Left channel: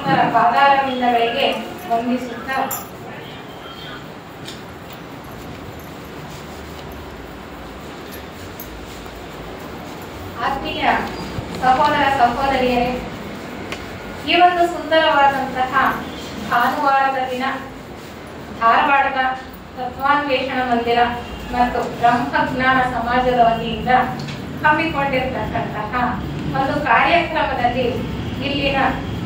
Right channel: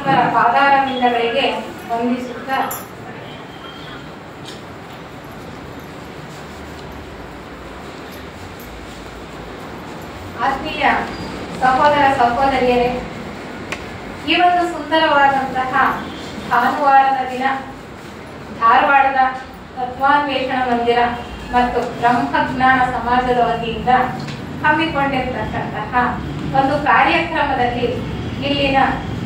ಪರಮಾತ್ಮನ ಪಾದಾರವಿಂದಗಳಿಗೆ ವಂದಿಸುತ್ತಾ ಆತ್ಮೀಯ ಸಹೋದರ ಸಹೋದರಿಯರೇ, ಈ ಒಂದು ಸುಂದರವಾದಂತಹ ಭಾನುವಾರದ ದಿನ ಧಾರವಾಡದ ತತ್ವಾನ್ವೇಷಣ ಮಂದಿರ ಮತ್ತು ಬ್ರಹ್ಮಜ್ಞಾನ ಸಮಾಜದ ವತಿಯಿಂದ ಹಮ್ಮಿಕೊಂಡಿರ್ತಕ್ಕಂತಹ ಒಂದು ಕಾರ್ಯಕ್ರಮದಲ್ಲಿ ಇಲ್ಲಿನ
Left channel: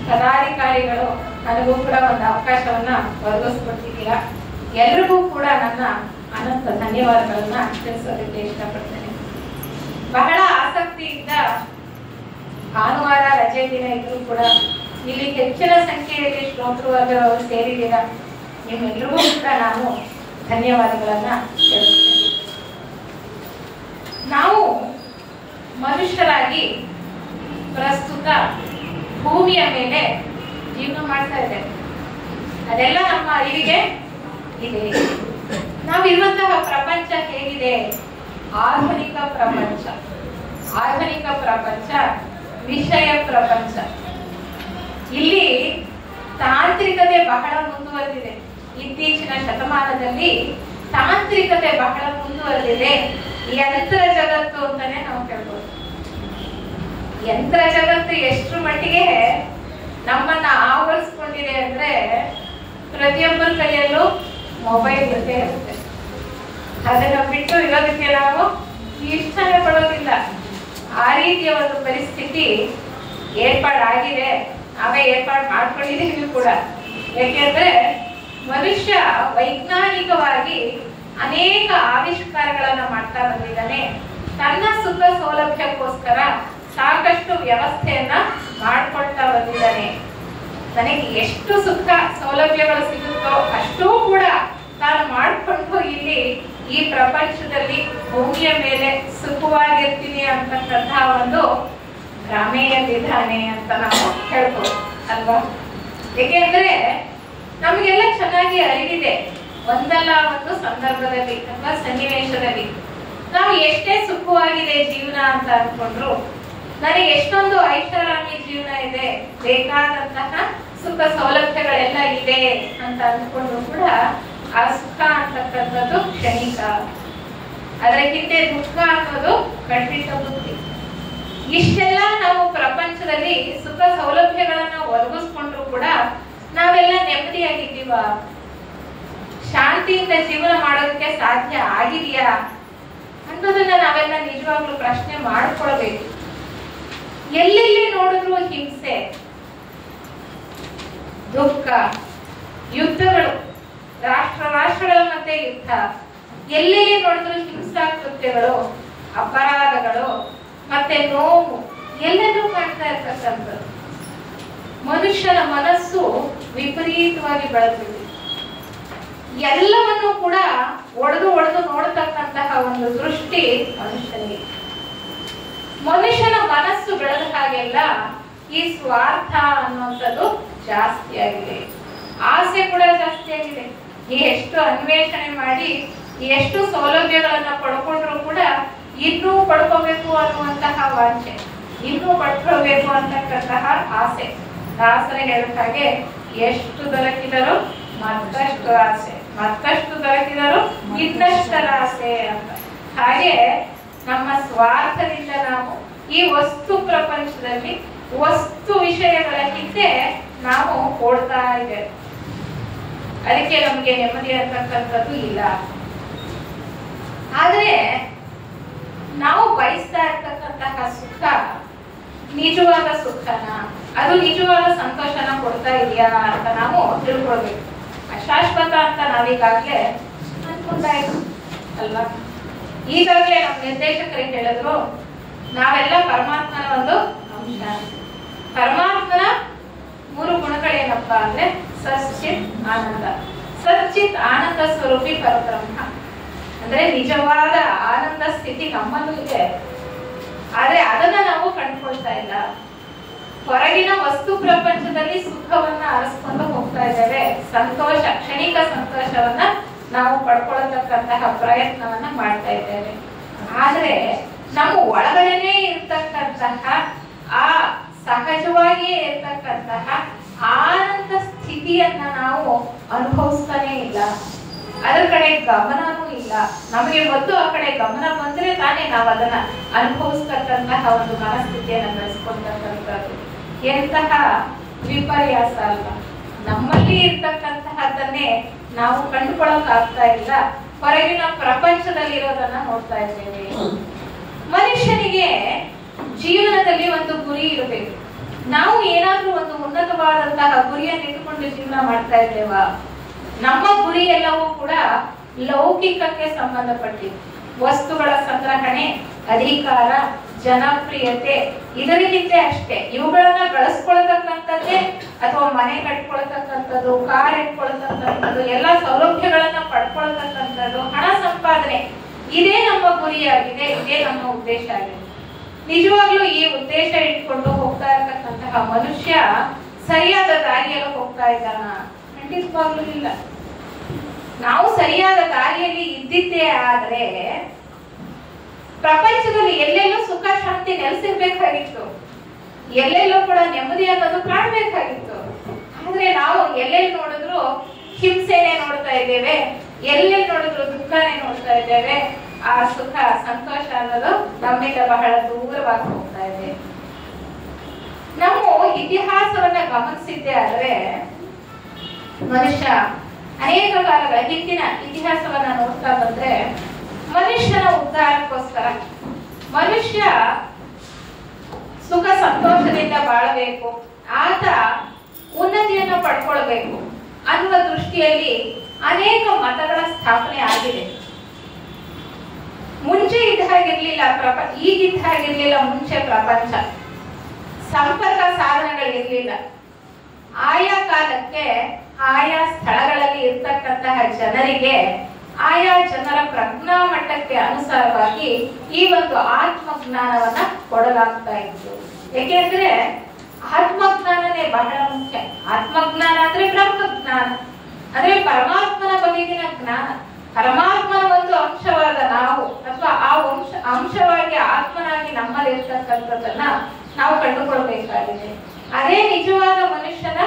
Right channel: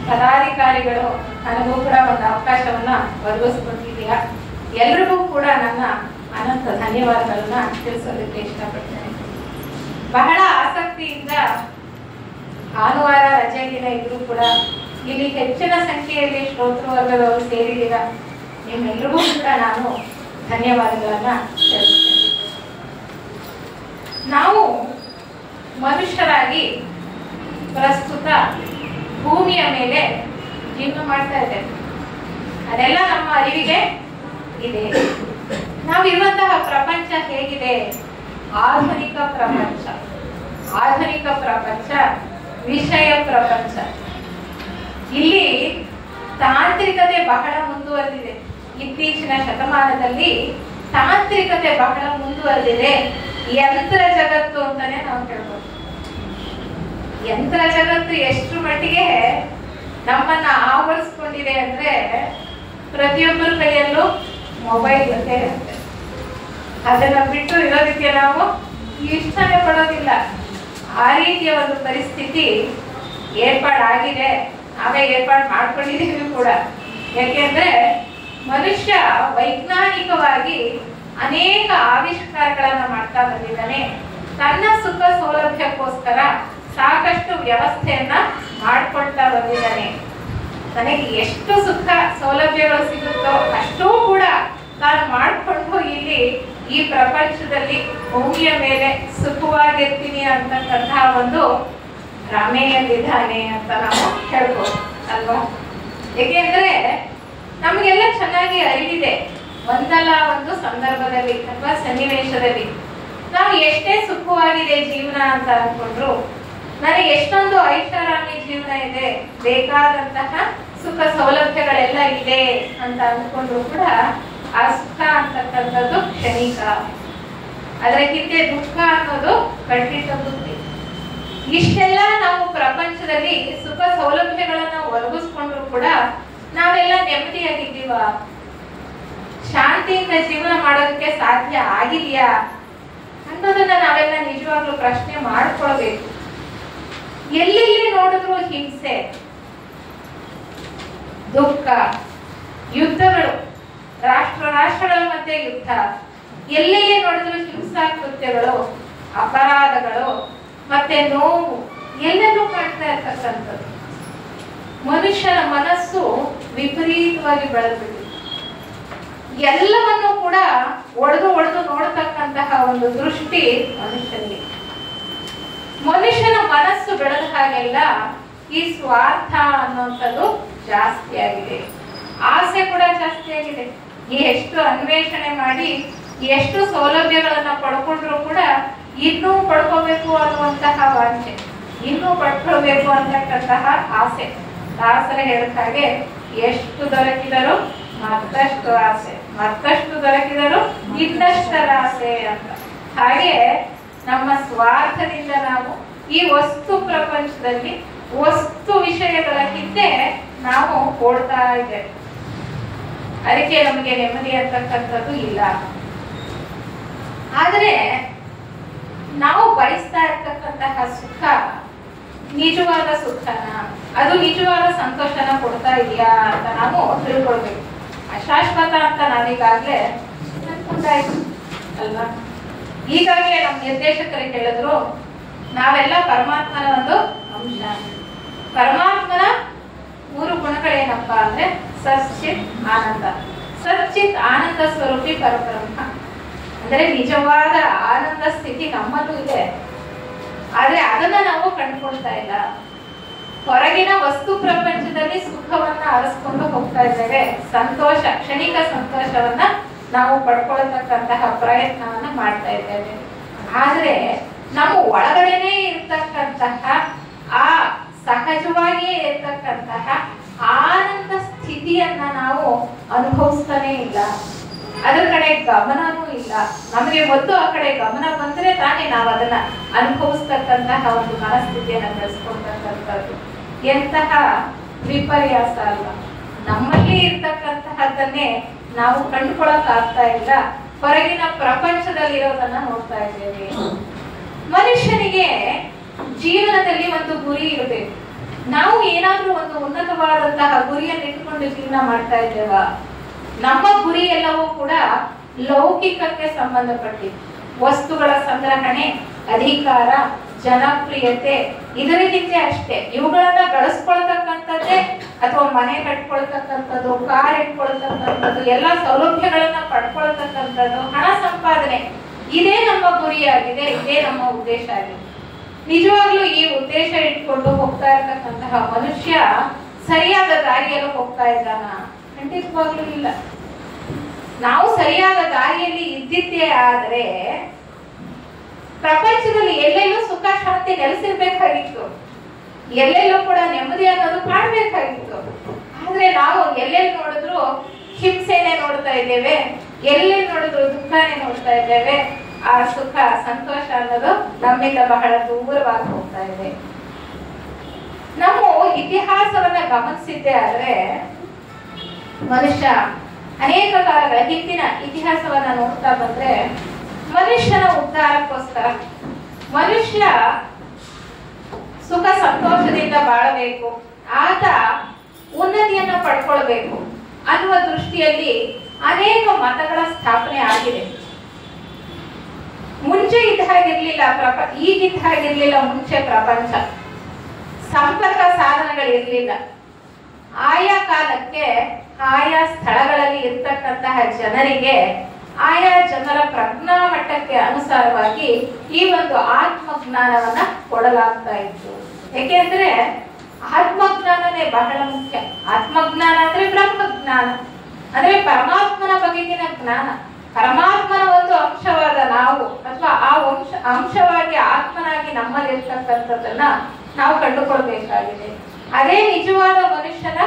ಪದಾಧಿಕಾರಿಗಳು ನನಗೂ ಕೂಡ ಒಂದು ಅವಕಾಶವನ್ನ ಒದಗಿಸ್ಕೊಟ್ಟಿದ್ದೀರಾ. ಎಲ್ರಿಗೂ ಕೂಡ ನನ್ನ ಅನಂತ ಧನ್ಯವಾದಗಳನ್ನ ತಿಳಿಸೋದಕ್ಕೆ ಇಷ್ಟಪಡ್ತೇನೆ. ಬಹಳ ಆಸಕ್ತಿಯಿಂದ ಭಾನುವಾರ ರಜೆ ದಿನ ಇದ್ರೂ ಕೂಡ ಇಲ್ಲಿ ಹೆಚ್ಚಿನ ಸಂಖ್ಯೆಯಲ್ಲಿ ಶ್ರೋತೃವರ್ಗದವರು ಸೇರಿದ್ದೀರಾ. ನಿಮ್ಮೆಲ್ಲರಿಗೂ ಕೂಡ ನಾನು ಧನ್ಯವಾದಗಳನ್ನ ತಿಳಿಸ್ತೇನೆ. ನಾವು ಮನುಷ್ಯರಾಗಿ ಪ್ರಸ್ತುತ ಭೂಮಿಯ ಮೇಲೆ ಜೀವನ ಮಾಡ್ತಾ ಇದ್ದೇವೆ. ಅದೆಲ್ಲ ನಮ್ಮ ಅರಿವಿಗೆ ಇದೆ. ನಾವಿರುವಂತಹ ಪ್ರಪಂಚ ಹೇಗಿದೆ? ಆಧುನಿಕ ಪ್ರಪಂಚ, ಆಧುನಿಕ ಪ್ರಪಂಚ, ವಿಷಯ ಪ್ರಪಂಚ. ಇಲ್ಲಿ ತಾಂತ್ರಿಕತೆ ಬಹಳ ಮುಂದುವರೆದಿದೆ. ಇತ್ತೀಚಿನ ಶತಮಾನದಲ್ಲಿ ತಾಂತ್ರಿಕತೆ ಬಹಳ ಮುಂದುವರೆದಿದೆ. ಯಂತ್ರ ಜಗತ್ತು ಅಂತಾನೆ ನಾವು ಹೇಳ್ಬೋದು. ಯಂತ್ರ ಜಗತ್ತು ಎಷ್ಟು ಮಟ್ಟಿಗೆ ನಮ್ಮನ್ನ ಆವರಿಸ್ಕೊಂಡಿದೆ ಅಂದ್ರೆ ಪ್ರತಿಯೊಬ್ಬರ ಕೈಯಲ್ಲೂ ಮೊಬೈಲ್ ಇರುತ್ತೆ. ಅದನ್ನ ಬಿಟ್ಟು ಇರೋದಕ್ಕೆ ನಾವು ಇಷ್ಟನೇ ಪಡೋದಿಲ್ಲ. ಆ ರೀತಿಯ ಒಂದು ಪರಿಸ್ಥಿತಿ ಏರ್ಪಾಡಾಗಿದೆ. ನಾವೇ ಏರ್ಪಾಡು ಮಾಡ್ಕೊಂಡಿದ್ದೀವಿ ಕೂಡ. ಯಾಕೆಂದ್ರೆ ಮನುಷ್ಯ ವೈಜ್ಞಾನಿಕವಾಗಿ ಅನೇಕ ಆವಿಷ್ಕಾರಗಳನ್ನ ಮಾಡ್ತಾ ಬಂದಿದ್ದಾನೆ. ತನ್ನ ಸುಖ ಸೌಲಭ್ಯಕ್ಕೋಸ್ಕರ ಸಾಕಷ್ಟು ವ್ಯವಸ್ಥೆಯನ್ನ ಮಾಡ್ಕೊಳ್ತಾ ಬಂದಿದ್ದಾನೆ. ನನಗೆ ಎಷ್ಟು ಸುಖ ಸೌಲಭ್ಯಗಳು ಸಿಗುತ್ತೋ ಅಷ್ಟೂ ಕೂಡ ನಾನು ಮಾಡಿಕೊಂಡು ಇಲ್ಲಿ ಈ ಪ್ರಪಂಚದಲ್ಲಿ ಭೂಮಿಯ ಮೇಲೆ ಸುಖವಾಗಿರ್ತೀನಿ ಅಂತಕ್ಕಂತಹ ಒಂದು ಭ್ರಮೆಯಲ್ಲಿದ್ದಾನೆ ಅಂತ ನಾವು ಹೇಳ್ಬೋದು ಅಲ್ವಾ? ಏಕೆಂದ್ರೆ ನಮಗೆಲ್ಲ ಚೆನ್ನಾಗಿ ಅರಿವಿದೆ, ಒಂದಲ್ಲ ಒಂದು ಸಂದರ್ಭದಲ್ಲಿ ಅಥವಾ ಸನ್ನಿವೇಶದಲ್ಲಿ ನಾವು ಎಷ್ಟೇ ಸುಖವಾಗಿದೆ ಜೀವನ ಅಂತ ಅನ್ಕೊಂಡ್ರು, ನನಗೆ ಎಷ್ಟೊಂದು ಐಷಾರಾಮಿ ಜೀವನ ಇದೆ, ಬೇಕಾದಂತಹ ಸುಖ ಸೌಲಭ್ಯಗಳೆಲ್ಲ ಇದೆ ಅಂತ ಅನ್ಕೊಂಡ್ರು ಕೂಡ ಆ ಸುಖ ಅಂತಕ್ಕಂಥದ್ದು ಕ್ಷಣಿಕ. ಅದರ ಹಿಂದೆ ದುಃಖ ಅನ್ನೋದು ಖಂಡಿತ ಬುದ್ಧಿ. ಇಷ್ಟೆಲ್ಲ ನಾವು ಪ್ರಪಂಚದಲ್ಲಿ ಸುಖ ಸೌಲಭ್ಯಗಳನ್ನ ಒದಗಿಸ್ಕೊಂಡ್ರು ಕೂಡ ನಾವೆಲ್ಲ ನೆಮ್ಮದಿಯಾಗಿದ್ದೀವ? ಶಾಂತಿಯಿಂದ ಜೀವನ ಮಾಡೋದಕ್ಕೆ ಸಾಧ್ಯ ಆಗಿದೆಯಾ ಅನ್ನೋದನ್ನ ನಾವೆಲ್ಲ ನಿಜವಾಗ್ಲೂ ಪ್ರಶ್ನೆ ಮಾಡ್ಕೊಳ್ಬೇಕು. ಎಲ್ಲೆಲ್ಲಿ ನೋಡಿದ್ರು ಹಿಂಸೆ, ದುಃಖ, ಯುದ್ಧಗಳು, ರಾಷ್ಟ್ರಗಳ ಮಧ್ಯೆ ಯುದ್ಧ, ಎಲ್ಲೆಲ್ಲಿ ನೋಡಿದ್ರು ಹಿಂಸಾ ಕೃತ್ಯಗಳು, ಅಪರಾಧಗಳು, ಮತ್ತೆ ನೋವು ಎಲ್ಲೆಲ್ಲೂ ಕಾಣ್ತಾ ಇರ್ತಕ್ಕಂಥದ್ದು. ಮನುಷ್ಯನ ಮನಸ್ಸು ವಿಪರೀತವಾಗಿ ಬೆಳೆದ್ಬಿಟ್ಟಿದೆ. ಎಲ್ಲವನ್ನು ಕೂಡ ಒಡೆದು ನೋಡ್ತಕ್ಕಂತಹ ಒಂದು ದೃಷ್ಟಿ ಮನುಷ್ಯನಿಗೆ. ಮನುಷ್ಯನ ಮನಸ್ಸು ಬೆಳೆದ ಹಾಗೆಲ್ಲ ಈ ಸ್ವಾರ್ಥ ಅನ್ನುವಂಥದ್ದು ಜಾಸ್ತಿ ಆಗಿದೆ. ಆಸೆ ಕೂಡ ಜಾಸ್ತಿ ಆಗಿದೆ. ಎಷ್ಟು ಅನ್ವೇಷಣೆ ಮಾಡಿ ಎಷ್ಟು ಸೌಲಭ್ಯಗಳನ್ನ ಪಡ್ಕೊಂಡ್ರು ಕೂಡ ಇನ್ನೂ ಪಡ್ಕೋಬೇಕು ಅನ್ನುವಂತಹ ವಾಂಛೆ, ಇನ್ನೂ ಪಡ್ಕೊಳ್ಬೇಕು ಅಂತಕ್ಕಂತಹ ಆಸೆ. ದಾಸರ ಹೇಳಿದ ಹಾಗೆ ಎಷ್ಟು ದೊರಕಿದರು ಮತ್ತಷ್ಟು ಆಸೆ, ಮತ್ತಷ್ಟು ದೊರಕಿದರು ಇನ್ನಷ್ಟರ ಆಸೆ ಅಂತ. ಹಾಗೆ ನಮ್ಮ ಸ್ವಾರ್ಥದಿಂದ ನಾವು ಈ ವಸ್ತು ಪ್ರಪಂಚದಲ್ಲಿ ವಸ್ತು ವಿಷಯಗಳ ಹಿಂದೆ ನಾವು ಓಡ್ತಾ ಇದ್ದೇವೆ. ಅದಕ್ಕೆ ನಮಗೆ ನೆಮ್ಮದಿ ಅಂತಕ್ಕಂಥದ್ದು ಇಲ್ಲ. ಆದ್ರೆ ನಾವು ಬಯಸ್ತಾ ಇರ್ತಕ್ಕಂತಹ ಸುಖ ನಿಜವಾದ ಸುಖನ, ಅದು ನಿಜವಾದ ಸಂತೋಷನ ಕೊಡ್ತಾ ಇದೆಯಾ ಅಂತ ನಾವು ತಿಳ್ಕೊಳ್ಬೇಕು. ಅಶಾಶ್ವತ ಅಂತ ನಾವೀಗಾಗ್ಲೇ ಅನ್ಕೊಂಡಾಯ್ತು ಅಲ್ವಾ? ಈಗಾಗಲೇ ನಮ್ಮ ನಿರ್ದೇಶಕರಿಗೆ ಹೇಳಿದ್ರು, ನಾವೆಲ್ಲ ಪರಮಾತ್ಮನ ಒಂದು ಅಂಶ. ಪರಮಾತ್ಮನ 3 ಗುಣಗಳೇನಪ್ಪ ಅಂದ್ರೆ ಸಚ್ಚಿತ್ ಆನಂದ. ಸಚ್ಚಿತ್ ಆನಂದ ಸ್ವರೂಪಿ ಪರಬ್ರಹ್ಮ ಅಂದ್ರೆ ನಿಜವಾದ ಆನಂದ ಸ್ಥಿತಿ ನಮ್ಮಲ್ಲೂ ಇದೆ. ಆದ್ರೆ ಅದನ್ನ ನಾವು ಕಂಡುಕೊಳ್ತಾ ಇಲ್ಲ. ಹೊರಗಿನ ವಸ್ತು ಪ್ರಪಂಚದಲ್ಲಿ ಸುಖವನ್ನ ಅರಸ್ಕೊಂಡು ಹೋಗ್ತಾ ಇದ್ದೇವೆ. ಸಂತೋಷ, ಕ್ಷಣಿಕ ಸಂತೋಷವನ್ನ ನಾವು ಪಡ್ಕೊಳ್ತಕ್ಕಂತಹ ಪ್ರಯತ್ನವನ್ನ ಮಾಡ್ತಾ ಇದ್ದೇವೆ. ಆದ್ರೆ ನಮ್ಮ ಒಳಗಡೆನೆ ಇರ್ತಕ್ಕಂತಹ ಆ ಸಹಜವಾಗಿಯೇ ಇರ್ತಕ್ಕಂತಹ ಸ್ಥಿತಿಯನ್ನ ನಾವು ಅನುಭವಿಸ್ತಾನೆ ಇಲ್ಲ, ಅದ್ರ ಕಡೆ ಗಮನನೂ ಇಲ್ಲ. ನಮಗೆ ಮೊದಲು ಆ ಕಡೆ ಗಮನ ಬಂದ್ರೆ ತಾನೇ ನಾವು ಅದನ್ನ ಅನುಭವಿಸ್ತಕ್ಕಂತಹ ಒಂದು ಮನಸ್ಥಿತಿಯನ್ನ ಬೆಳೆಸ್ಕೊಳ್ತಕ್ಕಂಥದ್ದು. ಎಂತಹ ವಿಪರ್ಯಾಸ ಅಲ್ಲ, ನಮ್ಮಲ್ಲಿ ಇರ್ತಕ್ಕಂತಹದ್ದನ್ನೇ ನಾವು ಕಂಡುಕೊಳ್ಳಕ್ ಆಗ್ತಾ ಇಲ್ಲ, ಹೊರಗಿನ ಪ್ರಪಂಚದಲ್ಲಿ ಇರೋದನ್ನ ನೋಡ್ತಾ ಇದ್ದೇವೆ. ಮನುಷ್ಯನಿಗೆ ಜೀವನದಲ್ಲಿ ಒಂದು ಗುರಿ ಇರಬೇಕು. ನಾವು ಏನಾದ್ರೂ ಒಂದು ಉನ್ನತವಾದಂತಹ ಗುರಿಯನ್ನು ಇಟ್ಟುಕೊಂಡು ಜೀವನ ಮಾಡ್ತಾ ಇದ್ದೇವಾ? ನಮ್ಮ ಗುರಿ ಎಲ್ಲವೂ ಕೂಡ ಲೌಕಿಕಕ್ಕೆ ಸಂಬಂಧಪಟ್ಟಿದ್ದು. ವಸ್ತುಗಳ ಸಂಗ್ರಹಣೆ, ಅಧಿಕಾರ, ಜನಪ್ರಿಯತೆ, ಇದರ ಹಿಂದೆ ಅಷ್ಟೇ. ಇವುಗಳನ್ನ ಬಳಸ್ಕೊಳ್ತಕ್ಕಂಥದ್ದೇ, ಅಥವಾ ಮನೆ ಕಟ್ಕೊಳ್ತಕ್ಕಂಥದ್ದು, ಕಾರ್ ಇಟ್ಕೊಳ್ತಕ್ಕಂಥದ್ದು, ಎಲ್ಲ ಸೌಲಭ್ಯಗಳನ್ನ ಪಡ್ಕೊಳ್ತಕ್ಕಂಥದ್ದು, ಹಣ ಸಂಪಾದನೆ, ಇದೇ ನಮ್ಮ ಗುರಿಯಾಗಿದೆ, ಇದೇ ನಮ್ಮ ಉದ್ದೇಶ ಆಗಿದೆ. ನಿಜವಾಗ್ಲೂ ಈ ಉದ್ದೇಶ ಇಟ್ಕೊಂಡು ಹೋಗ್ತಾ ಇರ್ತಕ್ಕಂತಹ ಮನುಷ್ಯ ಸರಿಯಾದ ದಾರಿಯಲ್ಲಿ ಹೋಗ್ತಾ ಇದ್ದಾನ? ಖಂಡಿತವಾಗ್ಲೂ ಇಲ್ಲ. ನಾವು ಸರಿಯಾದ ದಾರಿಯಲ್ಲಿ ಇದ್ದಿದ್ದೇ ಆದ್ರೆ ಪ್ರಪಂಚದಲ್ಲಿ ಎಲ್ಲೆಲ್ಲೂ ಸುಖ ಶಾಂತಿ ನೆಲೆಸಿರ್ಬೇಕಾಗಿತ್ತು, ಎಲ್ಲೆಲ್ಲೂ ಕೂಡ ನೆಮ್ಮದಿ ಅನ್ನೋದು ಕಾಣಬೇಕಾಗಿತ್ತು. ಆದ್ರೆ ನಾವು ಎಲ್ಲೆಲ್ಲಿ ನೋಡಿದ್ರು ಹಿಂಸೆನೆ ನೋಡ್ತಾ ಇದ್ದೇವೆ, ಎಲ್ಲೆಲ್ಲಿ ನೋಡಿದ್ರು ದುಃಖನೇ ನೋಡ್ತಾ ಇದ್ದೇವೆ. ಆ ಸುಖ ಸಂತೋಷ ಅನ್ನೋದು ನಮ್ಮಿಂದ ಬಹಳ ದೂರವಾಗಿ ಹೋಗ್ತಾ ಇದೆ. ನಾವು ಇತಿಹಾಸವನ್ನ ಗಮನಿಸಿದ್ದೇ ಆದ್ರೆ ಮನುಷ್ಯ ಅನೇಕ ಕಾಲಗಳ ಹಿಂದಿನ ಇತಿಹಾಸವನ್ನ ನೋಡ್ತಾ ಬಂದ್ರೆ ಮನುಷ್ಯನ ಉದ್ಧಾರಕ್ಕೋಸ್ಕರ, ಮನುಷ್ಯ ಸುಖ ಸಂತೋಷದಿಂದ ಬಾಳಬೇಕು, ಆತ ಉನ್ನತಿಯನ್ನ ಪಡ್ಕೊಳ್ಬೇಕು ಅನ್ನುವ ದೃಷ್ಟಿಯಲ್ಲಿ ಅನೇಕ ಮತಗಳ ಸ್ಥಾಪನೆ ಆಗಿದೆ. ಮುಂಚೆ ಇದ್ದ ಹಾಗಿರ್ಲಿಲ್ಲ ಈಗಿದ್ದ ಹಾಗಿರ್ಲಿಲ್ಲ. ಮುಂಚೆ ಪ್ರಪಂಚ ಸಂಪರ್ಕ ಸಾಧನಗಳಿರ್ಲಿಲ್ಲ. ಆಯಾ ಕಾಲಕ್ಕೆ ಆಯಾ ಸ್ಥಳಗಳಲ್ಲಿ ಇರ್ತಕ್ಕಂತಹ ಜನರಿಗೆ ಆಯಾ ಜನರ ಪ್ರಜ್ಞಾ ಮಟ್ಟಕ್ಕೆ ಅನುಸಾರವಾಗಿ ಈ ಒಂದು ಆತ್ಮಜ್ಞಾನವನ್ನ ಕೊಡಲಾಗ್ತಾ ಇತ್ತು. ಯಾಕೆಂದ್ರೆ ಆತ್ಮಜ್ಞಾನನೇ ಬಹಳ ಮುಖ್ಯ. ಆತ್ಮಜ್ಞಾನ ಅಂದ್ರೆ ಬ್ರಹ್ಮಜ್ಞಾನ, ಅಂದ್ರೆ ಪರಮಾತ್ಮನ ಬಗೆಗಿನ ಜ್ಞಾನ. ಪರಮಾತ್ಮನ ಒಂದು ಅಂಶವಾದ ನಾವು, ಅಥವಾ ಆ ಅಂಶವಾಗಿ ಆತ್ಮನಾಗಿ ನಮ್ಮಲ್ಲಿ ಇರ್ತಕ್ಕಂಥದ್ದನ್ನ ನಾವು ಕಂಡುಕೊಳ್ಬೇಕಾಗಿದೆ. ಅದೇ ನಿಜವಾದ ಮನುಷ್ಯನ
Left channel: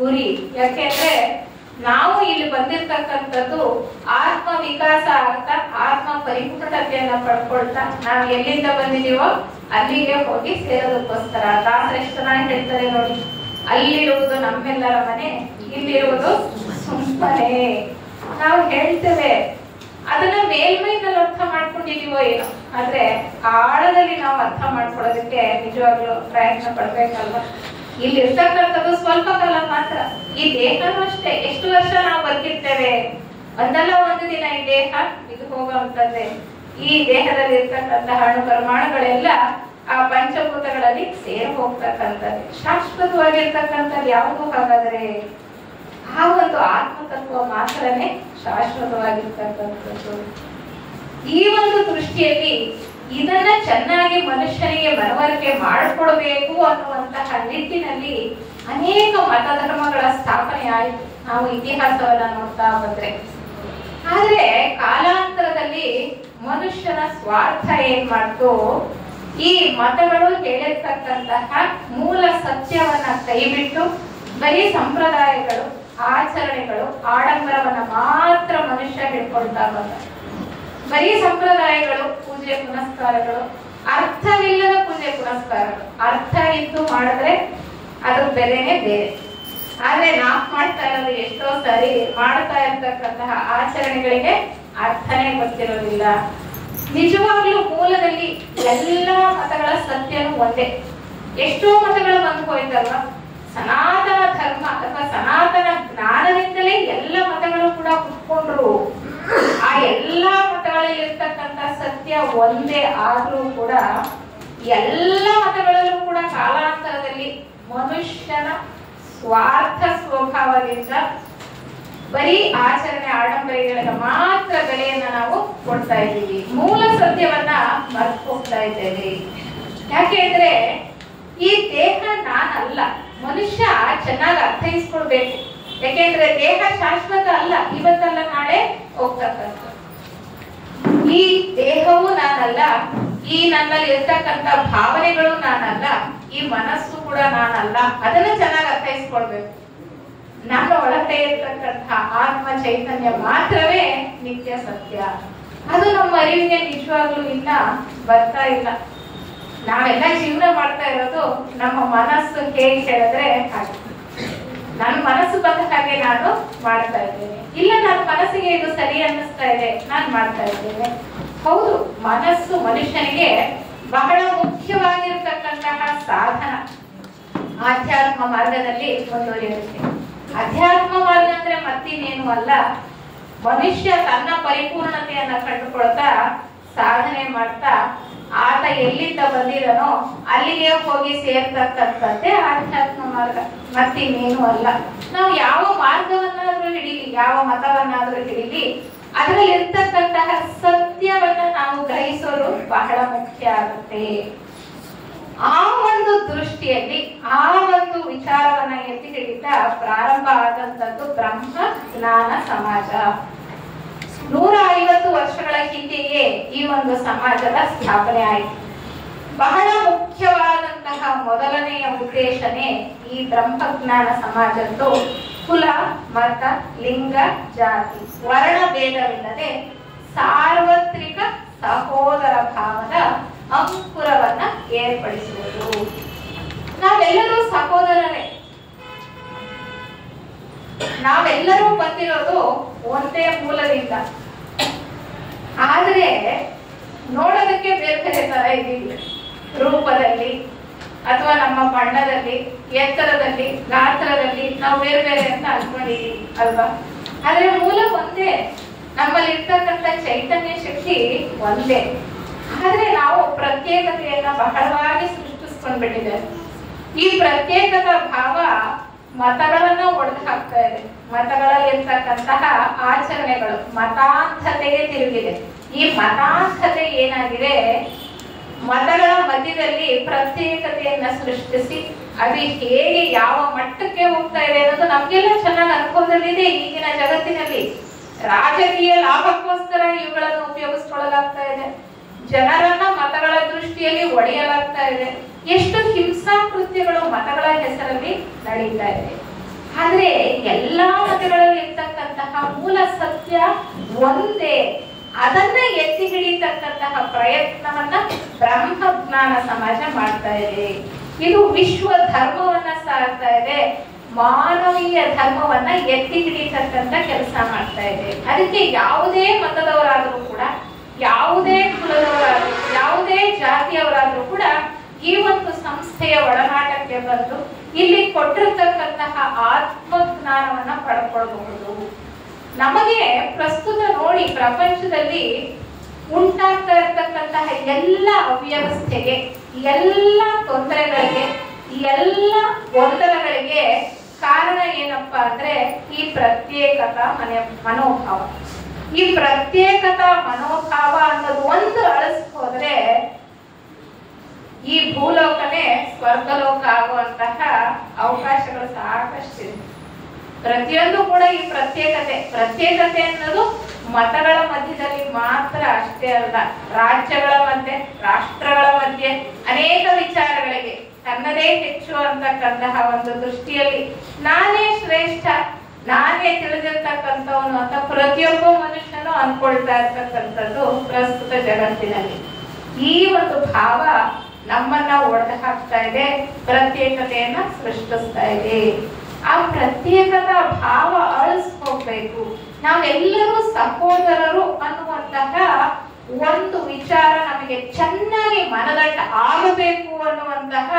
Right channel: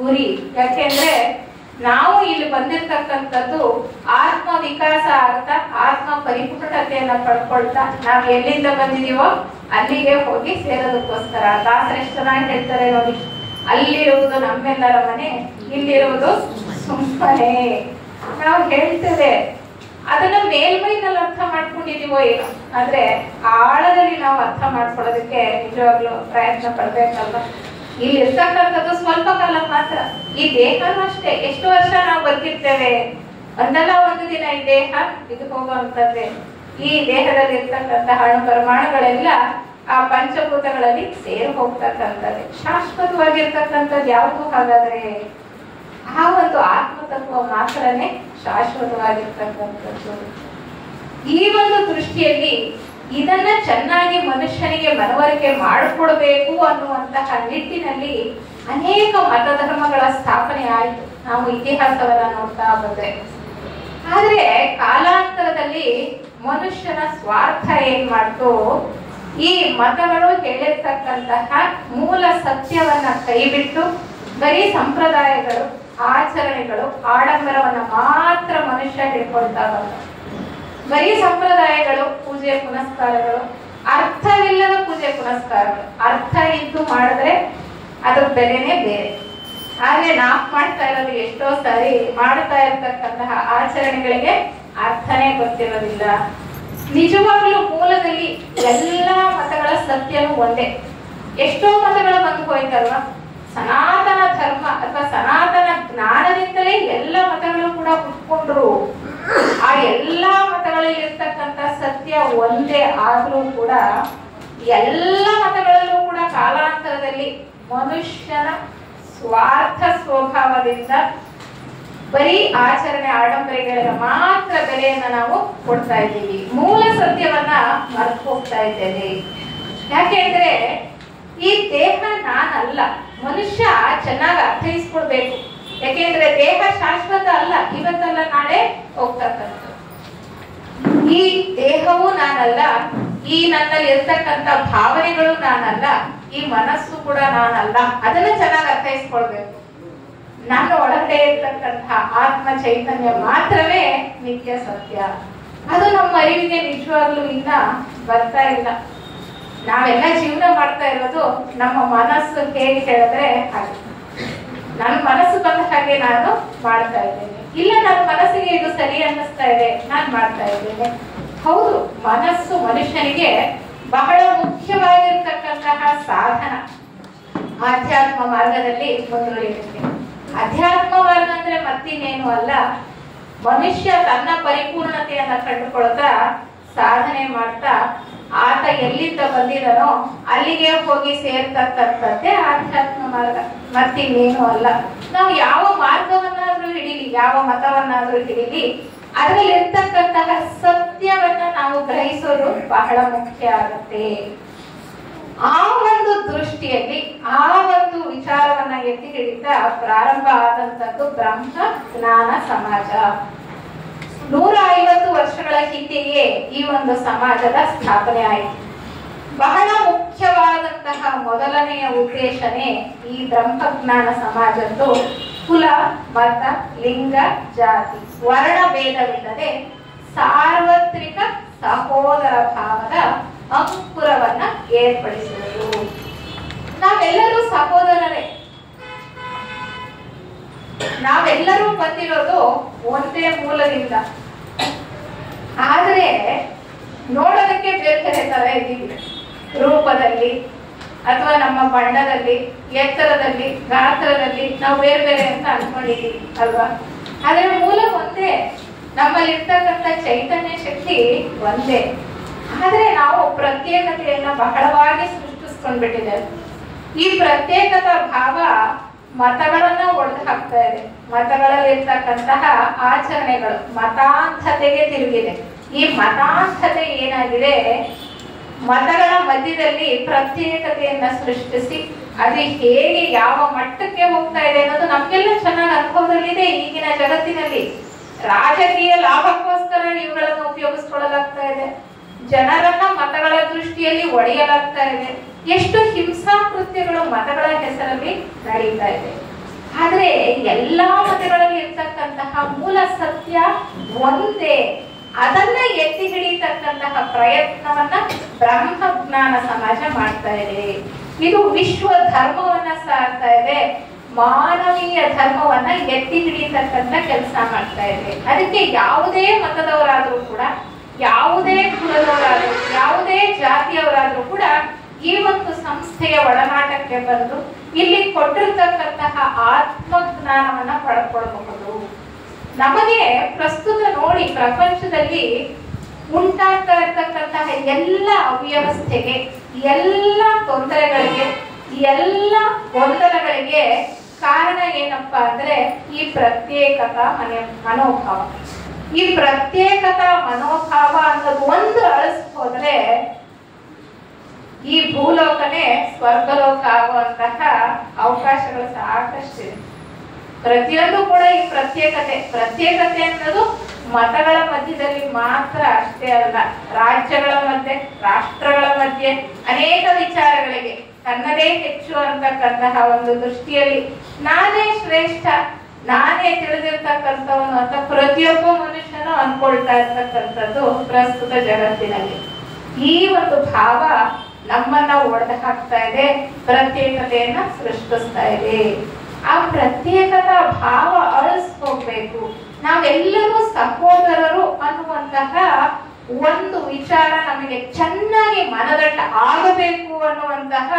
ಗುರಿ. ಯಾಕೆಂದ್ರೆ ನಾವು ಇಲ್ಲಿ ಬಂದಿರ್ತಕ್ಕಂಥದ್ದು ಆತ್ಮ ವಿಕಾಸ ಆಗ್ತಾ, ಆತ್ಮ ಪರಿಪೂರ್ಣತೆಯನ್ನ ಪಡ್ಕೊಳ್ತಾ, ನಾವು ಎಲ್ಲಿಂದ ಬಂದಿದೀವೋ ಅಲ್ಲಿಗೆ ಹೋಗಿ ಸೇರೋದಕ್ಕೋಸ್ಕರ. ದಾಸರೆಷ್ಟು ಚೆನ್ನಾಗಿ ಹೇಳ್ತಾರೆ ನೋಡಿ, ಅಲ್ಲಿರುವುದು ನಮ್ಮೆಲ್ಲರ ಮನೆ, ಇಲ್ಲಿರುವುದು ಸುಮ್ಮನೆ. ನಾವು ಹೇಳ್ತೇವೆ, ಅದನ್ನ ಮೇಲ್ಮೈನಲ್ಲಿ ಅರ್ಥ ಮಾಡ್ಕೊಂಡಿದೀವೋ ಏನೋ, ಆದ್ರೆ ಆಳದಲ್ಲಿ ನಾವು ಅರ್ಥ ಮಾಡ್ಕೊಳ್ಳೋದಕ್ಕೆ ನಿಜವಾಗ್ಲೂ ಪ್ರಯತ್ನ ಪಡ್ಬೇಕಲ್ವ. ಇಲ್ಲಿ ಇರ್ತಕ್ಕಂಥದ್ದು ಸ್ವಲ್ಪ ಕಾಲ ಮಾತ್ರ. ಈ ದೇಹನೂ ಅಷ್ಟೇ, ಎಷ್ಟು ವರ್ಷ ನಾವು ಬದುಕಿರ್ತೇವೆ, ಒಂದಲ್ಲ ಒಂದು ದಿನ ಈ ದೇಹ ಇದು ಹೋಗುವಂತದ್ದೇ. ಈ ದೇಹದಲ್ಲಿ ಇರ್ತಕ್ಕಂತಹ ಅಣು ಪರಮಾಣುಗಳೆಲ್ಲ ಆ ಪಂಚಭೂತಗಳಲ್ಲಿ ಸೇರಿ ಹೋಗ್ತಕ್ಕಂಥದ್ದೇ. ಶಾಶ್ವತವಾಗಿರ್ತಕ್ಕಂಥದ್ದು ಯಾವುದು? ಹಾಗಾದ್ರೆ ಆ ಒಂದು ಆತ್ಮತತ್ವ ಮಾತ್ರನೇ ಶಾಶ್ವತವಾಗಿರ್ತಕ್ಕಂಥದ್ದು. ಈ ಒಂದು ದೃಷ್ಟಿಯಲ್ಲಿ ಇದನ್ನ ಚೆನ್ನಾಗಿ ಮನುಷ್ಯನಿಗೆ ಮನವರಿಕೆ ಮಾಡಿಕೊಡ್ಬೇಕು ಅನ್ನುವಂತಹ ನಿಟ್ಟಿನಲ್ಲಿ ಅನೇಕ ಮತಧರ್ಮಗಳ ಸ್ಥಾಪನೆ ಆಯಿತು ನಾವು ಇತಿಹಾಸವನ್ನ ನೋಡ್ತಾ ಬಂದ್ರೆ. ಆದ್ರೆ ಕಾಲಾಂತರದಲ್ಲಿ ಮನುಷ್ಯನ ಸ್ವಾರ್ಥ ಏನ್ ಮಾಡ್ತು, ಈ ಮತಗಳು ಹೇಳಿರ್ತಕ್ಕಂತಹ ಮೂಲ ಸತ್ಯವನ್ನ ಕೈಬಿಟ್ಟು ಬರೀ ಸಂಪ್ರದಾಯಗಳು, ಆಚರಣೆಗಳು, ಆಡಂಬರವನ್ನ ಮಾತ್ರ ಮನುಷ್ಯ ಹಿಡ್ಕೊಳ್ತಾ ಬಂದ. ಬರೀ ಸಂಪ್ರದಾಯಗಳು, ಪೂಜೆ ಪುನಸ್ಕಾರಗಳು, ಅರ್ಥವಿಲ್ಲದ ಪೂಜೆ ಪುನಸ್ಕಾರಗಳು. ಅರ್ಥ ಇದ್ದು ಮಾಡಿದ್ರೆ ಅದ್ರ ಬೆಲೆನೇ ಬೇರೆ. ಆದ್ರೆ ನಾವು ಮಾಡ್ತಾ ಇರೋದು ಎಷ್ಟೋ ಸರಿ ಮಾಡ್ತಾ ಇರ್ತಕ್ಕಂತಹ ಆಚರಣೆಗಳಿಗೆ ಅರ್ಥನೇ ಗೊತ್ತಿರೋದಿಲ್ಲ. ನಿಜವಾಗ್ಲೂ ಮೂಲದಲ್ಲಿ ಎಲ್ಲಾ ಮತಗಳ ಸತ್ಯನೂ ಒಂದೇ. ಎಷ್ಟೋ ಮತಗಳು ಬಂದು ಹೋಯ್ತಲ್ವಾ. ಸನಾತನ ಧರ್ಮ ಅಥವಾ ಸನಾತನ ಜ್ಞಾನದಿಂದಲೇ ಎಲ್ಲ ಮತಗಳು ಕೂಡ ಹುಟ್ಕೊಂಡ್ರು. ಆ ಎಲ್ಲಾ ಮತಗಳಲ್ಲಿ ಇರ್ತಕ್ಕಂಥ ಸತ್ಯ ಒಂದೇ ಆದ್ರೂ ಕೂಡ ಎಲ್ಲ ಮತಗಳಲ್ಲೂ ಕೂಡ ಕಾಲಾಂತರದಲ್ಲಿ ಮನುಷ್ಯನ ಸ್ವಾರ್ಥ ಸ್ವಭಾವದಿಂದ ಬರೀ ಆಚರಣೆ ಆಡಂಬರಿಗಳಿಗೆ ಮಾತ್ರ ಬೆಲೆಯನ್ನ ನಾವು ಕೊಡ್ತಾ ಇದ್ದೀವಿ. ಮೂಲ ಸತ್ಯವನ್ನ ಮರೆತು ಹೋಗ್ತಾ ಇದ್ದೇವೆ. ಯಾಕೆಂದ್ರೆ ಈ ದೇಹ ನಾನಲ್ಲ. ಮನುಷ್ಯ ಚೆನ್ನಾಗಿ ಅರ್ಥೈಸ್ಕೊಳ್ಬೇಕು. ಯಾಕೆಂದ್ರೆ ದೇಹ ಶಾಶ್ವತ ಅಲ್ಲ, ಇವತ್ತಲ್ಲ ನಾಳೆ ಹೋಗ್ತಕ್ಕಂಥ. ಈ ದೇಹವು ನಾನಲ್ಲ, ಈ ನನ್ನಲ್ಲಿ ಇರ್ತಕ್ಕಂಥ ಭಾವನೆಗಳು ನಾನಲ್ಲ, ಈ ಮನಸ್ಸು ಕೂಡ ನಾನಲ್ಲ. ಅದನ್ನ ಚೆನ್ನಾಗಿ ಅರ್ಥೈಸ್ಕೊಳ್ಬೇಕು. ನನ್ನ ಒಳಗಡೆ ಇರ್ತಕ್ಕಂತಹ ಆತ್ಮ ಚೈತನ್ಯ ಮಾತ್ರವೇ ನಿತ್ಯ ಸತ್ಯ. ಅದು ನಮ್ಮ ಅರಿವಿಗೆ ನಿಜವಾಗ್ಲೂ ಇನ್ನ ಬರ್ತಾ ಇಲ್ಲ. ನಾವೆಲ್ಲ ಜೀವನ ಮಾಡ್ತಾ ಇರೋದು ನಮ್ಮ ಮನಸ್ಸು ಹೇಗೆ ಹೇಳಿದ್ರೆ ಹಾಗೆ. ನನ್ನ ಮನಸ್ಸು ಬಂದ ಹಾಗೆ ನಾನು ಮಾಡ್ತಾ ಇದ್ದೇನೆ, ಇಲ್ಲ ನನ್ನ ಮನಸ್ಸಿಗೆ ಇದು ಸರಿ ಅನ್ನಿಸ್ತಾ ಇದೆ ನಾನು ಮಾಡ್ತಾ ಇದ್ದೇನೆ. ಹೌದು, ಮನಸ್ಸು ಮನುಷ್ಯನಿಗೆ ಬಹಳ ಮುಖ್ಯವಾಗಿರ್ತಕ್ಕಂತಹ ಸಾಧನ ಆಧ್ಯಾತ್ಮ ಮಾರ್ಗದಲ್ಲಿ ಮುಂದುವರಿಯುತ್ತೆ. ಅಧ್ಯಾತ್ಮ ಮಾರ್ಗ ಅಂದ್ರೆ ಮತ್ತಿನ್ನೇನು ಅಲ್ಲ, ಮನುಷ್ಯ ತನ್ನ ಪರಿಪೂರ್ಣತೆಯನ್ನ ಕಂಡುಕೊಳ್ತಾ ಸಾಧನೆ ಮಾಡ್ತಾ ಆತ ಎಲ್ಲಿಂದ ಬಂದಿದನೋ ಅಲ್ಲಿಗೆ ಹೋಗಿ ಸೇರ್ತಕ್ಕಂಥದ್ದೇ ಆಧ್ಯಾತ್ಮ ಮಾರ್ಗ, ಮತ್ತಿನ್ನೇನು ಅಲ್ಲ. ನಾವು ಯಾವ ಮಾರ್ಗವನ್ನಾದ್ರೂ ಹಿಡೀಲಿ, ಯಾವ ಮತವನ್ನಾದ್ರೂ ಹಿಡೀಲಿ, ಅದರಲ್ಲಿ ಇರ್ತಕ್ಕಂತಹ ಸತ್ಯವನ್ನ ನಾವು ಗ್ರಹಿಸೋದು ಬಹಳ ಮುಖ್ಯ ಆಗುತ್ತೆ. ಆ ಒಂದು ದೃಷ್ಟಿಯಲ್ಲಿ ಆ ಒಂದು ವಿಚಾರವನ್ನ ಎತ್ತಿ ಹಿಡಿತಾ ಪ್ರಾರಂಭ ಆದಂತದ್ದು ಬ್ರಹ್ಮ ಜ್ಞಾನ ಸಮಾಜ. 150 ವರ್ಷಗಳ ಹಿಂದೆಯೇ ಈ ಒಂದು ಸಮಾಜದ ಸ್ಥಾಪನೆ ಆಯಿತು. ಬಹಳ ಮುಖ್ಯವಾದಂತಹ ಮೊದಲನೆಯ ಉದ್ದೇಶನೇ ಈ ಬ್ರಹ್ಮಜ್ಞಾನ ಸಮಾಜದ್ದು ಕುಲ, ಮತ, ಲಿಂಗ, ಜಾತಿ, ವರ್ಣ ಭೇದವಿಲ್ಲದೆ ಸಾರ್ವತ್ರಿಕ ಸಹೋದರ ಭಾವದ ಅಂಕುರವನ್ನ ಏರ್ಪಡಿಸುವುದು. ನಾವೆಲ್ಲರೂ ಸಹೋದರರೇ, ನಾವೆಲ್ಲರೂ ಬಂದಿರೋದು ಒಂದೇ ಮೂಲದಿಂದ. ಆದ್ರೆ ನೋಡೋದಕ್ಕೆ ಬೇರೆ ಬೇರೆ ತರ ಇದ್ದೀವಿ, ರೂಪದಲ್ಲಿ ಅಥವಾ ನಮ್ಮ ಬಣ್ಣದಲ್ಲಿ, ಎತ್ತರದಲ್ಲಿ, ಗಾತ್ರದಲ್ಲಿ ನಾವು ಬೇರೆ ಬೇರೆ ಅಂತ ಅನ್ಕೊಂಡಿದೀವಿ ಅಲ್ವಾ? ಆದ್ರೆ ಮೂಲ ಒಂದೇ, ನಮ್ಮಲ್ಲಿ ಇರ್ತಕ್ಕಂಥ ಚೈತನ್ಯ ಶಕ್ತಿ ಒಂದೇ. ಆದ್ರೆ ನಾವು ಪ್ರತ್ಯೇಕತೆಯನ್ನ ಬಹಳವಾಗಿ ಸೃಷ್ಟಿಸ್ಕೊಂಡ್ಬಿಟ್ಟಿದ್ದೇವೆ. ಈ ಪ್ರತ್ಯೇಕತಾ ಭಾವ ಮತಗಳನ್ನ ಒಡೆದು ಹಾಕ್ತಾ ಇದೆ. ಮತಗಳಲ್ಲಿ ಇರ್ತಕ್ಕಂತಹ ಆಚರಣೆಗಳು ಮತಾಂಧತೆಗೆ ತಿರುಗಿದೆ. ಈ ಮತಾಂಧತೆ ಏನಾಗಿದೆ, ಮತಗಳ ಮಧ್ಯದಲ್ಲಿ ಪ್ರತ್ಯೇಕತೆಯನ್ನ ಸೃಷ್ಟಿಸಿ ಅದು ಹೇಗೆ ಯಾವ ಮಟ್ಟಕ್ಕೆ ಹೋಗ್ತಾ ಇದೆ ಅನ್ನೋದು ನಮ್ಗೆಲ್ಲ ಚೆನ್ನಾಗಿ ಅನುಭವದಲ್ಲಿದೆ. ಈಗಿನ ಜಗತ್ತಿನಲ್ಲಿ ರಾಜಕೀಯ ಲಾಭಕ್ಕೋಸ್ಕರ ಇವುಗಳನ್ನು ಉಪಯೋಗಿಸ್ಕೊಳ್ಳಲಾಗ್ತಾ ಇದೆ. ಜನರನ್ನ ಮತಗಳ ದೃಷ್ಟಿಯಲ್ಲಿ ಒಡೆಯಲಾಗ್ತಾ ಇದೆ. ಎಷ್ಟು ಹಿಂಸಾಕೃತ್ಯಗಳು ಮತಗಳ ಹೆಸರಲ್ಲಿ ನಡೀತಾ ಇದೆ. ಆದ್ರೆ ಎಲ್ಲಾ ಮತಗಳಲ್ಲಿ ಇರ್ತಕ್ಕಂತಹ ಮೂಲ ಸತ್ಯ ಒಂದೇ. ಅದನ್ನ ಎತ್ತಿ ಹಿಡಿತಕ್ಕಂತಹ ಪ್ರಯತ್ನವನ್ನ ಬ್ರಹ್ಮಜ್ಞಾನ ಸಮಾಜ ಮಾಡ್ತಾ ಇದೆ. ಇದು ವಿಶ್ವ ಧರ್ಮವನ್ನ ಸಾರ್ತಾ ಇದೆ, ಮಾನವೀಯ ಧರ್ಮವನ್ನ ಎತ್ತಿ ಹಿಡಿತಕ್ಕಂತ ಕೆಲಸ ಮಾಡ್ತಾ ಇದೆ. ಅದಕ್ಕೆ ಯಾವುದೇ ಮತದವರಾದ್ರೂ ಕೂಡ, ಯಾವುದೇ ಕುಲದವರಾದ್ರೂ, ಯಾವುದೇ ಜಾತಿಯವರಾದ್ರೂ ಕೂಡ ಈ ಒಂದು ಸಂಸ್ಥೆಯ ಒಳನಾಟಕ್ಕೆ ಬಂದು ಇಲ್ಲಿ ಕೊಟ್ಟಿರ್ತಕ್ಕಂತಹ ಆತ್ಮಜ್ಞಾನವನ್ನ ಪಡ್ಕೊಳ್ಬಹುದು. ನಮಗೆ ಪ್ರಸ್ತುತ ನೋಡಿ ಪ್ರಪಂಚದಲ್ಲಿ ಉಂಟಾಗ್ತಾ ಇರ್ತಕ್ಕಂತಹ ಎಲ್ಲ ಅವ್ಯವಸ್ಥೆಗೆ, ಎಲ್ಲ ತೊಂದರೆಗಳಿಗೆ, ಎಲ್ಲ ಗೊಂದಲಗಳಿಗೆ ಕಾರಣ ಏನಪ್ಪಾ ಅಂದ್ರೆ ಈ ಪ್ರತ್ಯೇಕತಾ ಮನೋಭಾವ. ಈ ಪ್ರತ್ಯೇಕತಾ ಮನೋಭಾವ ಅನ್ನೋದು ಒಂದು ಅಳಿಸ್ಕೋದ್ರೆ ಈ ಭೂಲೋಕನೇ ಸ್ವರ್ಗಲೋಕ ಆಗುವಂತಹ ಅವಕಾಶಗಳು ಸಾಕಷ್ಟಿದೆ. ಪ್ರತಿಯೊಂದು ಕೂಡ ಈ ಪ್ರತ್ಯೇಕತೆ ಅನ್ನೋದು ಮತಗಳ ಮಧ್ಯದಲ್ಲಿ ಮಾತ್ರ ಅಷ್ಟೇ ಅಲ್ಲ, ರಾಜ್ಯಗಳ ಮಧ್ಯೆ, ರಾಷ್ಟ್ರಗಳ ಮಧ್ಯೆ ಅನೇಕ ವಿಚಾರಗಳಿಗೆ ತನ್ನದೇ ಹೆಚ್ಚು ಅಂತಕ್ಕಂತಹ ಒಂದು ದೃಷ್ಟಿಯಲ್ಲಿ ನಾನೇ ಶ್ರೇಷ್ಠ, ನಾನೇ ತಿಳಿದಿರ್ತಕ್ಕಂಥವನು ಅಂತ ಪ್ರತಿಯೊಬ್ಬ ಮನುಷ್ಯನು ಅನ್ಕೊಳ್ತಾ ಇರ್ತಕ್ಕಂಥದ್ದು ಪ್ರಸ್ತುತ ಜಗತ್ತಿನಲ್ಲಿ. ಈ ಒಂದು ಭಾವ ನಮ್ಮನ್ನ ಒಡೆದು ಹಾಕ್ತಾ ಇದೆ, ಪ್ರತ್ಯೇಕತೆಯನ್ನ ಸೃಷ್ಟಿಸ್ತಾ ಇದೆ. ಆ ಪ್ರತ್ಯೇಕತಾ ಭಾವ ಅಳಿಸ್ಕೋಬೇಕು. ನಾವೆಲ್ಲರೂ ಸಹೋದರರು ಅನ್ನುವಂತಹ ಒಂದು ವಿಚಾರ ನಮಗೆ ಚೆನ್ನಾಗಿ ಮನದಟ್ಟ ಆಗಬೇಕು ಅನ್ನುವಂತಹ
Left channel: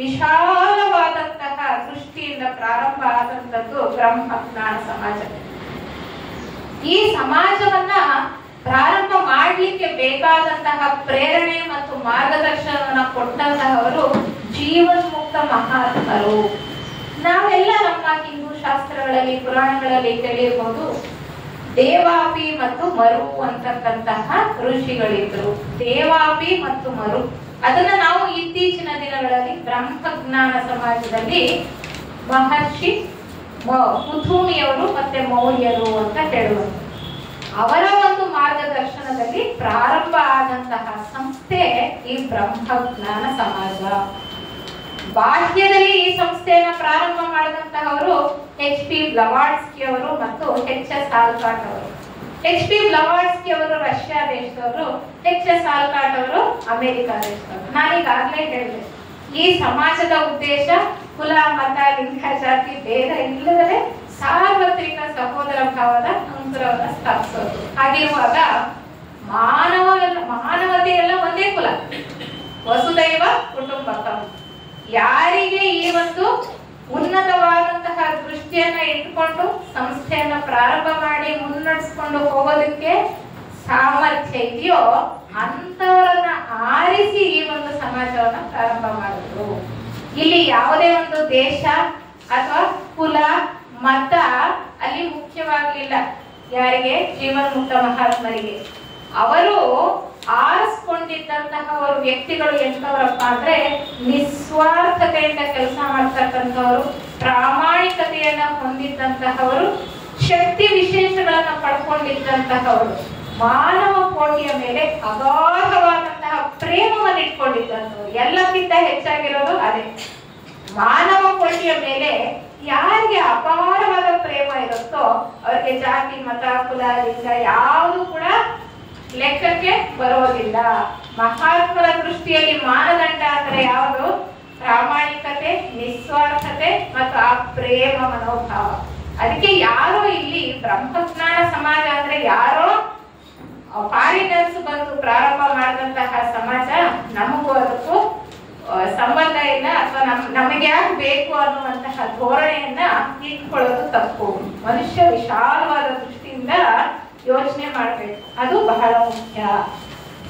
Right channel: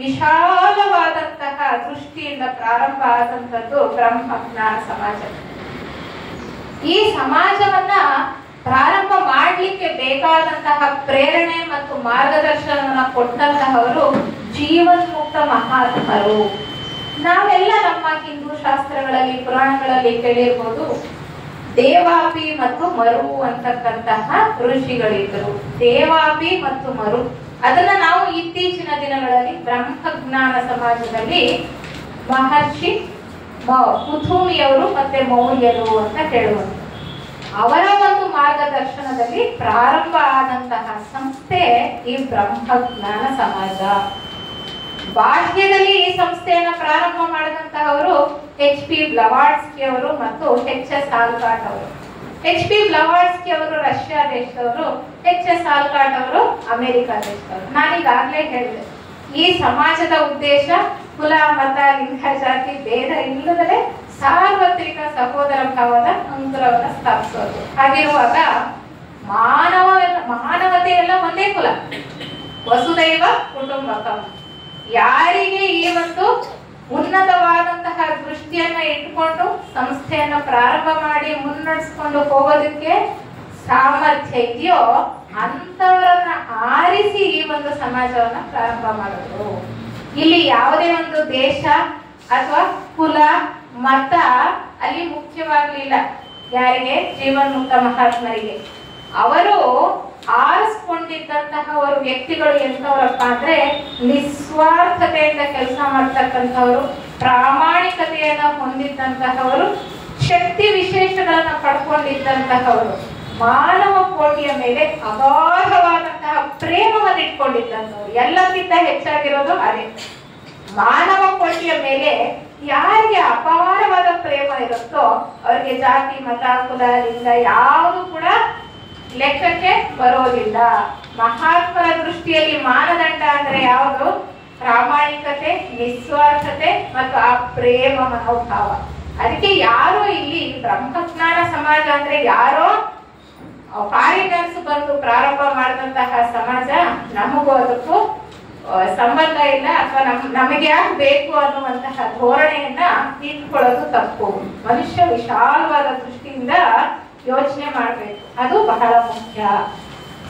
ವಿಶಾಲವಾದಂತಹ ದೃಷ್ಟಿಯಿಂದ ಪ್ರಾರಂಭ ಆದಂತದ್ದು ಬ್ರಹ್ಮಜ್ಞಾನ ಸಮಾಜ. ಈ ಸಮಾಜವನ್ನ ಪ್ರಾರಂಭ ಮಾಡ್ಲಿಕ್ಕೆ ಬೇಕಾದಂತಹ ಪ್ರೇರಣೆ ಮತ್ತು ಮಾರ್ಗದರ್ಶನವನ್ನ ಕೊಟ್ಟಂತಹವರು ಜೀವನ್ಮುಕ್ತ ಮಹಾತ್ಮರು. ನಾವೆಲ್ಲ ನಮ್ಮ ಹಿಂದೂ ಶಾಸ್ತ್ರಗಳಲ್ಲಿ, ಪುರಾಣಗಳಲ್ಲಿ ಕೇಳಿರ್ಬೋದು, ದೇವಾಪಿ ಮತ್ತು ಮರು ಅಂತಕ್ಕಂತಹ ಋಷಿಗಳಿದ್ರು. ದೇವಾಪಿ ಮತ್ತು ಮರು, ಅದನ್ನ ನಾವು ಇತ್ತೀಚಿನ ದಿನಗಳಲ್ಲಿ ಬ್ರಹ್ಮಜ್ಞಾನ ಸಮಾಜದಲ್ಲಿ ಮಹರ್ಷಿ ಕುಥುಮಿಯವರು ಮತ್ತೆ ಮೌರ್ಯರು ಅಂತ ಹೇಳುವರು. ಅವರ ಒಂದು ಮಾರ್ಗದರ್ಶನದಲ್ಲಿ ಪ್ರಾರಂಭ ಆದಂತಹ ಸಂಸ್ಥೆ ಈ ಬ್ರಹ್ಮಜ್ಞಾನ ಸಮಾಜ. ಬಾಹ್ಯದಲ್ಲಿ ಈ ಸಂಸ್ಥೆಯನ್ನ ಪ್ರಾರಂಭ ಮಾಡಿದಂತಹವರು H. HP ಬ್ಲವಾಟ್ಸ್ಕಿ ಅವರು ಮತ್ತು HS ಆಲ್ಕಾಟ್ ಅವರು. HP ಬ್ಲವಾಟ್ಸ್ಕಿ ಅವರು ರಷ್ಯಾ ದೇಶದವರು, HS ಆಲ್ಕಾಟ್ ಅವರು ಅಮೆರಿಕ ದೇಶದವರು. ನಾನೀಗಾಗಲೇ ಹೇಳಿದೆ, ಈ ಸಮಾಜದ ಉದ್ದೇಶ ಕುಲ, ಮತ, ಲಿಂಗ, ಜಾತಿ ಭೇದ ಇಲ್ಲದಲೇ ಸಾರ್ವತ್ರಿಕ ಸಹೋದರ ಭಾವದ ಅಂಕುರವನ್ನು ಸ್ಥಾಪಿಸೋದು. ಹಾಗಿರುವಾಗ ಮಾನವತೆ ಎಲ್ಲ ಒಂದೇ ಕುಲ, ವಸುದೈವ ಕುಟುಂಬಕಂ. ಯಾರಿಗೆ ಈ ಒಂದು ಉನ್ನತವಾದಂತಹ ದೃಷ್ಟಿಯನ್ನ ಇಟ್ಕೊಂಡು ಸಂಸ್ಥೆಯನ್ನ ಪ್ರಾರಂಭ ಮಾಡಿ ಮುನ್ನಡೆಸ್ಕೊಂಡು ಹೋಗೋದಕ್ಕೆ ಸಾಮರ್ಥ್ಯ ಇದೆಯೋ ಅಂತವರನ್ನ ಆರಿಸಿ ಈ ಒಂದು ಸಮಾಜವನ್ನ ಪ್ರಾರಂಭ ಮಾಡಿದ್ರು. ಇಲ್ಲಿ ಯಾವುದೇ ಒಂದು ದೇಶ ಅಥವಾ ಕುಲ, ಮತ ಅಲ್ಲಿ ಮುಖ್ಯವಾಗ್ಲಿಲ್ಲ. ಯಾರಿಗೆ? ಜೀವನ್ಮುಕ್ತ ಮಹಾತ್ಮರಿಗೆ. ಅವರು ಆರಿಸ್ಕೊಂಡಿದ್ದಂತಹ ವ್ಯಕ್ತಿಗಳು ಎಂತವರಪ್ಪ ಅಂದ್ರೆ ನಿಸ್ವಾರ್ಥತೆಯಿಂದ ಕೆಲಸ ಮಾಡ್ತಕ್ಕಂಥವರು, ಪ್ರಾಮಾಣಿಕತೆಯನ್ನ ಹೊಂದಿದ್ದಂತಹವರು, ಶಕ್ತಿ ವಿಶೇಷಗಳನ್ನ ಪಡ್ಕೊಂಡಿದ್ದಂತಹವರು, ಮಾನವ ಕೋಟಿಯ ಮೇಲೆ ಅಗಾಧವಾದಂತಹ ಪ್ರೇಮವನ್ನು ಇಟ್ಕೊಂಡಿದ್ದಂಥವ್ರು. ಎಲ್ಲಕ್ಕಿಂತ ಹೆಚ್ಚಾಗಿರೋದು ಅದೇ, ಮಾನವ ಕೋಟಿಯ ಮೇಲೆ ಯಾರಿಗೆ ಅಪಾರವಾದ ಪ್ರೇಮ ಇರುತ್ತೋ ಅವರಿಗೆ ಜಾತಿ, ಮತ, ಕುಲ, ಲಿಂಗ ಯಾವುದು ಕೂಡ ಲೆಕ್ಕಕ್ಕೆ ಬರೋದಿಲ್ಲ. ಮಹಾತ್ಮರ ದೃಷ್ಟಿಯಲ್ಲಿ ಮಾನದಂಡ ಅಂದ್ರೆ ಯಾವುದು? ಪ್ರಾಮಾಣಿಕತೆ, ನಿಸ್ವಾರ್ಥತೆ ಮತ್ತು ಆ ಪ್ರೇಮ ಮನೋಭಾವ. ಅದಕ್ಕೆ ಯಾರೋ ಇಲ್ಲಿ ಬ್ರಹ್ಮಜ್ಞಾನ ಸಮಾಜ ಅಂದ್ರೆ ಯಾರೋ ಫಾರಿನರ್ಸ್ ಬಂದು ಪ್ರಾರಂಭ ಮಾಡಿದಂತಹ ಸಮಾಜ, ನಮಗೂ ಅದಕ್ಕೂ ಸಂಬಂಧ ಇಲ್ಲ ಅಥವಾ ನಮಗೆ ಯಾಕೆ ಬೇಕು ಅನ್ನುವಂತಹ ಧೋರಣೆಯನ್ನ ಇಟ್ಕೊಳ್ಳೋದು ತಪ್ಪು. ಮನುಷ್ಯ ವಿಶಾಲವಾದ ದೃಷ್ಟಿಯಿಂದ ಯೋಚನೆ ಮಾಡ್ಬೇಕು, ಅದು ಬಹಳ ಮುಖ್ಯ.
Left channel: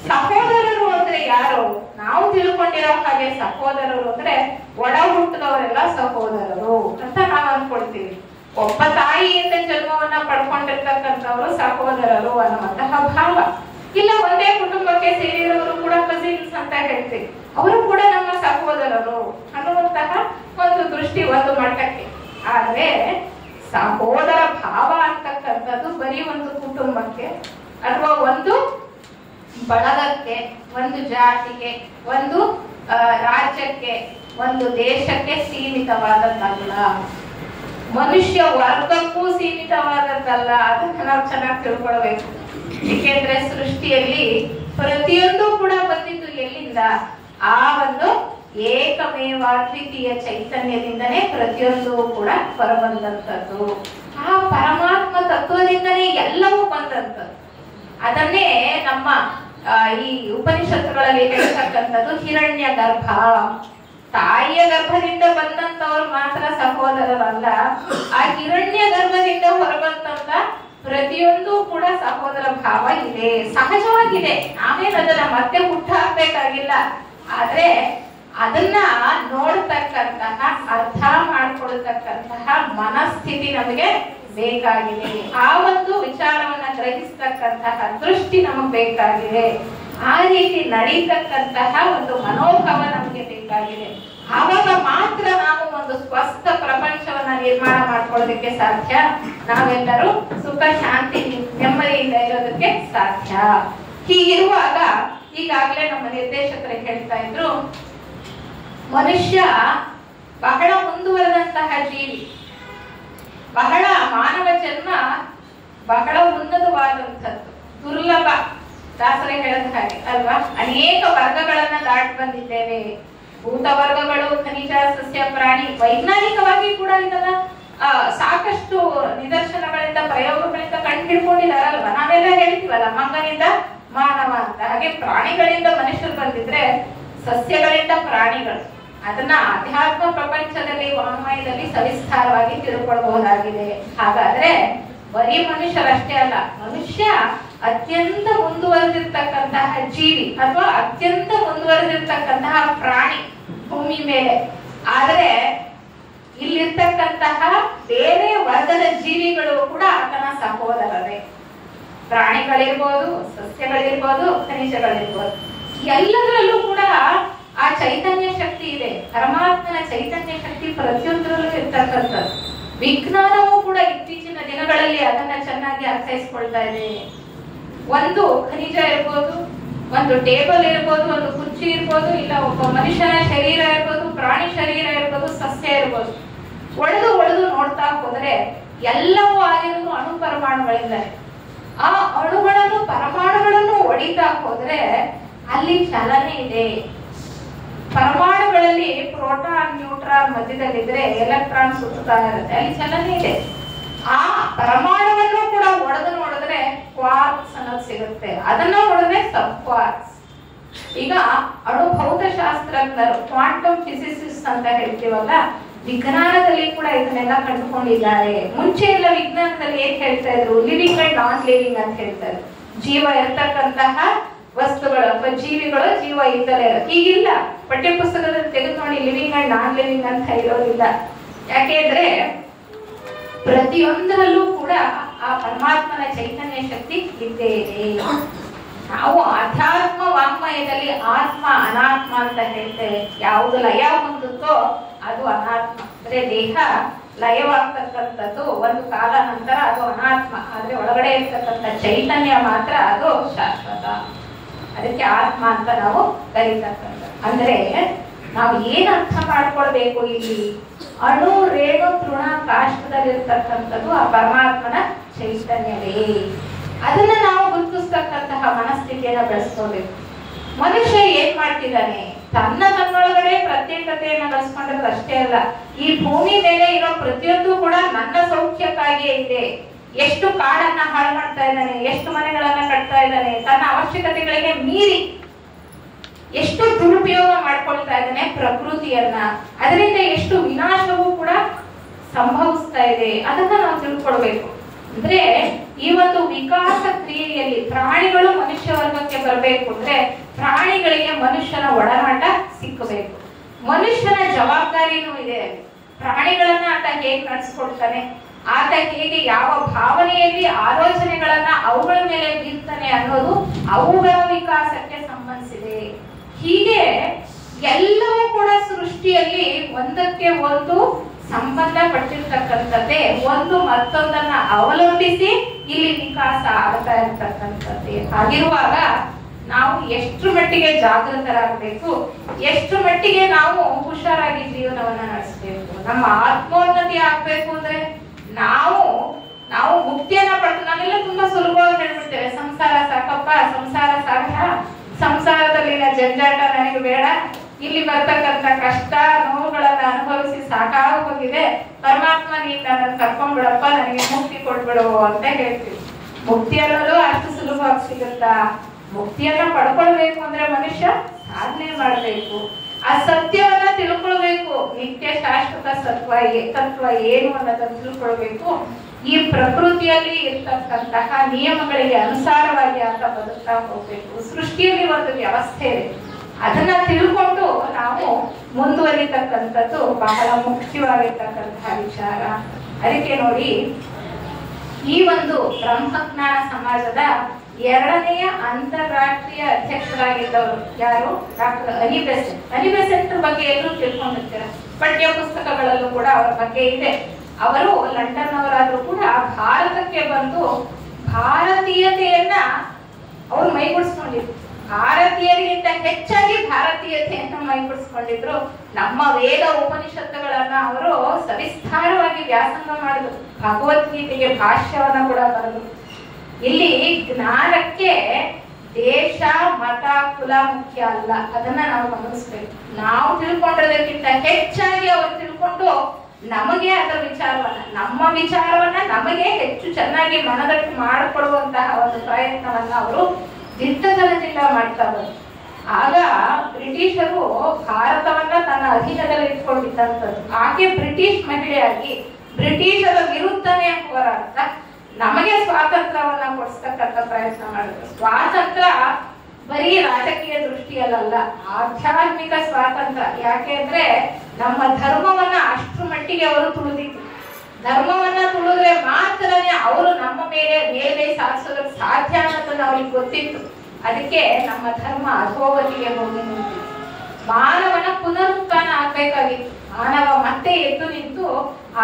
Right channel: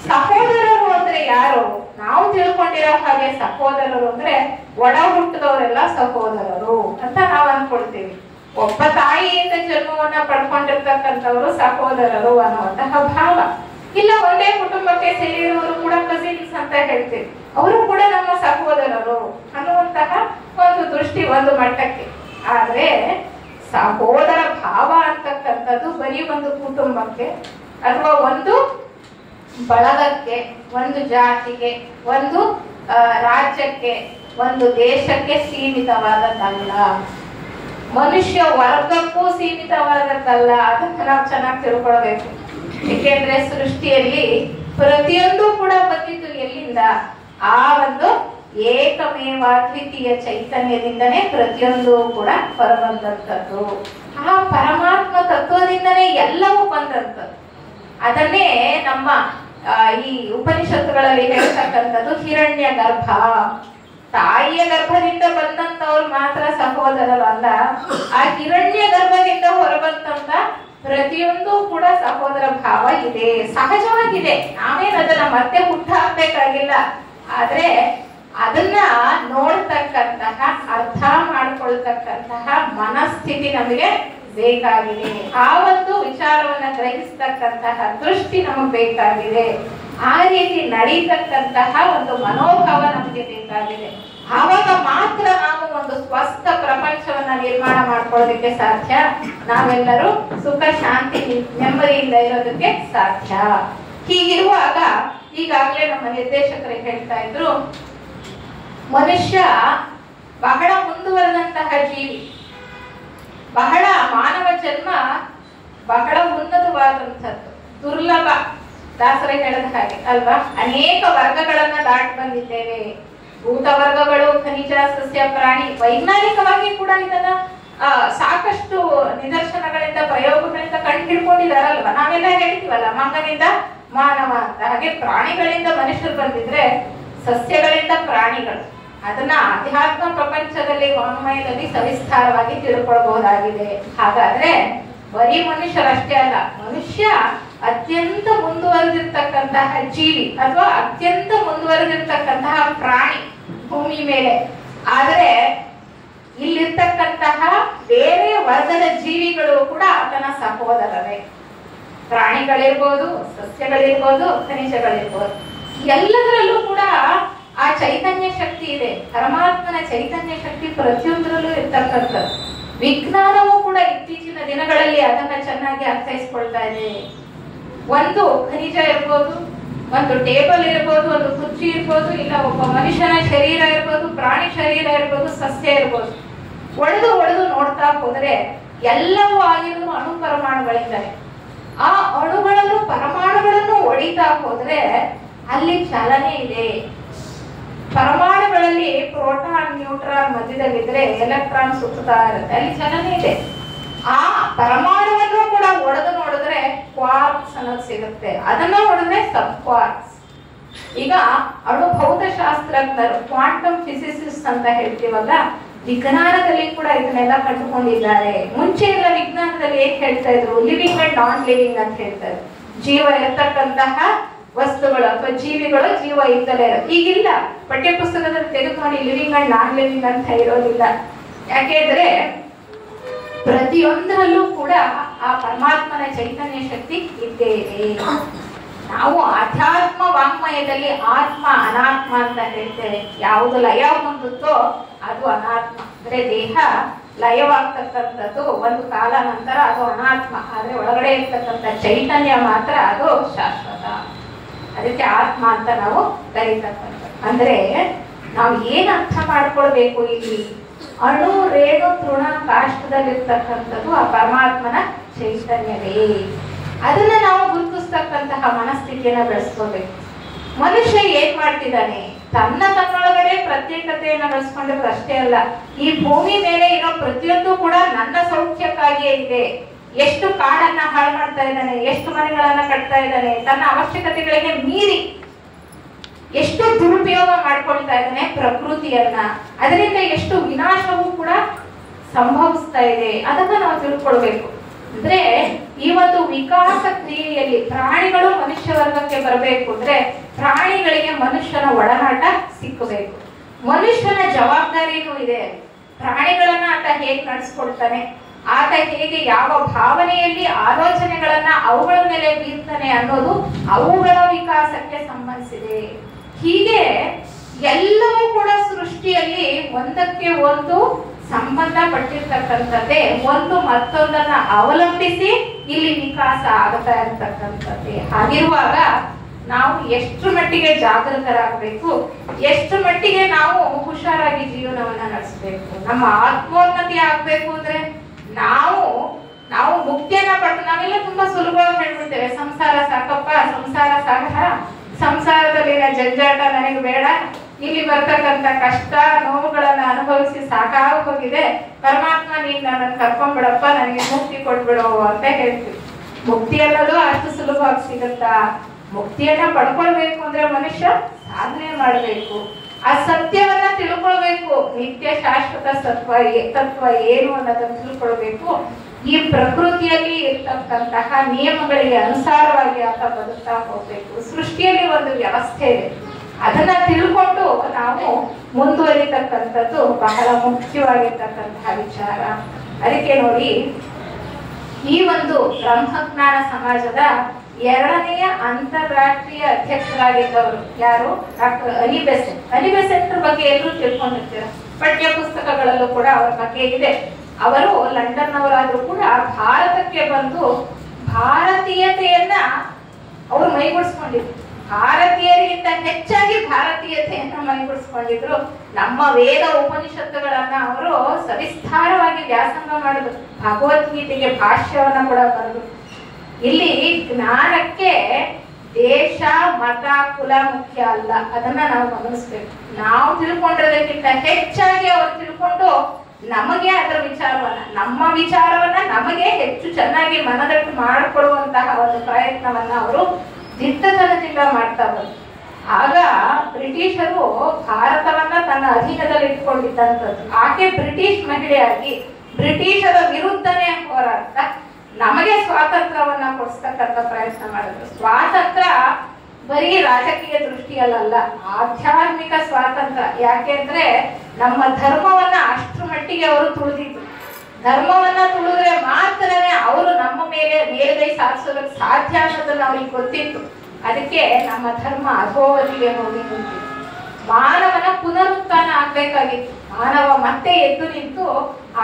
ಸಹೋದರರು ಅಂದ್ರೆ ಯಾರು? ನಾವು ತಿಳ್ಕೊಂಡಿರೋ ಹಾಗೆ ಸಹೋದರರು ಅಂದ್ರೆ ಒಡ ಹುಟ್ಟಿದವರೆಲ್ಲ ಸಹೋದರರು ಅಂತ ನಾವು ಅನ್ಕೊಳ್ತೀವಿ. ಒಬ್ಬ ತಾಯಿಯಿಂದ ಜನ್ಮವನ್ನ ಪಡ್ಕೊಂಡಿರ್ತಕ್ಕಂಥವ್ರು ಸಹೋದರರು ಅನ್ನುವಂತಹ ಭಾವ. ಇಲ್ಲ, ಒಂದೇ ಕುಟುಂಬಕ್ಕೆ ಸೇರಿರೋರು ಕೂಡ ಕಸಿನ್ಸ್ ಅಂತ ಹೇಳ್ತೀವಿ, ಅವರು ಕೂಡ ನಮ್ಮ ಸಹೋದರರು ಅನ್ನುವಂತಹ ಒಂದು ದೃಷ್ಟಿ ಒಂದು ಮಟ್ಟಕ್ಕೆ. ಆದ್ರೆ ಸಹೋದರ ಭಾವ ಅಂತಕ್ಕಂಥದ್ದು ಬರೀ ಒಂದು ಕುಟುಂಬಕ್ಕೆ ಅಥವಾ ಒಂದು ಬಳಗಕ್ಕೆ, ಒಂದು ಜಾತಿಗೆ, ಒಂದು ರಾಜ್ಯಕ್ಕೆ, ಒಂದು ದೇಶಕ್ಕೆ ಸೀಮಿತವಾದದ್ದಲ್ಲ. ಮನುಷ್ಯ ವರ್ಗಕ್ಕೂ ಸೀಮಿತವಾದದ್ದಲ್ಲ. ಅದನ್ನ ನಾವು ಚೆನ್ನಾಗಿ ತಿಳ್ಕೊಳ್ಬೇಕು. ಏಕೆಂದ್ರೆ ಸೃಷ್ಟಿಯಲ್ಲಿ ಪ್ರತಿಯೊಂದು ಕೂಡ ಬಂದಿದ್ದು ಎಲ್ಲಿಂದ? ಆ ಒಂದು ಏಕಮೇವಾದ್ವಿತೀಯ ಚೈತನ್ಯದಿಂದನೇ ಪ್ರತಿಯೊಂದು ಕೂಡ ಹೊರಬಂದಂಥದ್ದು. ಆ ಪರಮಾತ್ಮ ತತ್ವದಿಂದನೇ ಎಲ್ಲವೂ ಬಂದಂಥದ್ದು. ಅದನ್ನೇ ನಮ್ಮ ಈ ಉಪನಿಷತ್ತುಗಳಲ್ಲಿ ಹೇಳ್ತಕ್ಕಂಥದ್ದು ಹಿರಣ್ಯ ಗರ್ಭ. ತಾಯಿಯ ಗರ್ಭದಿಂದ ಬಂದಂತವ್ರು ಮಾತ್ರ ಸಹೋದರರಲ್ಲ, ಆ ಹಿರಣ್ಯ ಗರ್ಭದಿಂದ ಹೊರಬಂದಂತ ಪ್ರತಿಯೊಂದು ಕೂಡ ಸಹೋದರ ಭಾವ ಇದೆ, ಸಹಜವಾಗಿದೆ. ನಾವೇನು ಅದನ್ನ ಮತ್ತೆ ಹುಟ್ಟು ಹಾಕ್ಬೇಕಾಗಿಲ್ಲ. ಆದ್ರೆ ಅದನ್ನ ನೋಡ್ತಕ್ಕಂತಹ, ಅರ್ಥ ಮಾಡ್ಕೊಳ್ತಕ್ಕಂತಹ ಮನಸ್ಥಿತಿ ನಮಗೆ ಬೇಕಾಗಿದೆ. ಆ ಒಂದು ವಿಚಾರವನ್ನ ಗ್ರಹಿಸ್ತಕ್ಕಂತಹ ದೃಷ್ಟಿ ನಮಗೆ ಬೇಕಾಗಿದೆ. ಆ ರೀತಿ ನಡೀತಕ್ಕಂತಹ ಒಂದು ಮನೋಭಾವ ನಮಗೆ ಬೇಕಾಗಿದೆ. ಆವಾಗ ಮಾತ್ರ ನಾವು ಒಂದು ಸ್ವಸ್ಥ ಪ್ರಪಂಚವನ್ನ ನಿರ್ಮಾಣ ಮಾಡ್ಕೊಳ್ಳೋದಕ್ಕೆ ಸಾಧ್ಯ. ನಾವೆಲ್ಲರೂ ಸುಖ, ಶಾಂತಿ, ನೆಮ್ಮದಿಯಿಂದ ಇರೋದಕ್ಕೆ ಸಾಧ್ಯ. ಹೀಗಿರುವಾಗ ಈಗಾಗಲೇ ನಮ್ಮ ನಿರ್ದೇಶಕರು ಹೇಳ್ತಾ ಇದ್ರು, ಮನುಷ್ಯ ಬಹಳ ಮುಂದುವರೆದಂತಹ ಜೀವಿ. ಬಹಳ ಮಾನವ ಜನ್ಮ ಬಹಳ ಉನ್ನತವಾದಂಥದ್ದು, ದುರ್ಲಭ. ದಾಸರೇ ಹೇಳಿದ ಹಾಗೆ ಅಲ್ವಾ, ಅನೇಕ ವರ್ಗಗಳನ್ನ ದಾಟಿ ಬಂದಿದ್ದೇವೆ. ಭೂತ ವರ್ಗಗಳು, ಖನಿಜ, ಸಸ್ಯ, ಪ್ರಾಣಿ. ವೈಜ್ಞಾನಿಕವಾಗಿ ಕೂಡ ಇದನ್ನ ಸಾಕಷ್ಟು ನಿದರ್ಶನಗಳಿಂದ, ಪ್ರಯೋಗಗಳಿಂದ ಕಂಡು ಹಿಡ್ಕೊಂಡಿದಾರಲ್ವಾ. ನಾವೆಲ್ಲ ಹೇಳ್ತೀವಲ್ಲ, ಮಂಗನಿಂದ ಮಾನವ ಅಂತ. ಹಾಗೆ ಪ್ರಾಣಿಗಳಿಂದ ಮನುಷ್ಯರು ಬಂದಿದ್ರೆ ಸಸ್ಯಗಳಿಂದ ಪ್ರಾಣಿಗಳು. ಅದನ್ನ ಆಧ್ಯಾತ್ಮ ಪ್ರಪಂಚದಲ್ಲಿ, ವಾಂಗ್ಮಯದಲ್ಲಿ ಸವಿಸ್ತಾರವಾಗಿ ತಿಳ್ಕೊಳ್ಬಹುದಾಗಿದೆ. ಹಾಗಾದ್ರೆ ಬರೀ ಮನುಷ್ಯರಷ್ಟೇ ಅಲ್ಲ, ಮನುಷ್ಯ ಅತ್ಯಂತ ಮುಂದುವರೆದಿರ್ತಕ್ಕಂತಹ ಜೀವಿ ಅಥವಾ ಅತ್ಯಂತ ಮುಂದುವರೆದಿರ್ತಕ್ಕಂತಹ ಪ್ರಾಣಿ ಭೂಮಿ ಮೇಲೆ. ಆದ್ರೆ ಇಲ್ಲಿರ್ತಕ್ಕಂತಹ ಬೇರೆ ವರ್ಗದ ಜೀವಿಗಳು ಕೂಡ ಆತನ ಸಹೋದರರೇ. ಪ್ರಾಣಿಗಳಿರ್ಬೋದು, ಸಸ್ಯಗಳಿರ್ಬೋದು, ಖನಿಜಗಳಿರ್ಬೋದು, ಎಲ್ಲದರಲ್ಲೂ ಕೂಡ ಆ ಚೈತನ್ಯ ಶಕ್ತಿ ಇದೆ. ಪರಮಾತ್ಮನ ಚೈತನ್ಯ ಶಕ್ತಿ ಪ್ರತಿಯೊಂದರಲ್ಲೂ ಇರ್ತಕ್ಕಂಥದ್ದು. ವಿಜ್ಞಾನವೂ ಕೂಡ ಇತ್ತೀಚಿನ ದಿನಗಳಲ್ಲಿ ಅದನ್ನ ಚೆನ್ನಾಗಿ ಅರ್ಥೈಸ್ಕೊಳ್ತಾ ಇದೆ. ಒಂದು ಖನಿಜ ಇರ್ಬೋದು, ಒಂದು ಟೇಬಲ್ ಇರ್ಬೋದು, ಒಂದು ಕುರ್ಚಿ ಇರ್ಬೋದು, ಇಲ್ಲ ಒಬ್ಬ ಮನುಷ್ಯನ ಶರೀರ ಇರ್ಬೋದು, ಪ್ರಾಣಿ ಶರೀರ ಇರ್ಬೋದು, ಸಸ್ಯ ಇರ್ಬೋದು. ಒಡೆದು ನೋಡ್ತಾ ಹೋದ್ರೆ ಎಲ್ಲವೂ ಆಗಿರೋದು ಅಣು ಪರಮಾಣುಗಳಿಂದಲೇ. ಆ ಅಣುಗಳನ್ನು ಪರಮಾಣುಗಳನ್ನು ಹೊಡಿತಾ ಹೋದ್ರೆ ಅಲ್ಲಿ ಚಲನೆ ಇದೆ. ಪರಮಾಣುಗಳಲ್ಲಿ ಪ್ರೋಟಾನ್ ನ್ಯೂಟ್ರಾನ್ ಮಧ್ಯದಲ್ಲಿದ್ರೆ ಎಲೆಕ್ಟ್ರಾನ್ ಸುತ್ತಾ ಇರುತ್ತೆ, ಅಲ್ಲಿ ಚಲನೆ ಇದೆ. ಆ ಪರಮಾಣುವನ್ನು ಕೂಡ ಒಡೆದು ನೋಡಿದ್ರೆ ಕ್ವಾರ್ಕ್ಸ್ ಅನ್ನೋದು ಸಿಗುತ್ತೆ, ಅದನ್ನ ಹೊಡೆದ್ರೆ ಸಬ್ ಕ್ವಾರ್ಕ್ಸ್. ಈಗ ಅಣುಭೌತಶಾಸ್ತ್ರಜ್ಞರು ಕ್ವಾಂಟಮ್ ಫಿಸಿಸಿಸ್ಟ್ ಅಂತ ಹೇಳ್ತೀವಲ್ಲ, ವಿಜ್ಞಾನದಲ್ಲಿ ಕೂಡ ಇದನ್ನೆಲ್ಲ ಕಂಡುಕೊಂಡಿದ್ದಾರೆ. ಮುಂಚೆ ಎಲ್ಲ ವಿಜ್ಞಾನದಲ್ಲಿ ಏನ್ ಹೇಳ್ತಾ ಇದ್ರು, ಲಿವಿಂಗ್ ಅಂಡ್ ನಾನ್ ಲಿವಿಂಗ್ ಅಂತ ಹೇಳ್ತಾ ಇದ್ರು. ಜೀವ ಇರ್ತಕ್ಕಂತಹ ವಸ್ತುಗಳು ಅಥವಾ ಜೀವಿಗಳು ಜೀವ ಇದ್ದಲೇ ಇರೋದು. ಈಗಿಲ್ಲ, ಪಠ್ಯ ಪುಸ್ತಕದಲ್ಲಿ ತೆಗೆದು ನೋಡಿ ಲಿವಿಂಗ್ ಅಂಡ್ ನಾನ್ ಲಿವಿಂಗ್ ಅಂತ ಇರೋದಿಲ್ಲ. ಯಾಕೆಂದ್ರೆ ಪ್ರತಿಯೊಂದರಲ್ಲೂ ಕೂಡ ಆ ಪರಮಾತ್ಮನ ಚೈತನ್ಯ ಶಕ್ತಿ ಇದ್ದೇ ಇದೆ. ನಾವು ಅಧ್ಯಾತ್ಮ ವಾಂಗ್ಮಯದಲ್ಲಿ ಆತ್ಮ ಅನಾತ್ಮ ಅಂತ ಹೇಳ್ತೇವೆ. ಯಾವುದು ಲಯ ಹೊಂದುತ್ತೋ ಅದು ಅನಾತ್ಮ, ಅಂದ್ರೆ ದೇಹ ಲಯವಾಗ್ತಕ್ಕಂಥದ್ದು ಒಂದು ಕಾಲ ನಂತರ ಅದು ಅನಾತ್ಮ. ಆದ್ರೆ ಒಳಗಡೆ ಇರ್ತಕ್ಕಂಥ ಚೈತನ್ಯ ಮಾತ್ರ ಅದು ಶಾಶ್ವತ, ಅದಕ್ಕೆ ಆತ್ಮ ಅಂತ ನಾವು ಕರೀತಕ್ಕಂಥದ್ದು. ಅಂದ್ರೆ ನಾವು ಏನ್ ಅರ್ಥ ಮಾಡ್ಕೊಳ್ಬೇಕು ಇಲ್ಲಿ, ಅಣು ರೇಣು ತೃಣ ಕಾಷ್ಟದಲ್ಲಿರ್ತಕ್ಕಂಥದ್ದು ಆ ಪರಮಾತ್ಮನ ಚೈತನ್ಯವೇ. ಅದನ್ನ ನಾವು ಗುರುತಿಸ್ತಕ್ಕಂತಹ ಮನಸ್ಥಿತಿಯನ್ನ ಬೆಳೆಸ್ಕೋಬೇಕು. ಮನುಷ್ಯ ಏನ್ ಮಾಡ್ತಿದ್ದಾನೆ, ತನ್ನೊಳಗಡೆ ಪ್ರತ್ಯೇಕತೆಯನ್ನು ಬೆಳೆಸ್ಕೊಂಡಿರೋದು ಅಷ್ಟೇ ಅಲ್ಲ, ಈ ಭೂಮಿ ಮೇಲೆ ಇರೋ ಪ್ರತಿಯೊಂದು ಕೂಡ ನನ್ನ ಸೌಖ್ಯಕ್ಕಾಗಿಯೇ ಇದೆ. ಎಷ್ಟು ಕಾಡನ್ನ ಹಾಳು ಮಾಡ್ತಾ ಇದ್ದಾನೆ, ಎಷ್ಟು ಮನೆಗಳನ್ನ ಕಟ್ತಾ ಇದ್ದಾನೆ, ತನ್ನ ಅವಶ್ಯಕತೆಗಳಿಗೆ ಮೀರಿ ಎಷ್ಟು ದುರುಪಯೋಗ ಮಾಡ್ಕೊಳ್ತಾ ಇದ್ದಾನೆ ಪ್ರಕೃತಿಯನ್ನ. ಅದರಿಂದ ಎಷ್ಟು ವಿನಾಶವೂ ಕೂಡ ಸಂಭವಿಸ್ತಾ ಇದೆ, ಅದನ್ನ ನಾವು ತಿಳ್ಕೊಳ್ಬೇಕು. ಅಂದ್ರೆ ಈ ಒಂದು ವಿಕಾಸ ಕ್ರಿಯೆಯಲ್ಲಿ ಪ್ರಾಣಿಗಳು ಮನುಷ್ಯ ವರ್ಗಕ್ಕೆ ಬರಬೇಕು ಅಂದ್ರೆ ಪ್ರಾಣಿಗಳಿಗೆ ಮನುಷ್ಯನ ಒಡನಾಟ ಸಿಕ್ಕಬೇಕು. ಮನುಷ್ಯನ ಜವಾಬ್ದಾರಿನೂ ಇದೆ. ಪ್ರಾಣಿಗಳನ್ನ ಆತ ಹೇಗೆ ನಡೆಸ್ಕೊಳ್ತಾನೆ, ಆತ ಹೇಗೆ ಯಾವ ಭಾವನೆಯಲ್ಲಿ ಆಲೋಚನೆಗಳನ್ನ ಅವುಗಳ ಮೇಲೆ ಬೀರ್ತಾನೆ ಅನ್ನೋದು ಅವುಗಳ ವಿಕಾಸಕ್ಕೆ ಸಂಬಂಧಿಸಿದೆ. ಹೀಗೆ ಎಲ್ಲವೂ ಕೂಡ ಸೃಷ್ಟಿಯಲ್ಲಿ ಒಂದಕ್ಕೆ ಒಂದು ಸಂಬಂಧ ಪಟ್ಟಿರ್ತಕ್ಕಂಥದ್ದೇ, ಒಂದು ಮತ್ತೊಂದನ್ನ ಅವಲಂಬಿಸಿ ಇಲ್ಲಿ ವಿಕಾಸ ಆಗ್ತಾ ಇರ್ತಕ್ಕಂಥದ್ದೇ. ಹಾಗಿರುವಾಗ ನಾವು ಎಷ್ಟು ಮಟ್ಟಿಗೆ ಜಾಗೃತರಾಗಬೇಕು, ಎಷ್ಟು ಮಟ್ಟಿಗೆ ನಾವು ಹುಷಾರಾಗಿ ಜೀವನವನ್ನ ನಡೆಸಬೇಕು. ನಮ್ಮ ಆತ್ಮೋನ್ನತಿ ಆಗ್ಬೇಕು ಅಂದ್ರೆ ನಾವು ಮುಕ್ತಿಯನ್ನ ಪಟ್ಟು, ನಾವೆಲ್ಲ ತುಂಬಾ ಸುಲಭವಾಗಿ ಹೇಳ್ಬಿಡ್ತೇವೆ, ಸಂಸಾರ ಸಾಕಪ್ಪ, ಸಂಸಾರ ಸಾಕ, ಸಂಸಾರದಲ್ಲಿನ ಜಂಜಾಟ ನನಗೆ ಬೇಡ, ಇಲ್ಲಿ ಬರ್ತಕ್ಕಂಥ ಕಷ್ಟ ನೋವುಗಳನ್ನ ಅನುಭವಿಸಿ ಸಾಕಾಗಿ ಹೋಗಿದೆ, ಪರಮಾತ್ಮ ನೀನ್ ನನ್ನ ಕರ್ಕೊಂಡ್ಬಿಡಪ್ಪ, ನನಗೆ ಮುಕ್ತಿ ಕೊಡ್ಬಿಡು ಅಂತ ಹೇಳ್ತೀವಿ. ಮುಕ್ತಿ ಅನ್ನೋದು ಅಷ್ಟು ಸುಲಭವಾಗಿ ಸಿಗುತ್ತಾ? ಮುಕ್ತಿಯನ್ನ ಪಡ್ಕೊಳ್ಬೇಕು ಅಂದ್ರೆ ಮನುಷ್ಯ ಸಾಧನೆ ಮಾಡ್ಬೇಕು, ಆ ಸತ್ಯವನ್ನ ತಿಳ್ಕೊಳ್ಬೇಕು. ನಿತ್ಯ ಶಾಶ್ವತ ತತ್ವ ಏನು ಅನ್ನೋದನ್ನ ತಿಳ್ಕೊಳ್ಬೇಕು. ಈ ಪ್ರಕೃತಿಯಲ್ಲಿ ಇರ್ತಕ್ಕಂತಹ ನಿಯಮಗಳಿಗೆ ಅನುಸಾರವಾಗಿ ಆತ ಬದುಕ್ತಾ ಹೋಗ್ಬೇಕು. ಸೃಷ್ಟಿಯಲ್ಲಿ ಒಂದು ವ್ಯವಸ್ಥೆ ಇದೆ, ಅದನ್ನ ತಿಳ್ಕೊಂಡು ನಾವು ಮುಂದುವರಿತಕ್ಕಂಥದ್ದು ಬಹಳ ಮುಖ್ಯವಾಗಿರ್ತಕ್ಕಂತಹ ವಿಚಾರ. ಅದಕ್ಕೆ ನೋಡಿ, ಈ ಒಂದು ಬ್ರಹ್ಮಜ್ಞಾನ ಸಮಾಜದ 2ನೇ ಅಂತಾರಾಷ್ಟ್ರೀಯ ಅಧ್ಯಕ್ಷರಾಗಿದ್ದವರು ಯಾರು? Doctor Ali Besant. Ali Besant ಬಗ್ಗೆ ಎಲ್ಲರೂ ತಿಳ್ಕೊಂಡಿರ್ತಾರೆ, ಪಠ್ಯ ಪುಸ್ತಕಗಳಲ್ಲೂ ಕೂಡ ಅವರ ಬಗ್ಗೆ ಇದೆ. ಅವರು ಲಂಡನ್ ಅವರಾದ್ರೂ ಕೂಡ ಭಾರತಕ್ಕೆ ಬಂದು ಭಾರತೀಯತೆಯನ್ನ ಅವರು ಮೈಗೂಡಿಸ್ಕೊಂಡಿದ್ರು. ಭಾರತೀಯರಿಗಿಂತ ಹೆಚ್ಚಾಗಿ ಭಾರತೀಯತೆಯನ್ನು ಮೈಗೂಡಿಸ್ಕೊಂಡಿದ್ರು. ನಮ್ಮ ವೇದ ಉಪನಿಷತ್ತುಗಳನ್ನ ಅವರು ಸವಿಸ್ತಾರವಾಗಿ ವ್ಯಾಸಂಗ ಮಾಡಿದ್ರು. ಭಗವದ್ಗೀತೆಗೆ ಭಾಷ್ಯವನ್ನ ಕೂಡ ಬರೆದ್ರು. ಇಲ್ಲಿ ಜ್ಞಾನಕ್ಕೆ ದೇಶ ಮತ ಕುಲ ಮುಖ್ಯ ಅಲ್ಲ, ಅದನ್ನ ನಾವು ಗಮನಿಸ್ಬೇಕು. ನಾವು ತಿಳ್ಕೊಂಡಿರೋದಕ್ಕಿಂತ ಹೆಚ್ಚಾಗಿ ಅವರು ತಿಳ್ಕೊಂಡು ನಮಗೆ ಅದರ ವಿಚಾರವನ್ನ, ನಮ್ಮ ವಿಚಾರವನ್ನ ನಮಗೆ ಹೆಚ್ಚು ಚೆನ್ನಾಗಿ ಮನದಟ್ಟು ಮಾಡಿಕೊಡುವಂತಹ ಒಂದು ಪ್ರಯತ್ನವನ್ನ ಅವರು ದಿಟ್ಟತನದಿಂದ ಮಾಡ್ತಾ ಬಂದ್ರು. ಆಗ ಬ್ರಿಟಿಷರು ಭಾರತವನ್ನ ತನ್ನ ಅಧೀನದಲ್ಲಿ ಇಟ್ಕೊಂಡಿದ್ದಂಥದ್ದು. ಆಕೆ ಬ್ರಿಟಿಷ್ ಮಹಿಳೆಯಾಗಿ ಬ್ರಿಟಿಷರ ವಿರುದ್ಧನೇ ಹೋರಾಡ್ತ ನಮಗೆ ಸ್ವಾತಂತ್ರ್ಯವನ್ನ ಕೊಡಿಸ್ತಕ್ಕಂಥ ಪ್ರಯತ್ನ ಮಾಡಿದ್ರು. ಸ್ವಾತಂತ್ರ್ಯ ಬರೀ ರಾಜಕೀಯ ದೃಷ್ಟಿಯಲ್ಲ, ಆಧ್ಯಾತ್ಮಿಕ ಸ್ವಾತಂತ್ರ್ಯ. ಯಾಕೆಂದ್ರೆ ನಮ್ಮ ಧರ್ಮವನ್ನ ಅಷ್ಟರ ಮಟ್ಟಿಗೆ ಅವರು ತುಳಿದಿದ್ರು. ಧರ್ಮವನ್ನ ತುಳಿದ್ರೆ ಮಾತ್ರನೇ ಅವರು ನಮ್ಮ ಮೇಲೆ ಮೇಲ್ಗೈ ಸಾಧಿಸೋದಕ್ಕೆ ಸಾಧ್ಯ ಅನ್ನೋದನ್ನ ಅವ್ರಿಗೆ ಗೊತ್ತಿತ್ತು. ಅದಕ್ಕೆ ನಮ್ಮ ಧರ್ಮ ಅಧೋಗತಿಗೆ ಹೋಗಿ ನಿಂತಿತ್ತು. ಮಾನವನ ಪುನರುತ್ಥಾನ ಆಗ್ಬೇಕಾಗಿತ್ತು. ಮಾನವ ಮತ್ತೆ ಎದ್ದು ನಿಂತು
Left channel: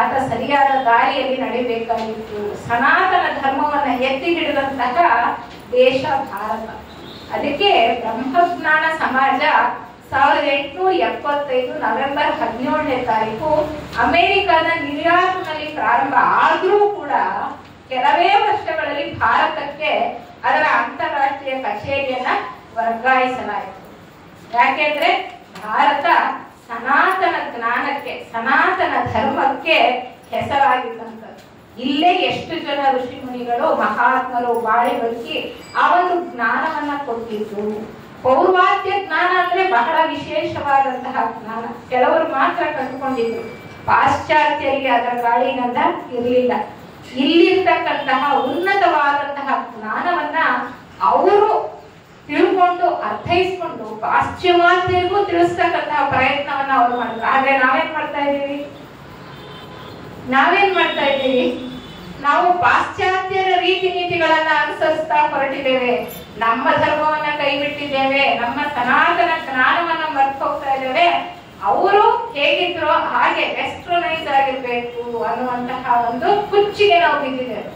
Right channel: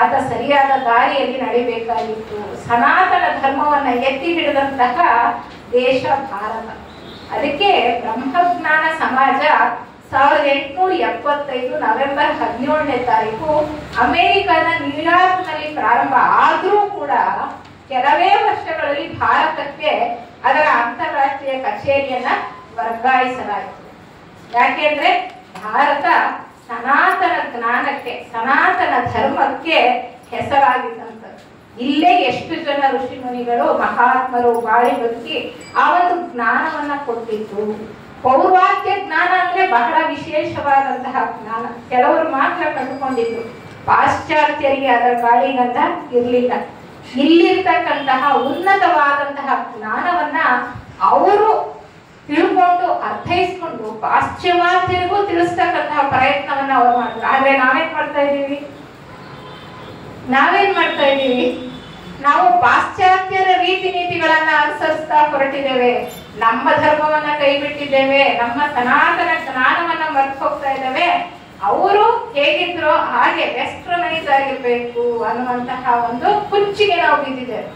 ಆತ ಸರಿಯಾದ ದಾರಿಯಲ್ಲಿ ನಡಿಬೇಕಾಗಿತ್ತು. ಸನಾತನ ಧರ್ಮವನ್ನ ಎತ್ತಿ ಹಿಡಿದಂತಹ ದೇಶ ಭಾರತ. ಅದಕ್ಕೆ ಬ್ರಹ್ಮಜ್ಞಾನ ಸಮಾಜ 1875 ನವೆಂಬರ್ 17ನೇ ತಾರೀಕು ಅಮೆರಿಕದ ನ್ಯೂಯಾರ್ಕ್ನಲ್ಲಿ ಪ್ರಾರಂಭ ಆದ್ರೂ ಕೂಡ ಕೆಲವೇ ವರ್ಷಗಳಲ್ಲಿ ಭಾರತಕ್ಕೆ ಅದರ ಅಂತಾರಾಷ್ಟ್ರೀಯ ಕಚೇರಿಯನ್ನ ವರ್ಗಾಯಿಸಲಾಯಿತು. ಯಾಕೆಂದ್ರೆ ಭಾರತ ಸನಾತನ ಜ್ಞಾನಕ್ಕೆ, ಸನಾತನ ಧರ್ಮಕ್ಕೆ ಹೆಸರಾಗಿದ್ದಂಥದ್ದು. ಇಲ್ಲೇ ಎಷ್ಟು ಜನ ಋಷಿ ಮುನಿಗಳು ಮಹಾತ್ಮರು ಬಾಳಿ ಬದುಕಿ ಆ ಒಂದು ಜ್ಞಾನವನ್ನ ಕೊಟ್ಟಿದ್ದು. ಪೌರ್ವಾತ್ಯ ಜ್ಞಾನ ಅಂದ್ರೆ ಬಹಳ ವಿಶೇಷವಾದಂತಹ ಜ್ಞಾನ, ಕೆಲವರು ಮಾತ್ರ ಕಂಡುಕೊಂಡಿದ್ರು. ಪಾಶ್ಚಾತ್ಯರಿಗೆ ಅದರ ಗಾಳಿಗಂಧ ಇರಲಿಲ್ಲ. ಇಲ್ಲಿರ್ತಕ್ಕಂತಹ ಉನ್ನತವಾದಂತಹ ಜ್ಞಾನವನ್ನ ಅವರು ತಿಳ್ಕೊಂಡು ಅರ್ಥೈಸ್ಕೊಂಡು ಪಾಶ್ಚಿಮಾತ್ಯರಿಗೂ ತಿಳಿಸ್ತಕ್ಕಂತಹ ಪ್ರಯತ್ನವನ್ನ ಅವರು ಮಾಡಿದ್ರು. ಆದ್ರೆ ನಾವೇನ್ ಮಾಡ್ತಾ ಇದ್ದೀವಿ? ನಾವು ಪಾಶ್ಚಾತ್ಯರ ರೀತಿ ನೀತಿಗಳನ್ನ ಅನುಸರಿಸ್ತಾ ಹೊರಟಿದ್ದೇವೆ. ನಮ್ಮ ಧರ್ಮವನ್ನ ಕೈಬಿಟ್ಟಿದ್ದೇವೆ, ನಮ್ಮ ಸನಾತನ ಜ್ಞಾನವನ್ನ ಮರ್ತು ಹೋಗ್ತಾ ಇದ್ದೇವೆ. ಅವರು ಹೇಗಿದ್ರು ಹಾಗೆ ವೆಸ್ಟರ್ನೈಸ್ ಆಗಿರ್ಬೇಕು ಅನ್ನುವಂತಹ ಒಂದು ಕುಚ್ಚಿಗೆ ನಾವು ಬಿದ್ದಿದ್ದೇವೆ.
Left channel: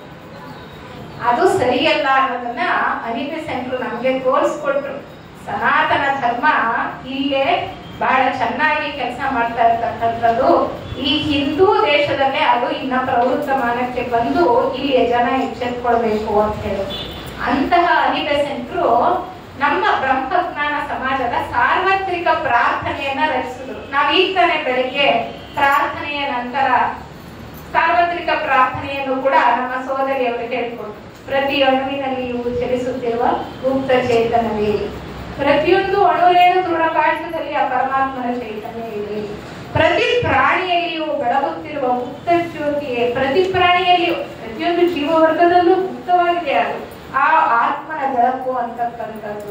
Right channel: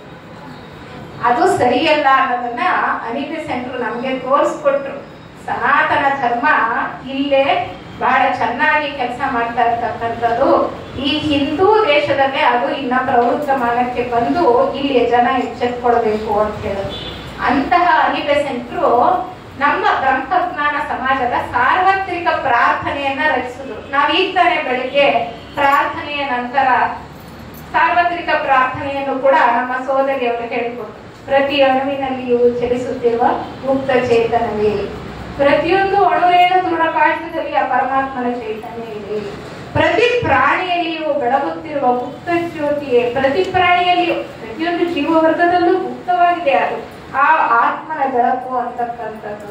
ಅದು ಸರಿಯಲ್ಲ ಅನ್ನೋದನ್ನ ಅನಿಬೆ ಸೆಂಟ್ರು ನಮ್ಗೆ ತೋರಿಸ್ಕೊಟ್ರು. ಸನಾತನ ಧರ್ಮ ಇಲ್ಲೇ ಬಹಳ ಚೆನ್ನಾಗಿ ಕೆಲಸ ಮಾಡ್ತಾ ಇರ್ತಕ್ಕಂಥದ್ದು ಈ ಹಿಂದೂ ದೇಶದಲ್ಲೇ. ಅದು ಇನ್ನ ಪ್ರವೃತ್ತಮಾನಕ್ಕೆ ಬಂದು ಇಲ್ಲಿ ಜನ ಎಚ್ಚೆತ್ಕೊಳ್ಬೇಕು ಅಂತ ಹೇಳಿದ್ರು. ಅಂತಹ ಅನಿಬೆ ಸೆಂಟ್ರು ನಮ್ಮ ಬ್ರಹ್ಮಜ್ಞಾನ ಸಮಾಜದ ಸಾರ್ವತ್ರಿಕ ಪ್ರಾರ್ಥನೆಯನ್ನ ರಚಿಸಿದ್ರು. ನಾವ್ ಈಗ ತಾನೇ ಬೆಳಿಗ್ಗೆ ಪ್ರಾರ್ಥನೆಯ ನಂತರ ಸಾರ್ವತ್ರಿಕ ಪ್ರಾರ್ಥನೆಯನ್ನು ಕೂಡ ನಮ್ಮ ಸೋದರಿಯವರು ಹೇಳಿಕೊಟ್ರು. ಪ್ರತಿ ಅಣುವಿನಲ್ಲಿಯೂ ಚಲಿಸುತ್ತಿರುವ ಗುಪ್ತ ಚೇತನವೇ, ಪ್ರತಿಯೊಂದು ಅಣುರೇಣು ದೃಢಕಾಶದಲ್ಲಿ ಆ ಪರಮಾತ್ಮನ ಚೈತನ್ಯ ಇದೆ. ಪ್ರತಿ ಪ್ರಾಣಿಯಲ್ಲಿಯೂ ಬೆಳಗುತ್ತಿರುವ ಗುಪ್ತ ಜ್ಯೋತಿಯೇ, ಪ್ರತಿ ಪ್ರಾಣಿಯಲ್ಲಿಯೂ ಪ್ರತಿಯೊಂದು ಜೀವವರ್ಗದಲ್ಲೂ ಗುಪ್ತವಾಗಿದೆ ಅದು ಆ ಆತ್ಮನ ಬೆಳಕು ಅಂತಕ್ಕಂಥದ್ದು.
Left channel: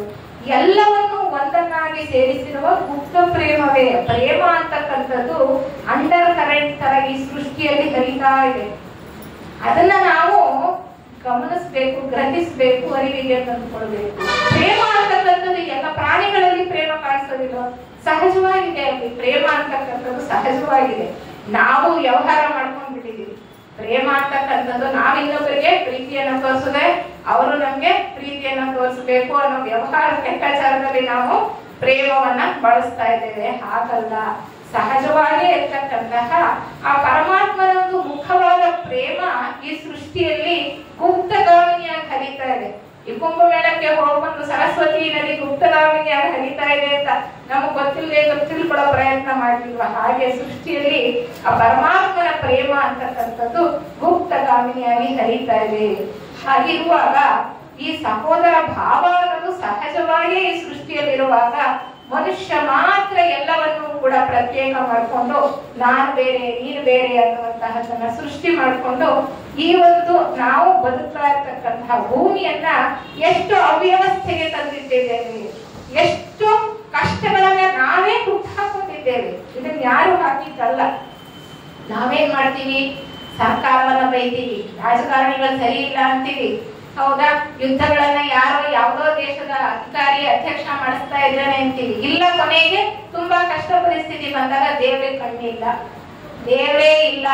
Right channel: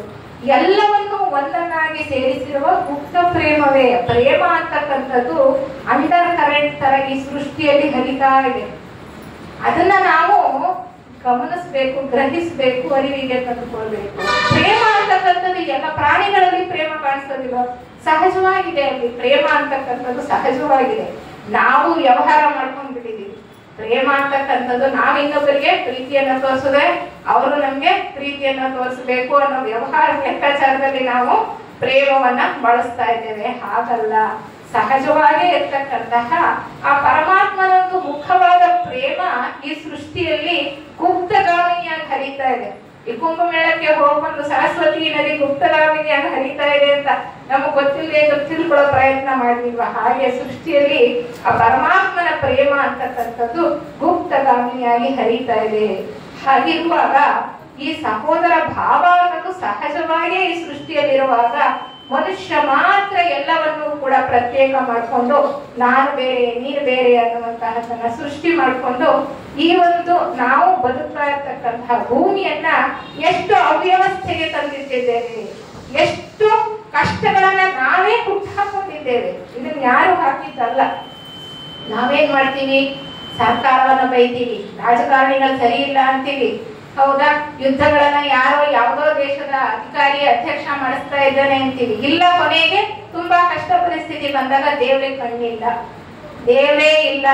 ಎಲ್ಲವನ್ನು ಒಂದನ್ನಾಗಿ ಸೇರಿಸಿರುವ ಗುಪ್ತ ಪ್ರೇಮವೇ. ಪ್ರೇಮ ಅಂತಕ್ಕಂಥದ್ದು ಅಂಡರ್ ಕರೆಂಟ್ ತರ ಈ ಸೃಷ್ಟಿಯಲ್ಲಿ ಹರಿತಾ ಇದೆ. ಅದನ್ನ ನಾವು ಗಮನಿಸ್ಬೇಕು, ಗ್ರಹಿಸ್ಬೇಕು, ಅರಿವಿಗೆ ತಂದುಕೊಳ್ಬೇಕು. ಪ್ರೇಮ ಅಂತಕ್ಕಂಥದ್ದು ಎಲ್ಲ ಪ್ರಾಣಿಗಳಲ್ಲಿ ಪ್ರೇಮ ಕಾಣಿಸೋದಿಲ್ಲ, ಸಹಜವಾಗಿದೆ. ಅಲ್ಲಿ ಪ್ರೇಮ ಅಂತಕ್ಕಂಥದ್ದು ಸಹಜವಾಗಿದೆ. ನಾವು ವ್ಯವಹಾರ ಮಾಡ್ಕೊಂಡ್ಬಿಟ್ಟಿದೀವಿ. ಪ್ರೇಮ ಅಂತಕ್ಕಂಥದ್ದು ನಾವು ಇನ್ನೊಬ್ಬರಿಗೆ ಪ್ರೀತಿಯನ್ನ ತೋರಿಸದೆ ಅವರು ನಮ್ಗೆ ಪ್ರೀತಿಯನ್ನ ತೋರಿಸಬೇಕು ಅನ್ನೋ ವ್ಯವಹಾರ ಲೆಕ್ಕಾಚಾರದಲ್ಲಿ ನಾವು ಪ್ರೇಮವನ್ನ ಬಳಸ್ತಾ ಇದ್ದೇವೆ. ಹಾಗಲ್ಲ, ಸಹಜವಾಗಿ ಇರ್ತಕ್ಕಂತಹ ಆ ಪರಮಾತ್ಮನ ಒಂದು ಮುಖವಾದ ಪ್ರೇಮ ಈ ಸೃಷ್ಟಿಯಲ್ಲಿ ಗುಪ್ತಗಾಮಿನಿಯಾಗಿ ಹರಿತಾ ಇದೆ. ಈ ಕುಂಭಮೇಳಕ್ಕೆ ಹೋಗ್ಬಂದು ಸರಸ್ವತಿ ನದಿ ಗುಪ್ತಗಾಮಿನಿಯಾಗಿ ಹರಿತಾ ಇದೆ ಅಂತ ನಮಗ್ ಗೊತ್ತಿಲ್ಲದೆ ತಿಳ್ಕೊಳ್ಳೋ ಪ್ರಯತ್ನ ಮಾಡಿಲ್ವಾ? ಹಾಗೆ ಸೃಷ್ಟಿಯಲ್ಲಿ ಆ ಪರಮಾತ್ಮನ ಪ್ರೇಮ ಅಂತಕ್ಕಂಥದ್ದು ಗುಪ್ತಗಾಮಿನಿಯಾಗಿ ಹರಿತಾ ಇದೆ. ಹಾಗಿರುವಾಗ ಈ ಸಹೋದರ ಭಾವ ಅನ್ನೋದು ಸಹಜವಾಗಿ ಈ ಸೃಷ್ಟಿಯಲ್ಲಿರುವಾಗ ಮನುಷ್ಯ ಮಾತ್ರ ಎಲ್ಲವನ್ನೂ ಕೂಡ ಪ್ರತ್ಯೇಕ ಮಾಡಿಕೊಂಡು ನಾನು ಬೇರೆ ನೀನು ಬೇರೆ ಅನ್ನುವಂತಹದನ್ನ ಸೃಷ್ಟಿ ಮಾಡಿಕೊಂಡು ಈ ಒಂದು ನಾವು ಬದುಕ್ತಾ ಇರ್ತಕ್ಕಂತಹ ಭೂಮಿಯನ್ನ ಎಷ್ಟು ಅವ್ಯವಸ್ಥೆಗೆ ತಂದಿದ್ದೇವೆ, ಎಷ್ಟು ಕಷ್ಟಗಳನ್ನ ನಾವೇ ಹುಟ್ಟಾಕೊಂಡಿದ್ದೇವೆ. ಇದನ್ನ ಯಾರು ಹಾಕಿದ್ದಲ್ಲ. ನಾವೇನ್ ಮಾಡ್ತೀವಿ? ಸರ್ಕಾರವನ್ನ ಬೈತೀವಿ, ರಾಜಕಾರಣಿಗಳು ಸರಿ ಇಲ್ಲ ಅಂತೀವಿ, ಹೌದಾ? ಯುದ್ಧಗಳನ್ನ ಯಾರೋ ಯಾವುದೋ ದೇಶದ ಅಧಿಕಾರಿ ಅಧ್ಯಕ್ಷ ಮಾಡಿಸ್ತಾ ಇದ್ದಾನೆ ಅಂತೀವಿ. ಇಲ್ಲ, ಕೊನೆಗೆ ತುಂಬಾ ಕಷ್ಟ ಪರಿಸ್ಥಿತಿ ಬಂದಾಗ ದೇವ್ರಿಗೆ ಕಣ್ಣಿಲ್ಲ, ದೇವರೇ ಇಲ್ಲ,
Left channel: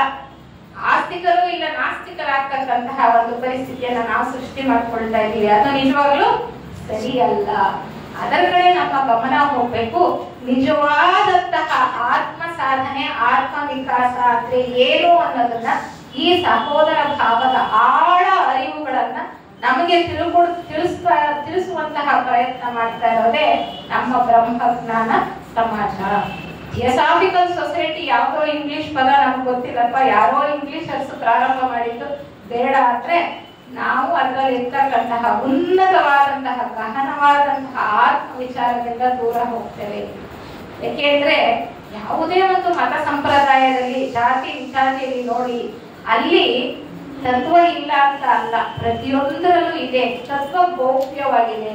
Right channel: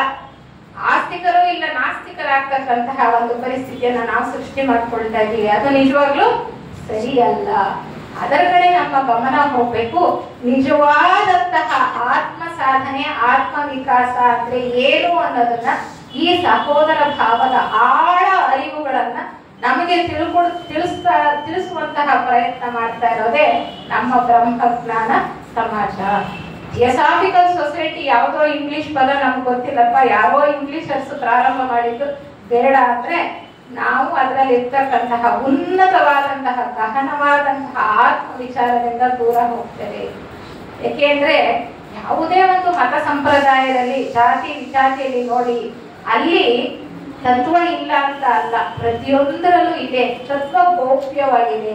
ಆಸ್ತಿಕರು ಇಲ್ಲ, ನಾಸ್ತಿಕರಾಗ್ತಕ್ಕಂತಹ ಒಂದು ಪರಿಸ್ಥಿತಿಯನ್ನ ನಾವು ಸೃಷ್ಟಿ ಮಾಡ್ಕೊಳ್ತಾ ಇದ್ದೀವಿ. ಅದು ನಿಜವಾಗ್ಲೂ ಸರಿಯಲ್ಲ. ಅದರ ಕಡೆ ನಮ್ಮ ಗಮನ ಹೋಗ್ಬೇಕು. ನಿಜವಾದಂತಹ ಆತ್ಮ ಸಾಧನೆ, ಆತ್ಮ ವಿಕಾಸ ಅಂದ್ರೆ ಏನು ಅನ್ನೋದನ್ನ, ಈ ಸಹೋದರ ಭಾವದ ಆಳ ಅರಿವುಗಳನ್ನ ನಮಗೆ ತಿಳಿಸುವಂತಹ ಪ್ರಯತ್ನ ಮಾಡ್ತಾ ಇರೋದೇ ನಮ್ಮ ಬ್ರಹ್ಮಜ್ಞಾನ ಸಮಾಜ. ಥಿಯೋಸಾಫಿಕಲ್ ಸೊಸೈಟಿ ಯಾವುದೋ ಇಂಗ್ಲಿಷ್ ಪದ ನಮ್ಗೆ ಗೊತ್ತಿಲ್ಲಪ್ಪ, ಯಾರೋ ಇಂಗ್ಲಿಷರ್ಸ್ ಪ್ರಾರಂಭ ಮಾಡಿದ್ದು ಬೇಡ ಅಂದ್ರೆ ನಾವು ಅದರಲ್ಲಿ ಇರ್ತಕ್ಕಂತಹ ಉನ್ನತವಾದಂತಹ ಗಹನವಾದಂತಹ ಆತ್ಮ ವಿಚಾರದಿಂದ ದೂರ ಹೋಗ್ತೇವೆ. ಯಾಕೆಂದ್ರೆ ಯಾವುದೇ ಒಂದು ಮತ ಸಂಪ್ರದಾಯದಲ್ಲಿ ಜಾತಿ ವಿಚಾರದಲ್ಲಿ ನೋಡಿ, ಅಲ್ಲಿ ತತ್ವ ಇಲ್ಲ ಅಂತ ಅಲ್ಲ, ಪ್ರತಿಯೊಂದರಲ್ಲೂ ಇದೆ. ತತ್ವ ಗೌಪ್ಯವಾಗಿದೆ.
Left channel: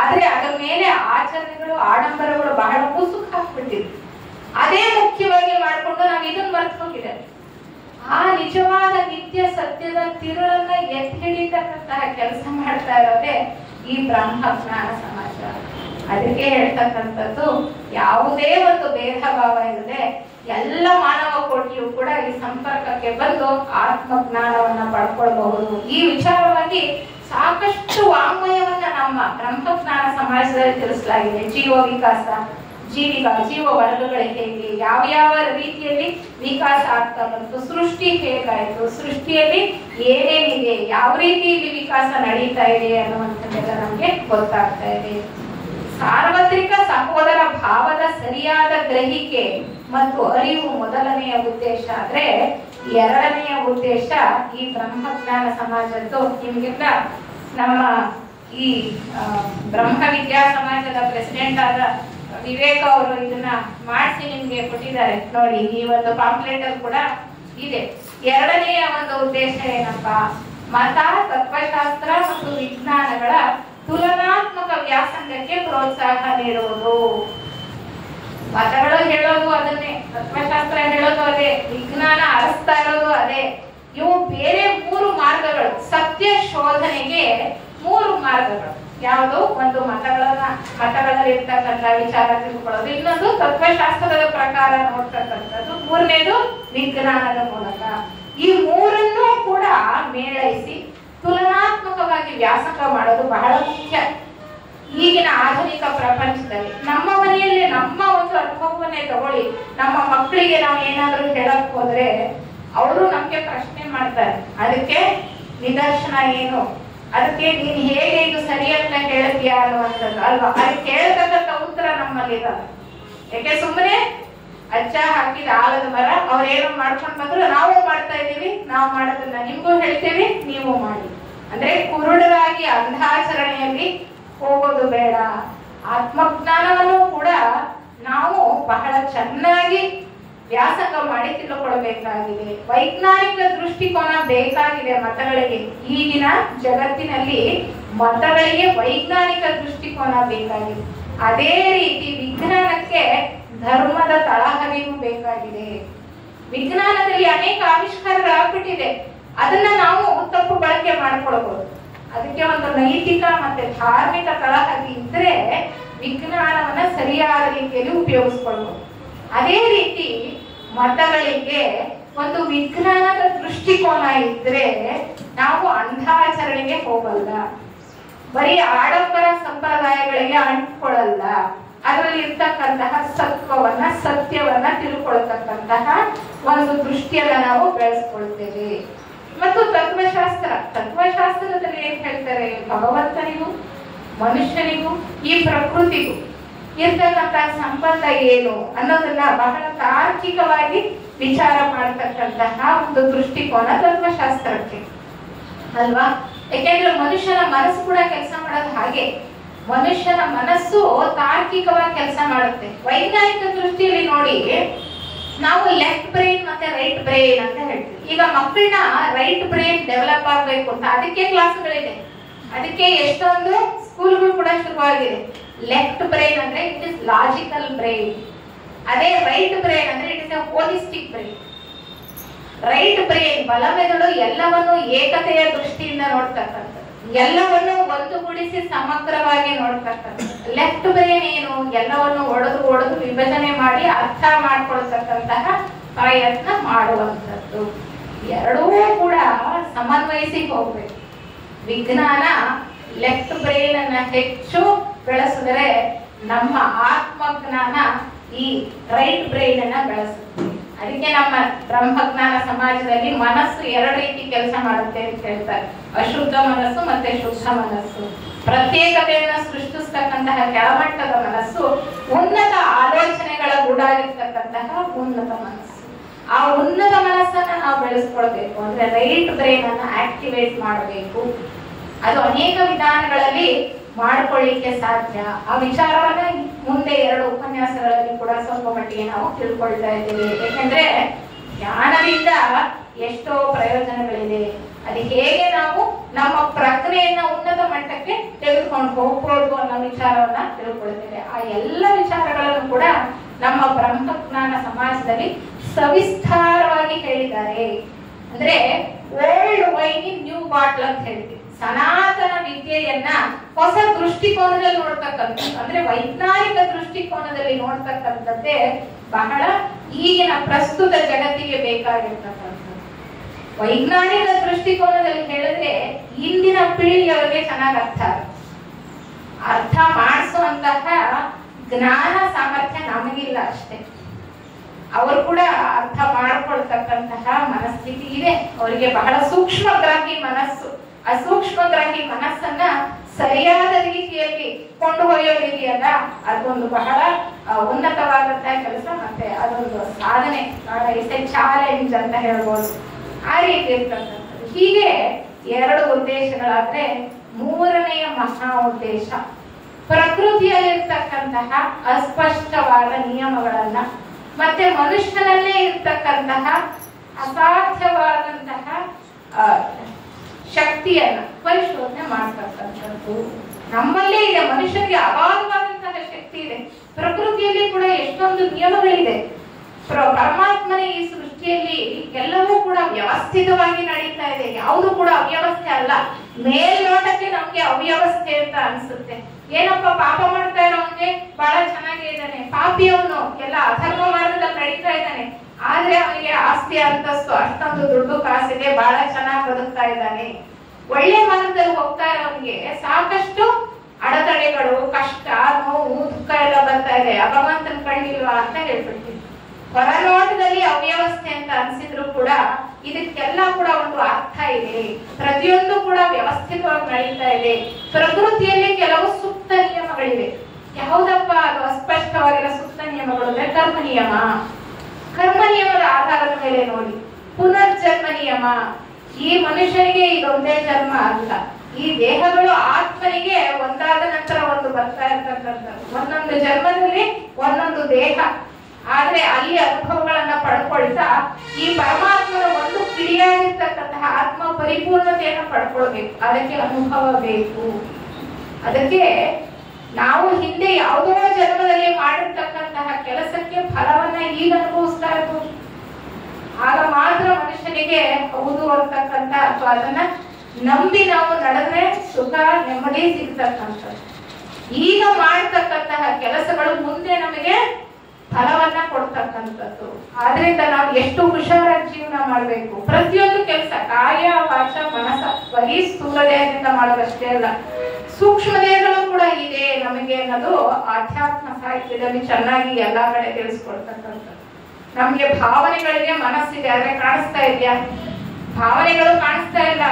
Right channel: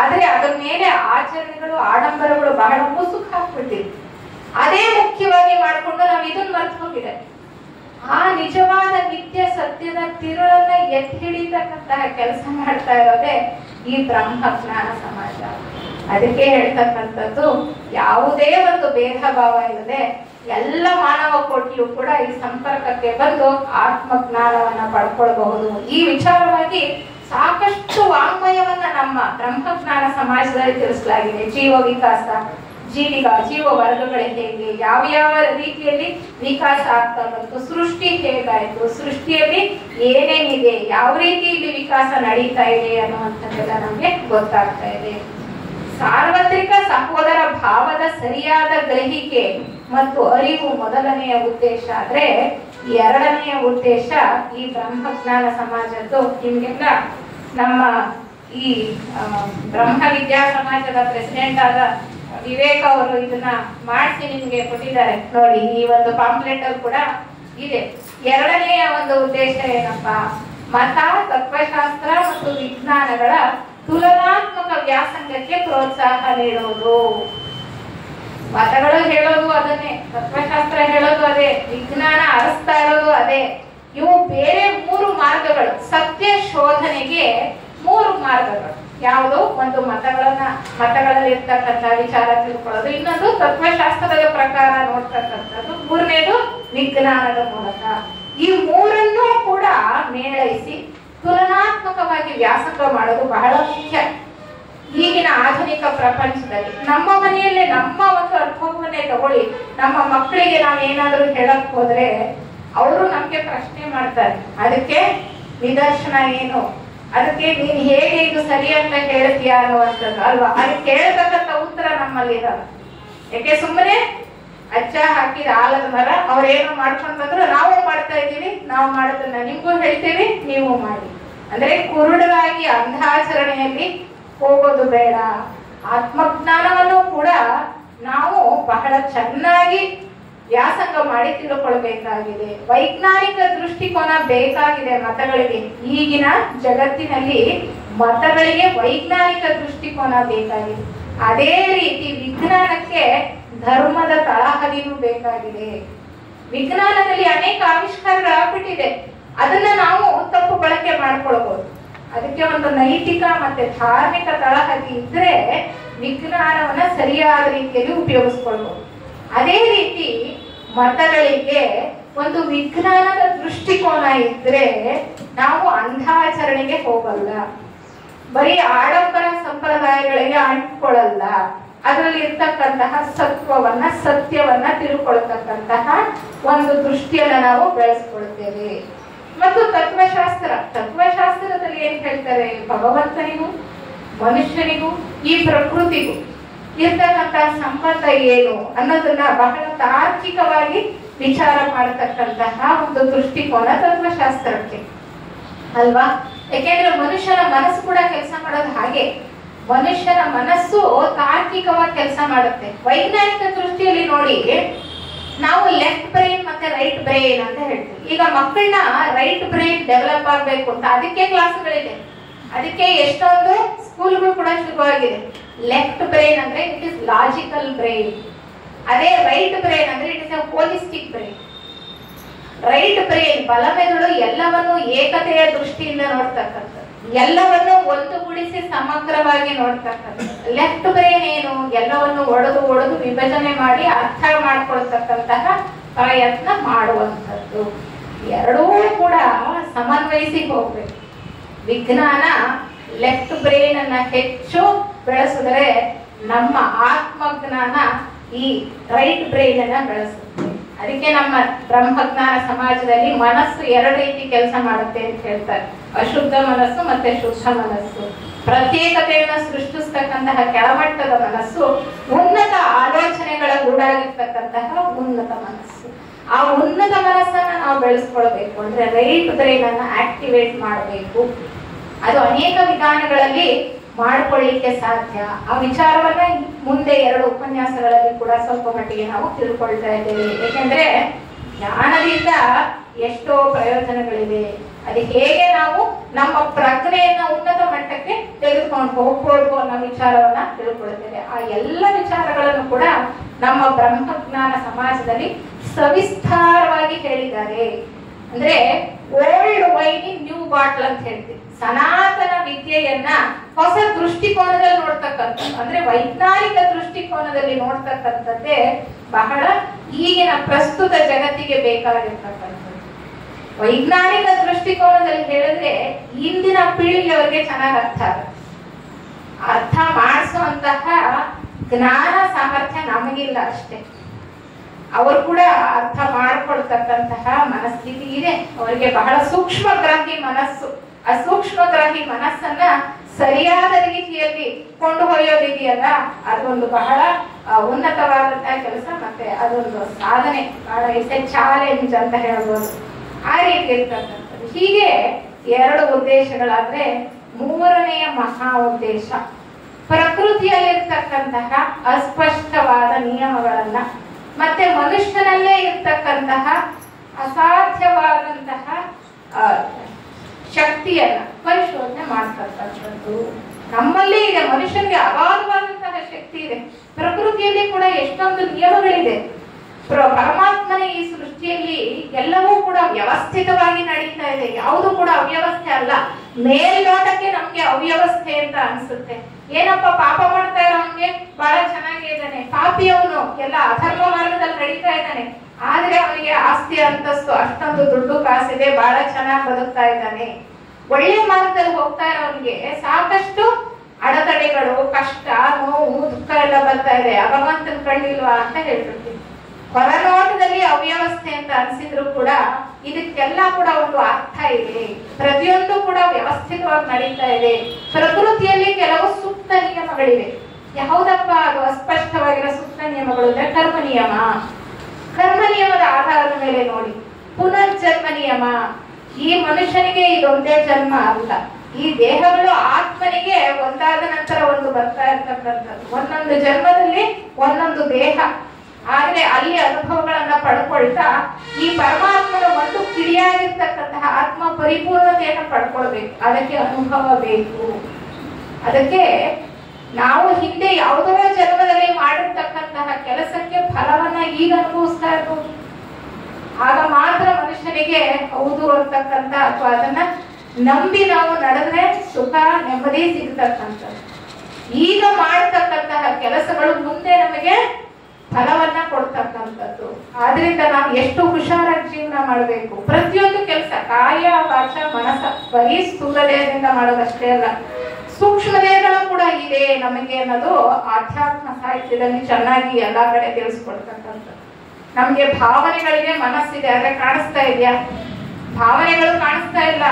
ಆದ್ರೆ ಅದರ ಮೇಲೆ ಆಚರಣೆಗಳು, ಆಡಂಬರಗಳು ಬಹಳ ಮುಸುಕು ಹಾಕ್ಬಿಟ್ಟಿದೆ. ಅದೇ ಮುಖ್ಯವಾಗಿ ಮಾಡಿಕೊಂಡು ನಾವು ಇದನ್ನ ಮರ್ತು ಹೋಗಿದೆ. ಆ ನಿಜವಾದ ನಿತ್ಯ ಸತ್ಯದ ತಿರುಳನ್ನ ಎತ್ತಿ ಹಿಡಿತಕ್ಕಂತಹ ಕೆಲಸ ಮಾಡ್ತಾ ಇರೋದೇ ಈ ಬ್ರಹ್ಮಜ್ಞಾನ ಸಮಾಜ. ಅದಕ್ಕೆ ಹೇಳ್ತಕ್ಕಂಥದ್ದು, ಯಾವುದೇ ಒಂದು ಭೇದ ಭಾವ ಇಲ್ಲದೆ ಎಲ್ಲ ಮಾನವ ಕೋಟಿಯು ಕೂಡ ಈ ಸಂಪರ್ಕಕ್ಕೆ ಬಂದು ಆತ್ಮಜ್ಞಾನವನ್ನ ಪಡ್ಕೊಳ್ಬಹುದು. ಈ ವಿಚಾರವಾಗಿ ಸಾಕಷ್ಟು ವಾಂಗ್ಮಯವನ್ನ ನಮ್ಮ ಬ್ರಹ್ಮಜ್ಞಾನ ಸಮಾಜದಲ್ಲಿ ತಿಳಿಸಲಾಗಿದೆ. ಜೀವ ವಿಕಾಸ, ಜೀವ ವರ್ಗಗಳು ಹೇಗೆ, ಯಾವ ರೀತಿಯಲ್ಲಿ ವಿಕಾಸ ಆಗ್ತಾ ಬಂತು, ಸೃಷ್ಟಿ ಹೇಗಾಯ್ತು, ಸೃಷ್ಟಿಯಲ್ಲಿ ಏನೇನಿದೆ, ಯಾವ ರೀತಿ ಇಲ್ಲಿ ವಿಕಾಸ ನಡೀತಾ ಇದೆ ಅನ್ನುವಂಥದ್ದೆಲ್ಲ ನಮ್ಗೆ ಗೊತ್ತಾಗ್ತಾ ಇದೆ. ಸಾರ್ವತ್ರಿಕ ಸಹೋದರ ಭಾವದ ಸರಿಯಾದ ಗ್ರಹಿಕೆ ಮತ್ತು ಅರಿವು ಮೊದಲನೆಯ ಉದ್ದೇಶ ಆದ್ರೆ, ಎರಡನೆಯ ಉದ್ದೇಶ ಈ ಬ್ರಹ್ಮಜ್ಞಾನ ಸಮಾಜದ್ದು. ನಿಮ್ಗೆಲ್ಲ ನಮ್ಮ ಈ ಬ್ರಹ್ಮ ವಿದ್ಯಾ ಸಮಾಜದ ಪ್ರೆಸಿಡೆಂಟ್ ಆದ ವಿವೇಕ್ ಅವರು ಇದನ್ನ ಮಾಡಿಸಿ ನಿಮ್ಗೆ ಕೊಟ್ಟಿದ್ದಾರೆ ನೋಡಿ. ಈ ಒಂದು ಪಾಂಪ್ಲೆಟ್ ಅಲ್ಲಿ ಕೂಡ ಇದೆ. ಎರಡನೆಯ ಒಂದು ಉದ್ದೇಶ ಏನಪ್ಪಾ, ಮತ, ತತ್ವಶಾಸ್ತ್ರ ಮತ್ತು ವಿಜ್ಞಾನಗಳ ತುಲನಾತ್ಮಕ ವ್ಯಾಸಂಗಕ್ಕೆ ಪ್ರೋತ್ಸಾಹ ನೀಡುವುದು. ಮತಗಳು ಹೇಳೋದು ಅದನ್ನೇ, ತತ್ವಶಾಸ್ತ್ರ ಹೇಳೋದು ಅದೇ, ವಿಜ್ಞಾನ ಅರಸ್ತಾ ಇರೋದು ಅದೇ. ಇವು ಬೇರೆ 3 ಮಾರ್ಗಗಳು, ಸತ್ಯ ಶೋಧನೆಗೆ 3 ಮಾರ್ಗಗಳು. ಯಾವುದು? ಒಂದು ಮತಗಳಲ್ಲಿ ಇರ್ತಕ್ಕಂಥ ವಿಚಾರ ತಿಳ್ಕೊಳ್ಳೋದು, ಇನ್ನೊಂದು ತತ್ವಶಾಸ್ತ್ರದ ಪ್ರಕಾರ ನೋಡ್ತಕ್ಕಂಥದ್ದು, ಮೂರನೇದು ವಿಜ್ಞಾನದ ಮೂಲಕ. ಈ 3ಅನ್ನೂ ಕೂಡ ಮೇಳೈಸಿ ತುಲನಾತ್ಮಕವಾಗಿ ವ್ಯಾಸಂಗ ಮಾಡೋದು ಬಹಳ ಮುಖ್ಯ ಈಗಿನ ಆಧುನಿಕ ಪ್ರಪಂಚದಲ್ಲಿ. ನಮ್ಮ ಮನೆಯಲ್ಲಿ ನಮ್ಮ ಒಂದು ಅನುಭವವನ್ನೇ ತಗೊಳ್ಳಿ. ನಮ್ಮ ಮಕ್ಕಳಿಗೆ ನಾವು ಏನಾದ್ರೂ ಹೇಳಕ್ ಹೋದ್ರೆ ಅವರು ನಮ್ಗೆ ಪ್ರಶ್ನೆ ಮಾಡ್ತಾರೆ, ಅದಕ್ಕೆ ನಿದರ್ಶನ ಏನು, ಅದಕ್ಕೆ ನೀನ್ ಹೇಗೆ ಇದು ಸರಿ ಅಂತ ಹೇಳ್ತೀಯ ಅನ್ನುವಂಥದ್ದು ಅಲ್ವಾ. ಅದಕ್ಕೆ ಕೇಳತಕ್ಕಂಥ ಉತ್ತರ ನಮ್ಮಲ್ಲಿ ಇರಲ್ಲ. ಯಾಕೆ? ಸುಮ್ಮನೆ ಅಜ್ಜ ಹಾಕಿದ ಆಲದ ಮರ, ಅವ್ರೇನೋ ಮಾಡ್ಕೊಂಡ್ ಬಂದ್ರು ನಾವು ಮಾಡ್ತಾ ಇದ್ದೀವಿ, ನಾವು ಮಾಡೋದನ್ನ ನಿಮ್ಗೂ ಹೇಳ್ತೀವಿ, ನೀವು ಮಾಡಿ. ಅಂದ್ರೆ ಕುರುಡರಾಗಿ ಅಂಧಾಚರಣೆಯಲ್ಲಿ ಹೋಗೋದು ಬೇಡ. ಆತ್ಮಜ್ಞಾನವನ್ನು ಕೂಡ ನಾವು ಬಹಳ ಚೆನ್ನಾಗಿ ವ್ಯಾಸಂಗ ಮಾಡಿ ತಿಳ್ಕೊಳ್ಬೇಕಾಗಿದೆ. ವೈಜ್ಞಾನಿಕ ದೃಷ್ಟಿಕೋನ ಬೇಕಾಗಿದೆ ಮತಗಳಿಗೆ. ಈಗಿನ ಜಗತ್ತಿನಲ್ಲಿ ಮತಗಳಿಗೆ ವೈಜ್ಞಾನಿಕ ದೃಷ್ಟಿಕೋನ ಬೇಕಾಗಿದೆ. ಅದೇ ರೀತಿ ವಿಜ್ಞಾನಕ್ಕೆ ಧರ್ಮದ ತಳಹದಿಯೂ ಬೇಕಾಗಿದೆ. ವಿಜ್ಞಾನದಲ್ಲಿ ಅನೇಕ ಆವಿಷ್ಕಾರಗಳಾಗ್ಬಿಟ್ಟಿದೆ, ಅದನ್ನ ನಾವು ತಪ್ಪು ಬಳಕೆ ಮಾಡ್ಕೊಳ್ಬಹುದು. ಅದಕ್ಕೆ ಒಂದು ನೈತಿಕ ಮತ್ತೆ ಧಾರ್ಮಿಕ ತಳಹದಿ ಇದ್ರೆ ವಿಜ್ಞಾನವನ್ನ ಸರಿಯಾದ ರೀತಿಯಲ್ಲಿ ಉಪಯೋಗಿಸ್ಕೊಳ್ಬಹುದು. ಅದೇ ರೀತಿ ಮತಗಳಿಗೆ ಒಂದು ವಿಜ್ಞಾನದ ದೃಷ್ಟಿಕೋನ ಇದ್ರೆ ನಾವು ಅಂಧಾಚರಣೆಗೆ ಹೋಗಲ್ಲ, ಬರೀ ಆಡಂಬರ ಸಂಪ್ರದಾಯಗಳಿಗೆ ಅಂಟ್ಕೊಳ್ಳಲ್ಲ. ಅದರಲ್ಲಿ ಇರ್ತಕ್ಕಂತಹ ಸತ್ಯವನ್ನ ತಿಳ್ಕೊಳ್ತಕ್ಕಂತಹ ಒಂದು ದೃಷ್ಟಿಯನ್ನ ನಾವು ಬೆಳೆಸ್ಕೊಳ್ತೇವೆ. ಮತ್ತು ತತ್ವಶಾಸ್ತ್ರದಲ್ಲಿ ಏನ್ ಹೇಳ್ತಾರೆ, ಭಗವಂತನಿಗೂ ಮನುಷ್ಯನಿಗೂ ಈ ಪ್ರಕೃತಿಗೂ ಇರ್ತಕ್ಕಂತಹ ಸಂಬಂಧ ಏನು ಅನ್ನೋದನ್ನ ಬಹಳ ತಾರ್ಕಿಕವಾಗಿ ವಿಚಾರ ಮಾಡತಕ್ಕಂತಹ ಒಂದು ದೃಷ್ಟಿಕೋನ ತತ್ವಶಾಸ್ತ್ರಕ್ಕೆ ಅಲ್ವಾ. ಯಾಕೆಂದ್ರೆ ಮನುಷ್ಯನ ಮನಸ್ಸು ಕೂಡ ಕೆಲಸ ಮಾಡೋದು ಹಾಗೆ. ಮನುಷ್ಯನ ಮನಸ್ಸು ತಾರ್ಕಿಕವಾಗಿ ಕೆಲಸ ಮಾಡುತ್ತೆ. ವೈಜ್ಞಾನಿಕ ದೃಷ್ಟಿಯಲ್ಲಿ ನೋಡಿ, ನಾವು ಲೆಫ್ಟ್ ಬ್ರೈನ್ ಮತ್ತೆ ರೈಟ್ ಬ್ರೈನ್ ಅಂತ ಹೇಳ್ತೀವಿ. ಈಗ ಮಕ್ಕಳನ್ನ ರೈಟ್ ಬ್ರೈನ್ ಡೆವಲಪ್ ಆಗ್ಬೇಕು ಅಂತ ಅದಕ್ಕೆ ಕ್ಲಾಸ್ಗಳಿದೆ, ಅದಕ್ಕೆ ಎಷ್ಟೊಂದು ಸ್ಕೂಲ್ಗಳು ಕೂಡ ಶುರುವಾಗಿದೆ. ಲೆಫ್ಟ್ ಬ್ರೈನ್ ಅಂದ್ರೆ ಇಟ್ ಇಸ್ ಲಾಜಿಕಲ್ ಬ್ರೈನ್, ಅದೇ ರೈಟ್ ಬ್ರೈನ್ ಅಂದ್ರೆ it is a holistic brain. Right brain ಬಲಮೆದುಳು ಎಲ್ಲವನ್ನು ಏಕತೆಯ ದೃಷ್ಟಿಯಿಂದ ನೋಡ್ತಕ್ಕಂಥದ್ದು, ಎಲ್ಲವನ್ನು ಒಂದುಗೂಡಿಸಿ ಸಮಗ್ರವಾಗಿ ನೋಡ್ತಕ್ಕಂಥದ್ದು. ಲೆಫ್ಟ್ ಬ್ರೈನ್ ಏನು, ಎಲ್ಲವನ್ನು ಒಡೆದು ವಿಭಜನೆ ಮಾಡಿ ಅರ್ಥ ಮಾಡ್ಕೊಳ್ತಕ್ಕಂತಹ ಪ್ರಯತ್ನ ಮಾಡುವಂಥದ್ದು. ಎರಡೂ ಕೂಡ ಸಮನ್ವಯಿಸಿ ಹೋಗ್ಬೇಕು. ವಿಜ್ಞಾನ ಲೆಫ್ಟ್ ಬ್ರೈನ್ ಅನ್ನ ಹೆಚ್ಚು ಬೆಳೆಸಿದರೆ ನಮ್ಮ ಆತ್ಮಜ್ಞಾನ ಈ ರೈಟ್ ಬ್ರೈನ್ ಅನ್ನ ಬೆಳೆಸುತ್ತೆ. ಅದಕ್ಕೆ ನಮ್ಮ ಬ್ರಹ್ಮಜ್ಞಾನ ಸಮಾಜದಲ್ಲಿ ಮನಸ್ಸು 2 ರೀತಿ ಕೆಲಸ ಮಾಡುತ್ತೆ ಅಂತ ಹೇಳ್ತಾರೆ, ಅಶುದ್ಧ ಮನಸ್ಸು ಮತ್ತೆ ಶುದ್ಧ ಮನಸ್ಸು. ಪ್ರತ್ಯೇಕತೆಯನ್ನು ಸೃಷ್ಟಿಸ್ತಕ್ಕಂತಹ ಕೆಳಮಟ್ಟದ ಮನಸ್ಸು, ಉನ್ನತ ಆಲೋಚನೆಗಳ ಗೂಡಾಗಿರ್ತಕ್ಕಂತಹ ಉನ್ನತ ಮನಸ್ಸು. ಆ ಉನ್ನತ ಮನಸ್ಸನ್ನ ನಾವು ಬೆಳೆಸ್ಕೊಳ್ಬೇಕು ಅಂದ್ರೆ ರೈಟ್ ಬ್ರೈನ್ ಅನ್ನ ಆಕ್ಟಿವೇಟ್ ಮಾಡಬೇಕು. ಅದು ಅನೇಕ ವಿಧಾನಗಳಲ್ಲಿ ಮಾಡ್ಕೊಳ್ಳಿಕ್ಕೆ ಸಾಧ್ಯ. ಆ ವಿಚಾರವನ್ನ ಮುಂದೆ 2 ಉಪನ್ಯಾಸಗಳಲ್ಲಿ ಕೂಡ ಸ್ವಲ್ಪ ಮಟ್ಟಿಗೆ ನಾವು ತಿಳ್ಕೊಳ್ತಾ ಇದ್ದೇವೆ. ಯಾಕೆಂದ್ರೆ ಜ್ಞಾನದಿಂದ ಎಷ್ಟೋ ಪ್ರಯೋಜನಗಳಿದೆ. ಅದು ಹೇಗೆ ನಾವು ನಮ್ಮ ಪ್ರಜ್ಞೆಯನ್ನ ಉನ್ನತ ಮಟ್ಟಕ್ಕೆ ತೆಗೆದುಕೊಂಡು ಹೋಗ್ಬೋದು ಅನ್ನೋ ವಿಚಾರವನ್ನ ತಿಳ್ಕೊಳ್ತೇವೆ. ಆ ಎಲ್ಲ ವಿಚಾರಗಳನ್ನು ಕೂಡ ನಮ್ಮ ಬ್ರಹ್ಮಜ್ಞಾನ ಸಮಾಜದಲ್ಲಿ ಸವಿಸ್ತಾರವಾಗಿ ಹೇಳಿದ್ದಾರೆ. ಅಂದ್ರೆ old wine in new bottle ಅಂತ ಹೇಳ್ತೀವಿ. ಸನಾತನ ವಿದ್ಯೆಯನ್ನ ಹೊಸ ದೃಷ್ಟಿಕೋನದಲ್ಲಿ ನೋಡ್ತಕ್ಕಂಥದ್ದು, ಅಂದ್ರೆ ವೈಜ್ಞಾನಿಕ ದೃಷ್ಟಿಕೋನದಲ್ಲಿ ನೋಡ್ತಕ್ಕಂಥದ್ದೇ ಬಹಳ ಈಗಿನ ಪ್ರಸ್ತುತ ಜಗತ್ತಿಗೆ ಬೇಕಾಗಿರ್ತಕ್ಕಂಥದ್ದು. ವೈಜ್ಞಾನಿಕ ದೃಷ್ಟಿಕೋನದಲ್ಲಿ ಹೇಳಿದ್ರೆ ಇಂದಿನ ಪೀಳಿಗೆಯವರಿಗೆ ಚೆನ್ನಾಗಿ ಅರ್ಥ ಮಾಡಿಸುವಂತಹ ಜ್ಞಾನ ಸಾಮರ್ಥ್ಯ ನಮಗಿಲ್ಲ ಅಷ್ಟೇ. ಅವರು ಕೂಡ ಅರ್ಥ ಮಾಡ್ಕೊಳ್ತಕ್ಕಂತಹ ಮನಸ್ಥಿತಿ ಇದೆ ಅವರಿಗೆ. ಬಹಳ ಸೂಕ್ಷ್ಮಗ್ರಾಹಿ ಮನಸ್ಸು. ಆ ಸೂಕ್ಷ್ಮಗ್ರಾಹಿ ಮನಸ್ಸನ್ನ ಸರಿಯಾದ ರೀತಿಯಲ್ಲಿ ಕೊಂಡೊಯ್ಯೋದಿದೆಯಲ್ಲ, ಅದೊಂದು ಬಹಳ ಉನ್ನತವಾದಂತಹ ಕೆಲಸ. ಮತ್ತೆ ಅದೊಂದು ಸಾಧನೆ, ಇಟ್ಸ್ ಎ ಚಾಲೆಂಜ್ ಅಂತ ಹೇಳ್ಬೋದು. ಆ ರೀತಿ ಇರ್ತಕ್ಕಂಥದ್ದು. ಹೀಗೆ 2 ಉದ್ದೇಶಗಳಾದ್ರೆ, ಮೂರನೆಯ ಮಹಾ ಉದ್ದೇಶ ಪ್ರಕೃತಿಯಲ್ಲಿರ್ತಕ್ಕಂತಹ ಅಸ್ಪಷ್ಟವಾದ ನಿಯಮಗಳನ್ನ ಮತ್ತೆ ಮನುಷ್ಯನಲ್ಲೇ ಇರ್ತಕ್ಕಂತಹ ಅಸಾಧ್ಯವಾದಂತಹ ಶಕ್ತಿಯನ್ನ ಪರಿಶೋಧನೆ ಮಾಡ್ತಕ್ಕಂಥದ್ದು ನಮ್ಮಲ್ಲಿ ಇದೆ. ಮನುಷ್ಯನಿಗೆ ಅಗಾಧವಾದಂತಹ ಶಕ್ತಿ ಇದೆ. ಪ್ರಕೃತಿಯಲ್ಲಿ ಕೂಡ ಎಷ್ಟೊಂದು ನಿಯಮಗಳಿದೆ. ಪರಮಾತ್ಮನ ಈ ಸೃಷ್ಟಿಯಲ್ಲಿ ಎಲ್ಲವೂ ಕೂಡ ವ್ಯವಸ್ಥಿತವಾಗಿ ನಡೀತಾ ಇದೆ. ಯಾವುದು ಕೂಡ ಅವ್ಯವಸ್ಥೆ ಅಲ್ಲ. ಮೇಲ್ನೋಟಕ್ಕೆ ನಮ್ಗೆ ಅವ್ಯವಸ್ಥೆ ಅಂತ ಅನ್ಸುತ್ತೆ. ಏನಪ್ಪ ಪಾಪ ಮಾಡ್ತಾ ಇರೋನ್ಗೆ ಬಹಳ ಚೆನ್ನಾಗಿ ಇದ್ದಾನೆ, ಪಾಪಿ ಅವನು ಎಲ್ಲ ಅಧರ್ಮ ಮಾರ್ಗದಲ್ಲಿ ನಡೀತಾ ಇದ್ದಾನೆ, ಆದ್ರೆ ಅವನಿಗೆ ಆಸ್ತಿ ಅಂತಸ್ತು ಅಷ್ಟೊಂದು ದುಡ್ಡು ಕಾಸಿದೆ, ಬಹಳ ಚೆನ್ನಾಗಿ ಬದುಕ್ತಾ ಇದ್ದಾನೆ. ಒಳ್ಳೆ ಮಾರ್ಗದಲ್ಲಿ ಹೋಗ್ತಾ ಇರೋನ್ಗೆ ಸಾಕಷ್ಟು ಅಡೆತಡೆಗಳು, ಕಷ್ಟ, ನೋವು, ದುಃಖ ಎಲ್ಲ ಬರ್ತಾ ಇದೆ. ಭಗವಂತನ ಕಣ್ಣಿಲ್ವಾ ಅಂತ ಹೇಳ್ಬಿಡ್ತೀನಿ. ಹೊರನೋಟದಲ್ಲಿ ಅವ್ಯವಸ್ಥೆ ಅಂತ ಅನ್ಸಿದ್ರು ಕೂಡ ಇದಕ್ಕೆಲ್ಲ ಕೂಡ ಒಂದು ಅರ್ಥ ಇದೆ. ಪ್ರತಿಯೊಂದು ಕೂಡ ವ್ಯವಸ್ಥಿತವಾಗಿ ನಡೀತಾ ಇದೆ. ಪ್ರಕೃತಿಯಲ್ಲಿ ಕೆಲವು ಸುಪ್ತ ನಿಯಮಗಳಿವೆ. ಯಾವುದಪ್ಪ ಅದು ಅಸ್ಪಷ್ಟವಾಗಿರೋ ಸುಪ್ತ ನಿಯಮಗಳು ಅಂದ್ರೆ ಕರ್ಮ ನಿಯಮ. ಕರ್ಮ ನಿಯಮದ ಆಧಾರದ ಮೇಲೆ ನೋಡಿ, ಪುನರ್ಜನ್ಮ ನಿಯಮ. ಈ ಮನುಷ್ಯನಿಗೆ ಇದೊಂದೇ ಜನ್ಮ ಅಲ್ಲ. ಈ ದೇಹಗಳು ಆತ್ಮನಿಗೆ ಒಂದಾದ ನಂತರ ಒಂದು ಬರ್ತಾ ಇರ್ತಕ್ಕಂಥದ್ದು. ಒಂದೊಂದು ಜನ್ಮದಲ್ಲಿ ಒಂದೊಂದು ದೇಹ. ಆದ್ರೆ ಅಲ್ಲಿ ಅನುಭವಗಳನ್ನ ಪಡ್ಕೊಳ್ತಾ ಈ ಪರಮಾತ್ಮನ ಒಂದು ಕಿಡಿಯಾಗಿರ್ತಕ್ಕಂತಹ ಆತ್ಮ ಪರಿಪೂರ್ಣತೆಯನ್ನು ಪಡ್ಕೊಳ್ಬೇಕು. ಅದಕ್ಕೆ ಅನುಭವ ಬೇಕು. ಅದಕ್ಕೆ ನಾವು ಹಿಂದೆ ಯಾವುದೋ ಜನ್ಮದಲ್ಲಿ ಮಾಡಿರ್ತಕ್ಕಂತಹ ಕೆಲಸಕ್ಕೆ ಫಲವನ್ನ ಈಗ ಅನುಭವಿಸ್ತಾ ಇರ್ಬೋದು. ಆಗ ಮಾತ್ರ ಮನುಷ್ಯನಿಗೆ ಹೌದು ಅಂತಕ್ಕಂಥ ಅಥವಾ ಅದನ್ನ ನಂಬಿ ನಾವು ನಡೆದ್ರೆ ಸುಖ ನೆಮ್ಮದಿ ಸಿಗ್ತಕ್ಕಂಥದ್ದು. ಈಗ ಮಾಡತಕ್ಕಂತಹ ಕೆಲಸಗಳು ಮುಂದೆ ನಮಗೆ ಫಲವನ್ನ ಕೊಡ್ತಕ್ಕಂಥದ್ದು. ಆದ್ರಿಂದ ನಾವು ಎಷ್ಟು ಹುಷಾರಾಗಿ ಜೀವನ ಮಾಡಬೇಕು. ಪ್ರತಿಯೊಂದು ಕೆಲಸ ಕಾಯ ವಾಚ ಮನಸ್ಸ, ಬರೀ ಸ್ಥೂಲ ದೇಹದಿಂದ ಮಾಡೋದಷ್ಟೇ ಅಲ್ಲ, ಸೂಕ್ಷ್ಮ ದೇಹಗಳು ಕೂಡ ಇದೆ ನಮಗೆ ಅನ್ನೋದು ಆಧ್ಯಾತ್ಮ ಸಾಹಿತ್ಯದಲ್ಲಿ ಚೆನ್ನಾಗಿ ಎಲ್ಲಾ ಕಡೆ ತಿಳಿಸ್ಕೊಡ್ತಕ್ಕಂಥದ್ದು. ನಮ್ಗೆ ಭಾವನೆಗಳಿಗೆ ಮನಸ್ಸಿದೆ, ಆದ್ರೆ ಕಾಣಿಸ್ತಾ ಇದೆಯಾ? ಭಾವನೆಗಳು ಕಾಣಿಸ್ತಾ ಇಲ್ಲ.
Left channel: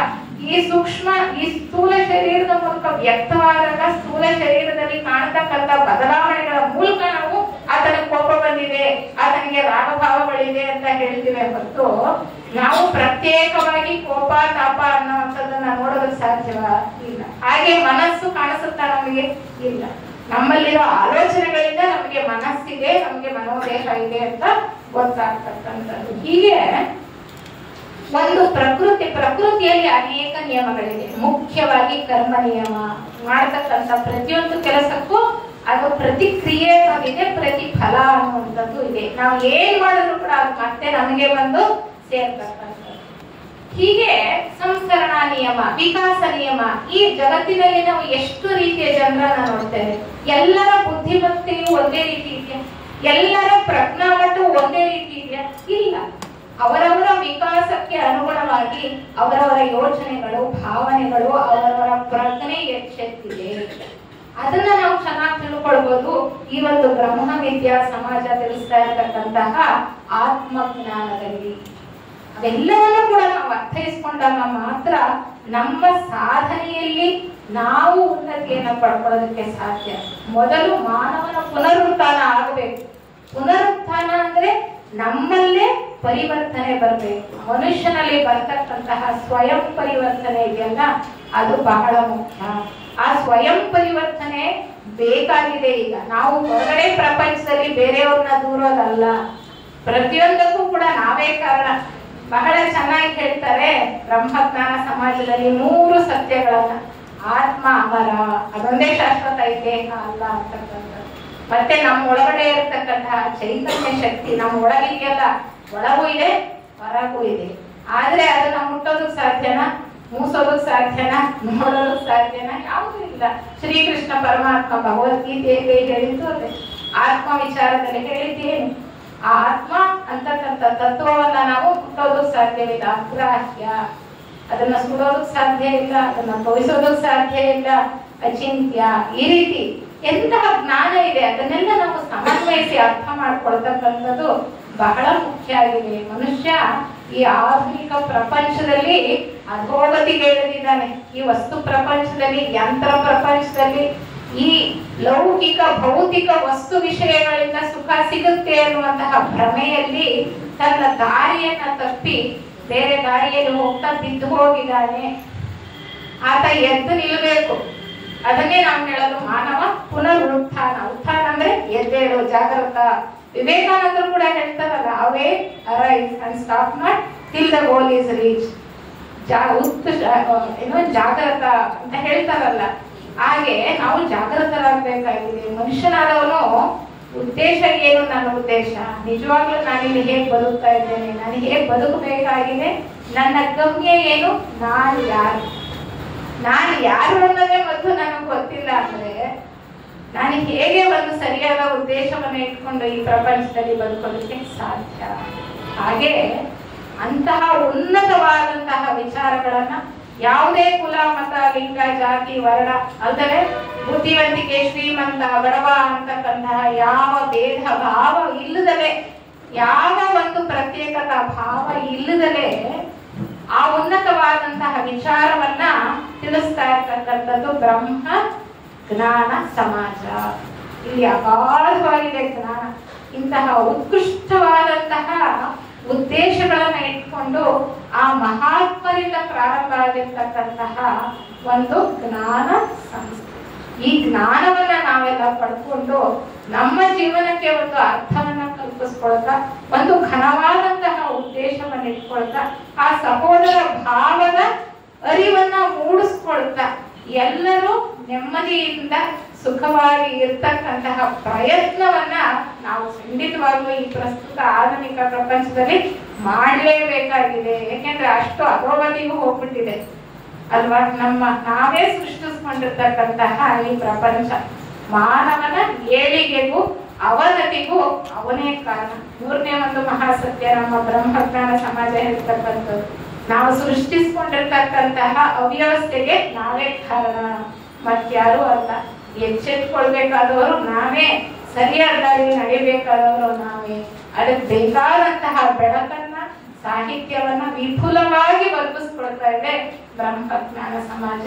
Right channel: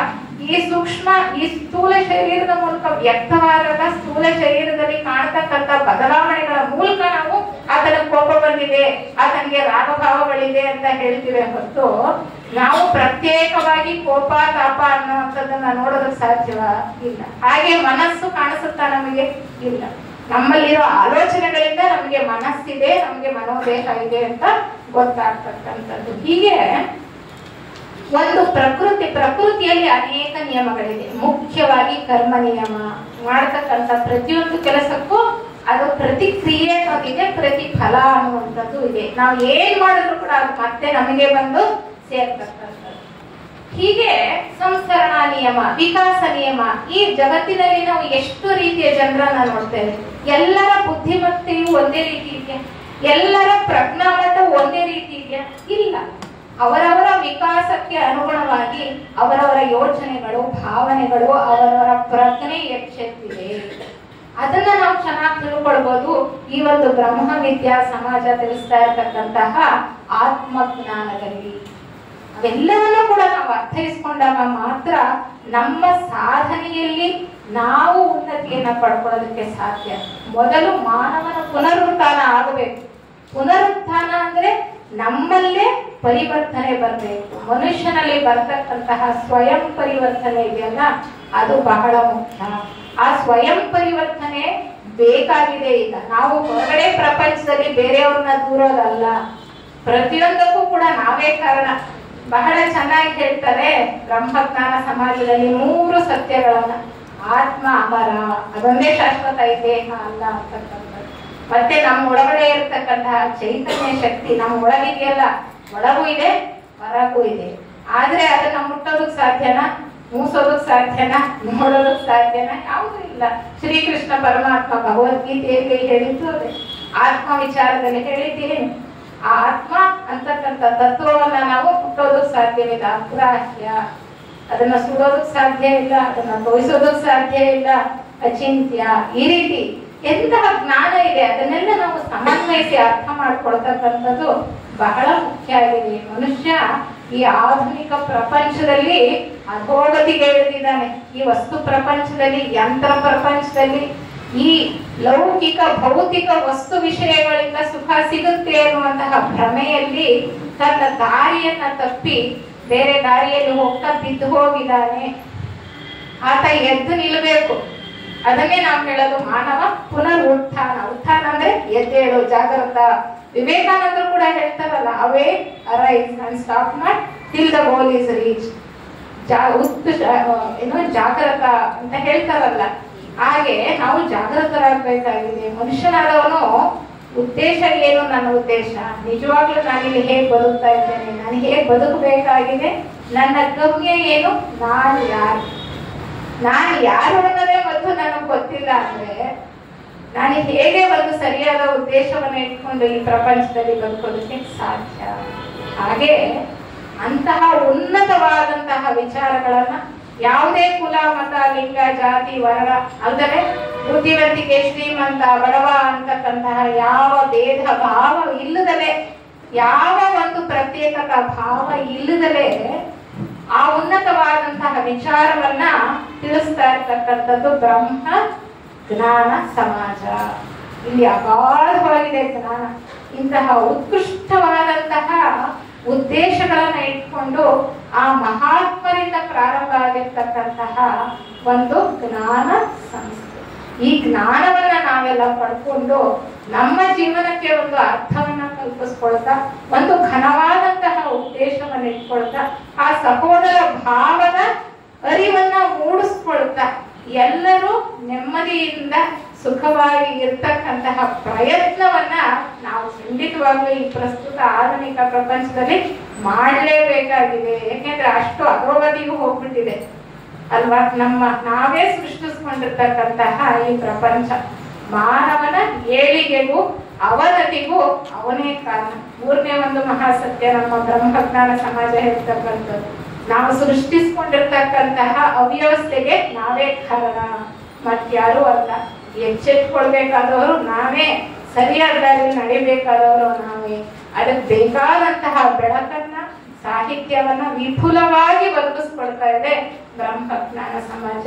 ಈ ಸೂಕ್ಷ್ಮ, ಈ ಸ್ಥೂಲ ಶರೀರದ ಮೂಲಕ ವ್ಯಕ್ತವಾದಾಗ ಸ್ಥೂಲ ಶರೀರದಲ್ಲಿ ಕಾಣತಕ್ಕಂಥ ಬದಲಾವಣೆಗಳ ಮೂಲಕ ನಾವು ಆತನ ಕೋಪ ಬಂದಿದೆ, ಆತನಿಗೆ ರಾಗಭಾವಗಳಿದೆ ಅಂತ ಹೇಳ್ತೀವಿ ಹೊರತು ನಾವು ಪ್ರತ್ಯೇಕವಾಗಿ ಕೋಪ ತಾಪ ಅನ್ನುವಂಥದ್ದನ್ನ ನೋಡೋದಕ್ಕೆ ಸಾಧ್ಯವ ಇಲ್ಲ. ಹಾಗೆ ಮನಸ್ಸು ಕಾಣಿಸುತ್ತಾ ನಮಗೆ ಇಲ್ಲ. ನಮ್ಮಲ್ಲಿರೋ ಆಲೋಚನೆಗಳಿಂದ ನಮಗೆ ಮನಸ್ಸಿದೆ, ನಮಗೆ ಮನೋದೇಹ ಇದೆ ಅಂತ ಗೊತ್ತಾಗ್ತಕ್ಕಂಥದ್ದು. ಹೀಗೆ ಒಂದು ಪ್ರಕೃತಿಯಲ್ಲಿ ಅನೇಕ ನಿಯಮಗಳಿದೆ. ಮುಖ್ಯವಾಗಿ ಕರ್ಮ ನಿಯಮ. ಮಾಡತಕ್ಕಂಥ ಪ್ರತಿಯೊಂದು ಕೆಲಸಕ್ಕೂ ಅದು ಪ್ರತಿಕ್ರಿಯೆ ಇದೆ, ಪ್ರತಿಫಲ ಅನ್ನುವಂಥದ್ದು ಇದೆ. ನಾವು ಏನ್ ಮಾಡಿದ್ರು ಕೂಡ ಅದು ಮತ್ತೆ ನಮಗೆ ಬಂದು ಸೇರ್ತಕ್ಕಂಥದ್ದು. ಹೀಗೆ ಸಂಸ್ಕರಣ ನಿಯಮ, ವಿಕಾಸ ನಿಯಮ. ಈ ಜಗತ್ತಿನಲ್ಲಿ ನಾವು ಎಷ್ಟು ರೀತಿಯ ಜನರನ್ನ ನೋಡ್ತೇವೆ. ಎಲ್ಲರ ಬುದ್ಧಿಮತ್ತೆಯು ಒಂದೇ ರೀತಿ ಇದೆಯಾ? ಎಲ್ಲರ ಪ್ರಜ್ಞಾಮಟ್ಟ ಒಂದೇ ರೀತಿ ಇದೆಯಾ? ಇಲ್ಲ. ಅವರವರ ವಿಕಾಸಕ್ಕೆ ಅನುಗುಣವಾಗಿ ಅವರವರ ಯೋಚನೆಗಳು, ಭಾವನೆಗಳು, ಅವರವರ ಪ್ರಜ್ಞೆ ಎಚ್ಚೆತ್ತಿದೆ. ಅದನ್ನ ನಾವು ಚೆನ್ನಾಗಿ ತಿಳ್ಕೊಳ್ಬಹುದು. ಈ ಒಂದು ಬ್ರಹ್ಮ ವಿದ್ಯಾ ಸಮಾಜ ತಿಳಿಸ್ತಾ ಇರತಕ್ಕಂತಹ ಆತ್ಮಜ್ಞಾನದಲ್ಲಿ ಅದೆಲ್ಲವನ್ನೂ ಕೂಡ ನಾವು ಅರ್ಥೈಸ್ಕೊಂಡಾಗ ಮಾತ್ರ ನಮ್ಮ ಸಾಧನೆಯಲ್ಲಿ ನಾವು ಉನ್ನತಿಯನ್ನ ಪಡ್ಕೊಳ್ಳೋದಕ್ಕೆ ಸಾಧ್ಯ. ಮೊದಲು ಮಾನವನ ಪುನರುತ್ಥಾನ ಆಗಬೇಕು. ಪುನರುತ್ಥಾನ ಅಂದ್ರೆ ನಮ್ಮಲ್ಲೇ ಪರಿವರ್ತನೆ ಬರಬೇಕು. ಮನುಷ್ಯನಲ್ಲಿ ಬರ್ತಕ್ಕಂತಹ ಸ್ವಯಂ ಪರಿವರ್ತನೆ ಇದೆಯಲ್ಲ, ಅದು ಬಹಳ ಮುಖ್ಯ. ಆ ಸ್ವಯಂ ಪರಿವರ್ತನೆ ಬೇಕಾಗಿದೆ. ಈಗ ನಾವು ಹೊರಗಡೆ ಪ್ರಪಂಚದಲ್ಲಿ ಬೇರೆಯವ್ರನ್ನ ದೂರೋದಲ್ಲ, ಪ್ರತಿಯೊಂದಕ್ಕೂ ಕೂಡ ನಾವೇ ಕಾರಣ. ಬಹಳ ಚೆನ್ನಾಗಿ ಹೇಳ್ತಾರೆ ಬ್ರಹ್ಮಜ್ಞಾನ ಸಮಾಜದಲ್ಲಿ 3 ಸತ್ಯಗಳನ್ನ. ಆತ್ಮ ಅಮರ, ಅದೊಂದೇ ಶಾಶ್ವತ, ದೇಹ ಅಲ್ಲ ಅಂತಕ್ಕಂಥದ್ದು. ಮತ್ತೆ ನಮ್ಮ ಒಳಗಡೆ ಇರತಕ್ಕಂತಹ ಚೈತನ್ಯ ಶಕ್ತಿ ನಮ್ಮ ಒಳಗಿದೆಯಲ್ಲ, ಒಳಗೂ ಇದೆ ಹೊರಗೂ ಇದೆ. ಆದ್ರೆ ಅದನ್ನ ಮುಟ್ಟೋದಕ್ ಸಾಧ್ಯನಾ? ಮೂಸೋದಕ್ ಸಾಧ್ಯನಾ? ನೋಡೋದಕ್ ಸಾಧ್ಯನಾ? ಯಾವುದೂ ಇಲ್ಲ. ಶ್ರೀಕೃಷ್ಣ ಪರಮಾತ್ಮ ಭಗವದ್ಗೀತೆಯಲ್ಲಿ ಹೇಳಿದ್ದು ಅದೇ. ಆತ್ಮ ವಿಚಾರದಲ್ಲಿ ಹೇಳಿದ್ದೀನಿ. ಆ ಆತ್ಮ ಅಂತಕ್ಕಂಥ ತತ್ವವನ್ನ ನಾವು ಮುಟ್ಟೋದಕ್ ಸಾಧ್ಯವಿಲ್ಲ. ಅಗ್ರಾಹ್ಯ. ಅದನ್ನ ಸುಡೋದಕ್ ಸಾಧ್ಯ ಇಲ್ಲ, ಅದನ್ನ ತೋರಿಸೋದಕ್ ಸಾಧ್ಯ ಇಲ್ಲ, ಅಚಿಂತ್ಯ. ಈ ರೀತಿ ಎಂತಹ ಜ್ಞಾನ ಇದೆ ಅದನ್ನೆಲ್ಲ ನಾವು ಸಮನ್ವಯಿಸಿ ಅರ್ಥ ಮಾಡ್ಕೊಳ್ತಕ್ಕಂಥದ್ದು ಬಹಳ ಮುಖ್ಯ ಆಗಿದೆ. ಮನುಷ್ಯ ಈ ಆಧುನಿಕ ಪ್ರಪಂಚದಲ್ಲಿ ಅಧೋಗತಿಗೆ ಇಳಿದಿದ್ದಾನೆ. ಈ ವಸ್ತು ಪ್ರಪಂಚದಲ್ಲಿ, ಯಂತ್ರ ಪ್ರಪಂಚದಲ್ಲಿ, ಈ ಲೌಕಿಕ ಭೌತಿಕ ವಸ್ತು ವಿಷಯಗಳಿಂದ ಸುಖ ಸಿಗುತ್ತೆ ಅನ್ನುವಂತಹ ಭ್ರಮೆಯಲ್ಲಿ ತನ್ನ ದಾರಿಯನ್ನ ತಪ್ಪಿ ಬೇರೆ ದಾರಿಯಲ್ಲಿ ಹೋಗ್ತಾ ಬಿದ್ದು ಹೋಗಿದ್ದಾನೆ. ಆತ ಎದ್ದು ನಿಲ್ಲಬೇಕು. ಅದನ್ನೇ ನಾವು ಹೇಳೋದು ಮಾನವ ಪುನರುತ್ಥಾನ. ಉತ್ಥಾನ ಅಂದ್ರೆ ಎದ್ದೇಳು, ಜಾಗೃತ. ವಿವೇಕಾನಂದರು ಕೂಡ ಹೇಳ್ತಾರಲ್ಲ, awake arise and stop not till the goal is reach. ಜಾಗೃತ ಅಂತ ಹೇಳ್ತಾರಲ್ಲ, ಹಾಗೆ ನಾವು ಜಾಗೃತರಾಗಬೇಕಾಗಿದೆ. ಮನುಷ್ಯನಾದವನು ಉದ್ದೇಶ ಏನು? ನನ್ನ ಉದ್ದೇಶ ನಿಜವಾಗ್ಲೂ ನಾನಿಲ್ಲಿ ಹೇಗೆ ಬದುಕ್ತಾ ಇದ್ದೇನೆ, ನಾನು ಹೇಗೆ ಬದುಕಬೇಕಾಗಿದೆ, ನನ್ನ ಗಮ್ಯ ಏನು, ನಾನು ಯಾರು ಅನ್ನೋದೇ ಮೊದಲು ನನಗೆ ಗೊತ್ತಿಲ್ಲ ಅಂದ್ರೆ ನಾನು ಹೇಗೆ ಒಂದು ಸರಿಯಾದ ಉದ್ದೇಶವನ್ನ ಇಟ್ಕೊಂಡು ಈ ಪ್ರಪಂಚದಲ್ಲಿ ಬದುಕೋದಕ್ಕೆ ಸಾಧ್ಯ? ಹಾಗೆ ಅಂತಹ ಉನ್ನತವಾದಂತಹ ವಿಚಾರಗಳನ್ನ ಯಾವುದೇ ಕುಲ, ಮತ, ಲಿಂಗ, ಜಾತಿ, ವರ್ಣ ಅಲ್ಲದೆ ಬುದ್ಧಿವಂತಿಕೆ, ಶ್ರೀಮಂತ, ಬಡವ ಅಂತಕ್ಕಂತಹ ಯಾವ ಭೇದ ಭಾವ ಇಲ್ಲದಲೇ, ಯಾವ ಒಂದು ಪ್ರತ್ಯೇಕತಾ ಭಾವ ಇಲ್ಲದಲೇ ಆ ಉನ್ನತವಾದಂತಹ ವಿಚಾರವನ್ನ ತಿಳಿಸ್ತಾ ಇರ್ತಕ್ಕಂಥದ್ದು ಬ್ರಹ್ಮ ಜ್ಞಾನ ಸಮಾಜ. ಇಲ್ಲಿ ಅಗಾಧವಾಗಿದೆ ಜ್ಞಾನ. ಇಂತಹ ಉತ್ಕೃಷ್ಟವಾದಂತಹ ಉದ್ದೇಶಗಳನ್ನ ಇಟ್ಕೊಂಡು ಆ ಮಹಾತ್ಮರಿಂದ ಪ್ರಾರಂಭ ಆಗಿರ್ತಕ್ಕಂತಹ ಒಂದು ಜ್ಞಾನ ಸಂಸ್ಥೆ. ಈ ಜ್ಞಾನವನ್ನ ನಾವೆಲ್ಲ ಪಡ್ಕೊಂಡು ನಮ್ಮ ಜೀವನಕ್ಕೆ ಒಂದು ಅರ್ಥವನ್ನ ಕಲ್ಪಿಸ್ಕೊಳ್ತಾ, ಒಂದು ಘನವಾದಂತಹ ಉದ್ದೇಶವನ್ನ ಇಟ್ಕೊಳ್ತಾ, ಆ ಸಹೋದರ ಭಾವದ ಅರಿವನ್ನ ಮೂಡಿಸ್ಕೊಳ್ತಾ ಎಲ್ಲರೂ ನೆಮ್ಮದಿಯಿಂದ ಸುಖವಾಗಿ ಇರ್ತಕ್ಕಂತಹ ಪ್ರಯತ್ನವನ್ನ ನಾವು ಖಂಡಿತವಾಗ್ಲೂ ಈ ಪ್ರಸ್ತುತ ಆಧುನಿಕ ಪ್ರಪಂಚದಲ್ಲಿ ಮಾಡಲೇಬೇಕಾಗಿದೆ. ಯಾಕೆಂದ್ರೆ ಅಷ್ಟು ಅಧೋಗತಿಗೂ ಹೋಗ್ಬಿಟ್ಟಿದೆ ಅಲ್ವಾ? ನಾವೇ ಸೃಷ್ಟಿಸ್ಕೊಂಡಿರ್ತಕ್ಕಂತಹ ಈ ಪ್ರಪಂಚ ಮಾನವನ ಏಳಿಗೆಗೂ ಅವನತಿಗೂ ಅವನೇ ಕಾರಣ. ಮೂರನೇ ಒಂದು ಮಹಾಸತ್ಯ ನಮ್ಮ ಬ್ರಹ್ಮಜ್ಞಾನ ಸಮಾಜ ಹೇಳ್ತಕ್ಕಂಥದ್ದು, ನಾವು ಸೃಷ್ಟಿಸ್ಕೊಂಡಿರ್ತಕ್ಕಂತಹ ಅವ್ಯವಸ್ಥೆಗೆ ನಾವೇ ಕಾರಣ, ಮತ್ಯಾರು ಅಲ್ಲ. ಎಚ್ಚೆತ್ಕೊಳ್ಬೇಕಾದವರು ನಾವೇ, ಸರಿಯಾದ ದಾರಿ ನಡೆಯಬೇಕಾದವರು ನಾವೇ. ಅದಕ್ಕೆ ಬೇಕಾದಂತಹ ಬೆಳಕನ್ನ, ಸಾಹಿತ್ಯವನ್ನ ವಿಪುಲವಾಗಿ ಒದಗಿಸ್ಕೊಳ್ತಾ ಇದೆ ಬ್ರಹ್ಮಜ್ಞಾನ ಸಮಾಜ.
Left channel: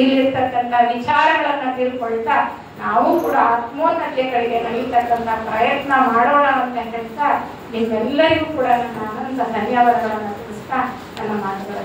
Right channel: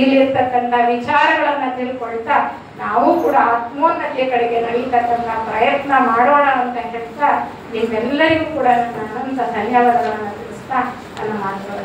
ಇಲ್ಲಿರ್ತಕ್ಕಂಥ ವಿಚಾರಗಳನ್ನ ತಿಳ್ಕೊಳ್ತಾ ನಾವು ಕೂಡ ಆತ್ಮೋನ್ನತೆ ಕಡೆಗೆ ನಡೀತಕ್ಕಂಥ ಪ್ರಯತ್ನ ಮಾಡೋಣ ಅಂತ ಹೇಳ್ತಾ ನಿಮ್ಮೆಲ್ಲರಿಗೂ ಕೂಡ ನನ್ನ ಅನಂತ ಧನ್ಯವಾದಗಳನ್ನ ತಿಳಿಸ್ತಾ ನನ್ನ ಮಾತುಗಳನ್ನು